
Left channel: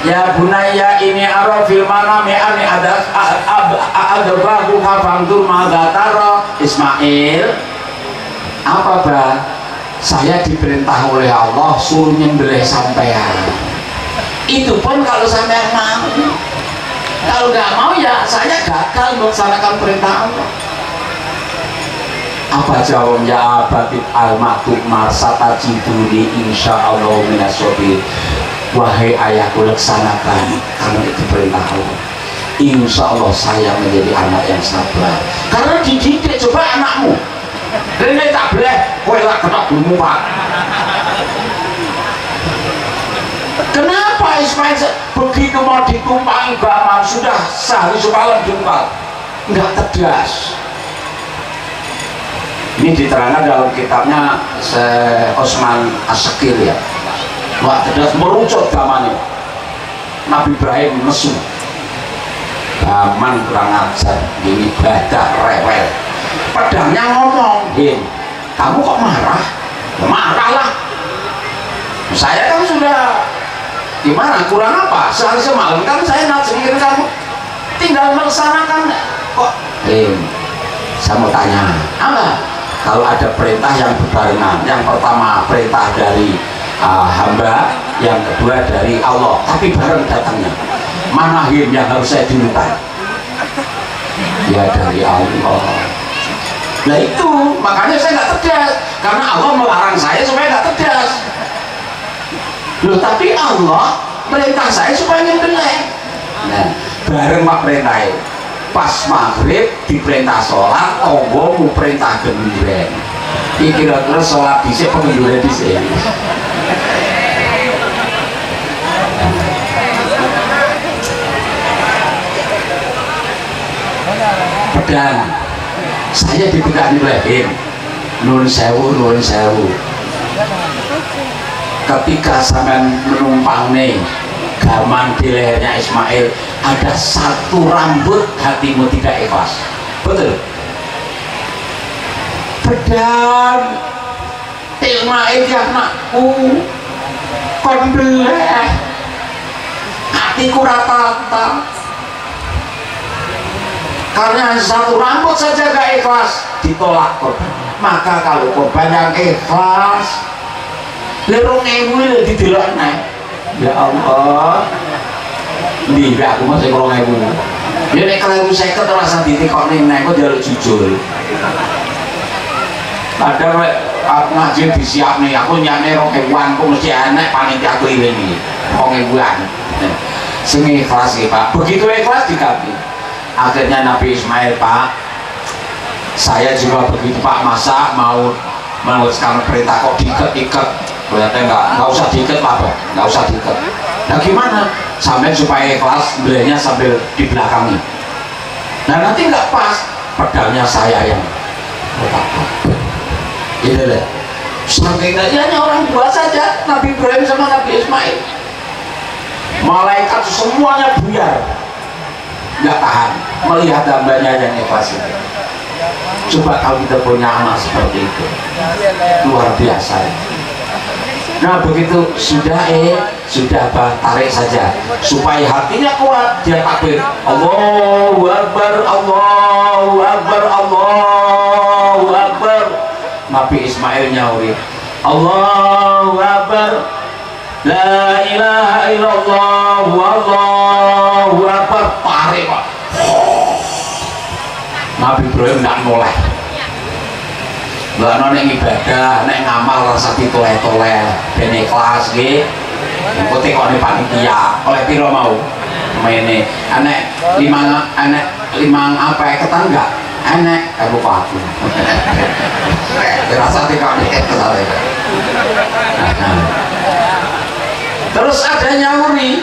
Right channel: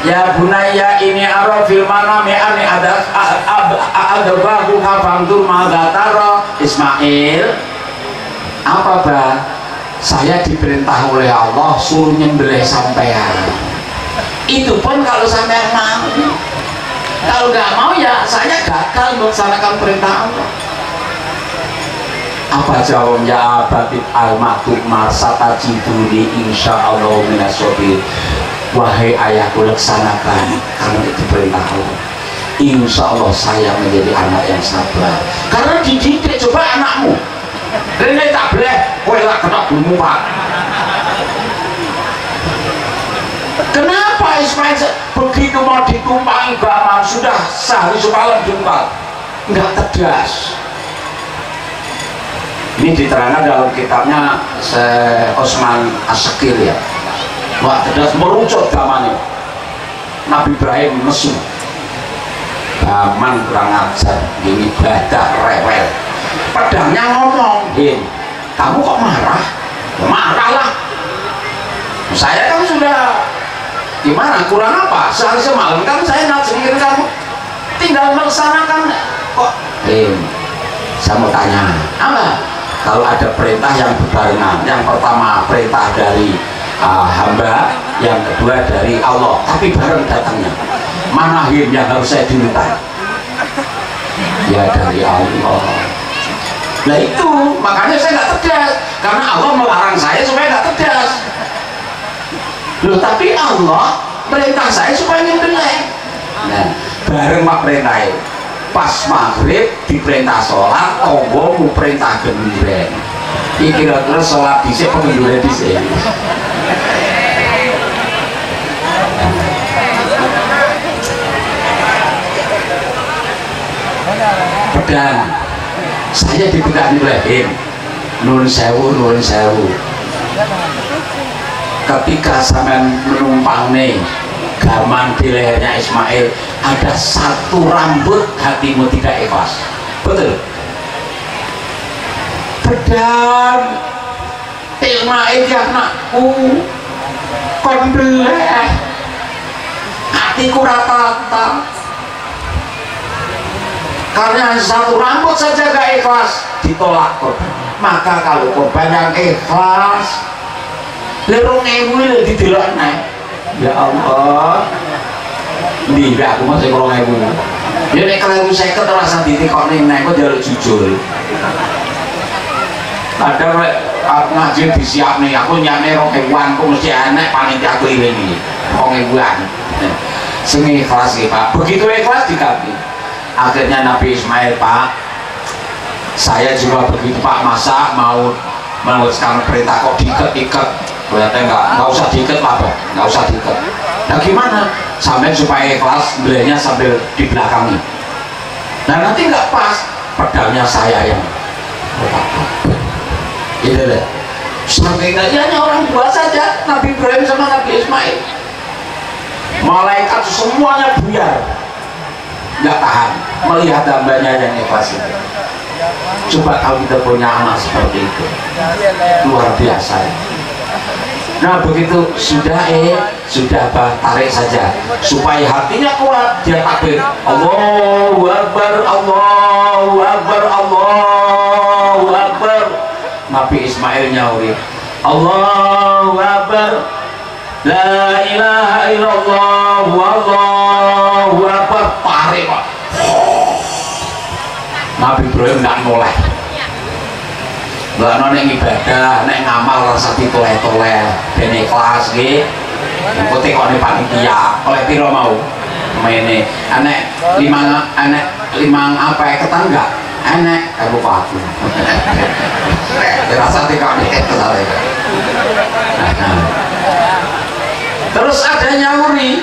ya bunaya ini arafil manami ani ada bahu kafantur magataro. Ismail, apa bah? Saya diperintah oleh Allah suruh nyembelih sampean. Itu pun kalau sampean mau. Kalau nggak mau ya saya gagal melaksanakan perintah Allah. Apa jawabnya Abatit al-Maktub marsata jiduni insyaallah minasobir. Wahai ayahku, laksanakan karena itu perintah Allah. Insya Allah saya menjadi anak yang sabar. Karena dididik, coba anakmu Rene tak boleh kowe lak ketok dulu Pak. Kenapa Ismail begitu mau ditumpangi Baman sudah sehari semalam jumpa nggak tegas? Ini diterangkan dalam kitabnya Osman As-Sekir ya. Wah tegas merucut Baman. Nabi Ibrahim nesu. Baman kurang ajar, ini ibadah rewel. Pedangnya ngomong, kamu kok marah? Ya, marahlah. Saya kan sudah gimana? Kurang apa? Sehari semalam kan saya nazirin kamu, tinggal melaksanakan kok. Saya mau tanya, apa? Kalau ada perintah yang berbarengan, yang pertama perintah dari hamba, yang kedua dari Allah, tapi bareng datangnya. Mana yang harus saya diminta? Ya dari Allah. Nah itu makanya saya nggak tegas, karena Allah melarang saya supaya nggak tegas. Loh tapi Allah perintah saya supaya nyembelih. Nah bareng mak perintah pas maghrib diperintah sholat, tonggo mu perintah genduren. Ini kira-kira sholat dhisik pengenduren dhisik. Pedang saya dipegani lehin, nun sewu ketika sampean menumpang nih gaman di lehernya Ismail ada satu rambut, hatimu tidak ikhlas, betul? Pedang Ismail ya anakku kon beleh hatiku rata-rata karena satu rambut saja gak ikhlas ditolak korban. Maka kalau korban yang ikhlas lerung ewu didelok naik, ya Allah nih aku masih kurang ewu ya nek kalau saya keterasa ditikok nih naik kok jalur jujur padahal ngaji disiap nih aku nyane rong ewuan aku mesti enek panitia keliling ini rong ewuan sing ikhlas ya Pak, begitu ikhlas dikabin. Akhirnya Nabi Ismail, Pak saya juga begitu Pak, masa mau sekarang perintah kok diikat berarti nggak usah diikat Pak, nggak usah diikat. Nah gimana sampai supaya ikhlas belinya sambil di belakangnya, nah nanti nggak pas pedangnya saya yang gitu deh. Sampai hanya orang dua saja, Nabi Ibrahim sama Nabi Ismail, malaikat semuanya buyar, nggak tahan melihat hambanya yang ikhlas itu. Coba kalau kita punya anak seperti itu, luar biasa ya. Nah begitu sudah tarik saja supaya hatinya kuat, dia takbir Allahu Akbar, Allahu Akbar, Allahu Akbar. Nabi Ismail nyauri Allahu Akbar, la ilaha illallah, Allahu Akbar. Tarik Pak. Nabi Ibrahim nggak mulai. Lah nek ibadah, nek ngamal rasa ditoleh-toleh, ben ikhlas nggih. Engko tekone panitia, oleh piro mau? Mene, anek limang apa ketan enggak? Enek, lupa aku. Rasa tekone ketare. Terus ada nyauri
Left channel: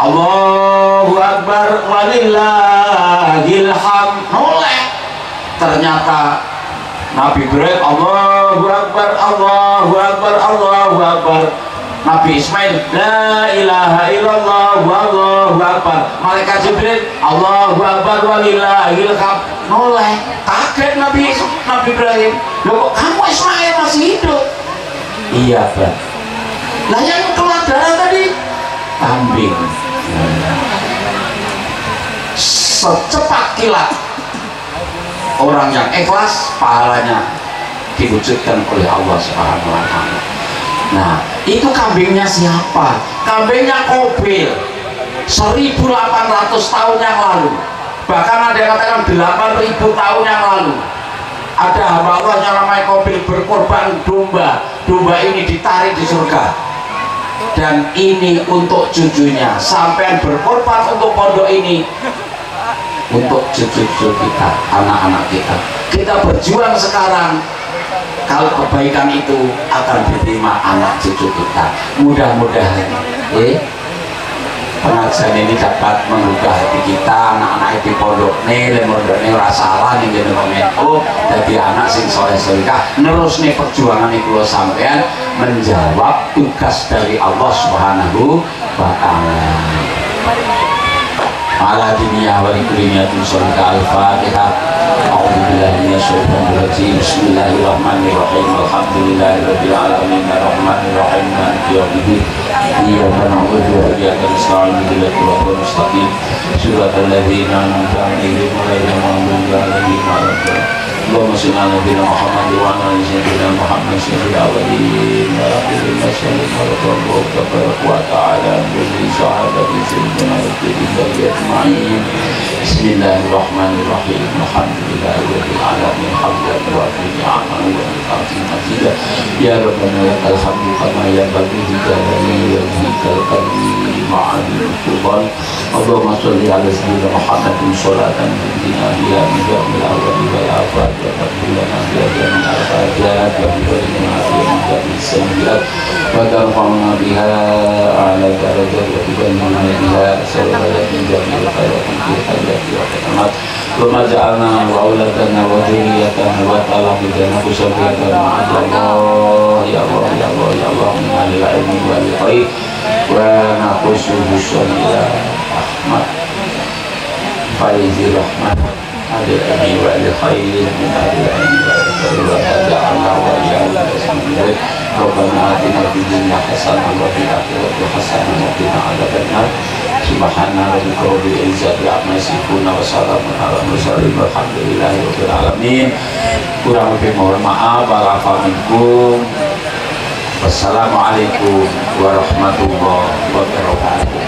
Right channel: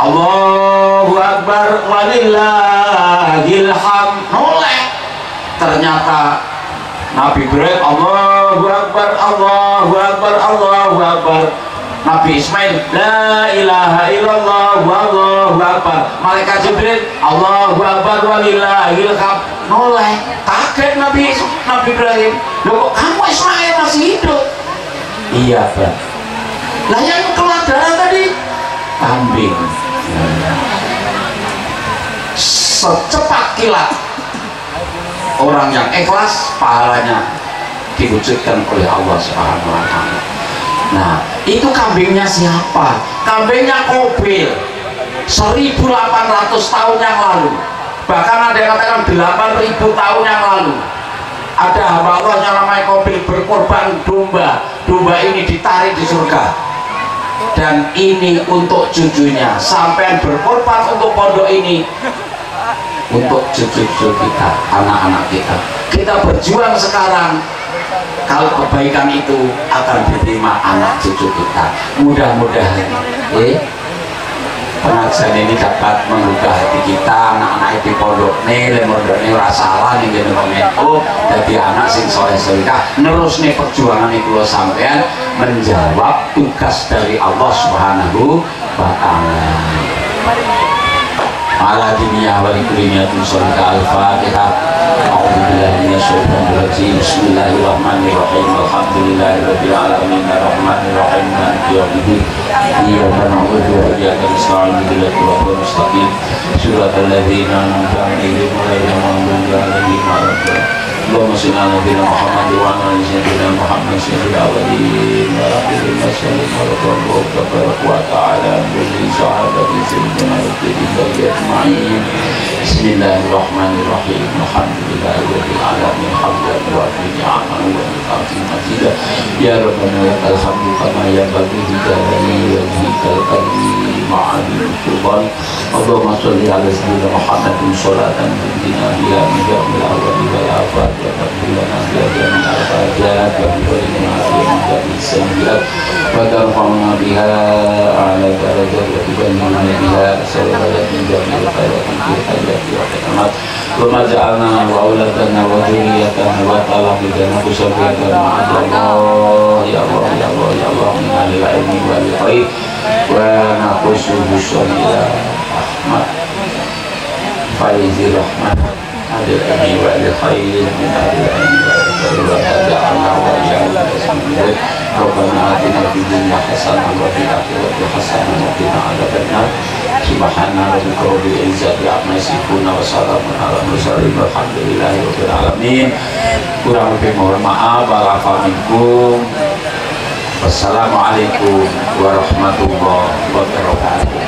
Allahu Akbar walillahil hamd. Oleh ternyata Nabi Ibrahim Allahu Akbar, Allahu Akbar, Allahu Akbar. Nabi Ismail la ilaha illallah, Allahu Akbar. Malaikat Jibril Allahu Akbar walillahil hamd. Oleh kaget Nabi Ibrahim, loh kok kamu Ismail masih hidup? Iya Pak. Lah yang keluar darah tadi kambing. Secepat kilat orang yang ikhlas pahalanya diwujudkan oleh Allah Subhanahu wa Ta'ala. Nah, itu kambingnya siapa? Kambingnya Kobil 1800 tahun yang lalu. Bahkan ada yang katakan 8000 tahun yang lalu. Ada hamba Allah yang namanya Kobil berkorban domba. Domba ini ditarik di surga. Dan ini untuk cucunya. Sampai berkorban untuk pondok ini, untuk cucu-cucu kita, anak-anak kita. Kita berjuang sekarang, kalau kebaikan itu akan diterima anak cucu kita. Mudah-mudahan pengajian ini dapat menggugah hati kita, anak-anak di pondok nih, rasalah nih jadi komentar, jadi anak sing soleh-solehah nerus nih perjuangan itu lo sampean menjawab tugas dari Allah Subhanahu wa Ta'ala. Ala dunia wali dunia tunsolika al-fatihah. A'udzubillahi minasyaitonir rajim. Bismillahirrahmanirrahim. Alhamdulillahirabbil alamin arrahmanir rahim maliki yaumiddin. Iyyaka na'budu wa iyyaka nasta'in ihdinas siratal mustaqim. Shiratal ladzina an'amta 'alaihim ghairil maghdubi 'alaihim waladdallin. Allahumma shalli 'ala sayyidina Muhammad wa 'ala ali sayyidina Muhammad sayyidil awwalin wal akhirin. وسلم ورضى الله تبارك وتعالى عن كل صحابة سيدنا رسول الله أجمعين. بسم الله الرحمن الرحيم. الحمد لله رب العالمين حمدا وافي نعمه ومكافئ مزيدا. يا ربنا لك الحمد كما ينبغي لجلال وجهك الكريم وعظيم سلطانك. اللهم صل على سيدنا محمد صلاة تنجينا بها من جميع الأهوال والآفات وتغفر لنا بها جميع الحاجات وتبلغنا بها من جميع السيئات وترفعنا بها أعلى الدرجات وتبلغنا بها سببا من جميع الخيرات في الحياة والممات. ثم جعلنا وأولادنا وذريتنا وتلاميذنا وذريتنا مع الله يا الله يا الله يا الله من العلم والخير ونخص بالصلاة أحمد فايز الرحمن هذا الأمين والخير من هذا الأمين والخير وتجعلنا وإياك نستعين. ربنا آتنا في الدنيا حسنة وفي الآخرة حسنة وقنا عذاب النار. سبحان ربك رب العزة عما يصفون وسلام على المرسلين والحمد لله رب العالمين. Kurang lebih mohon maaf. Wa'alaikum. Wassalamualaikum warahmatullahi wabarakatuh.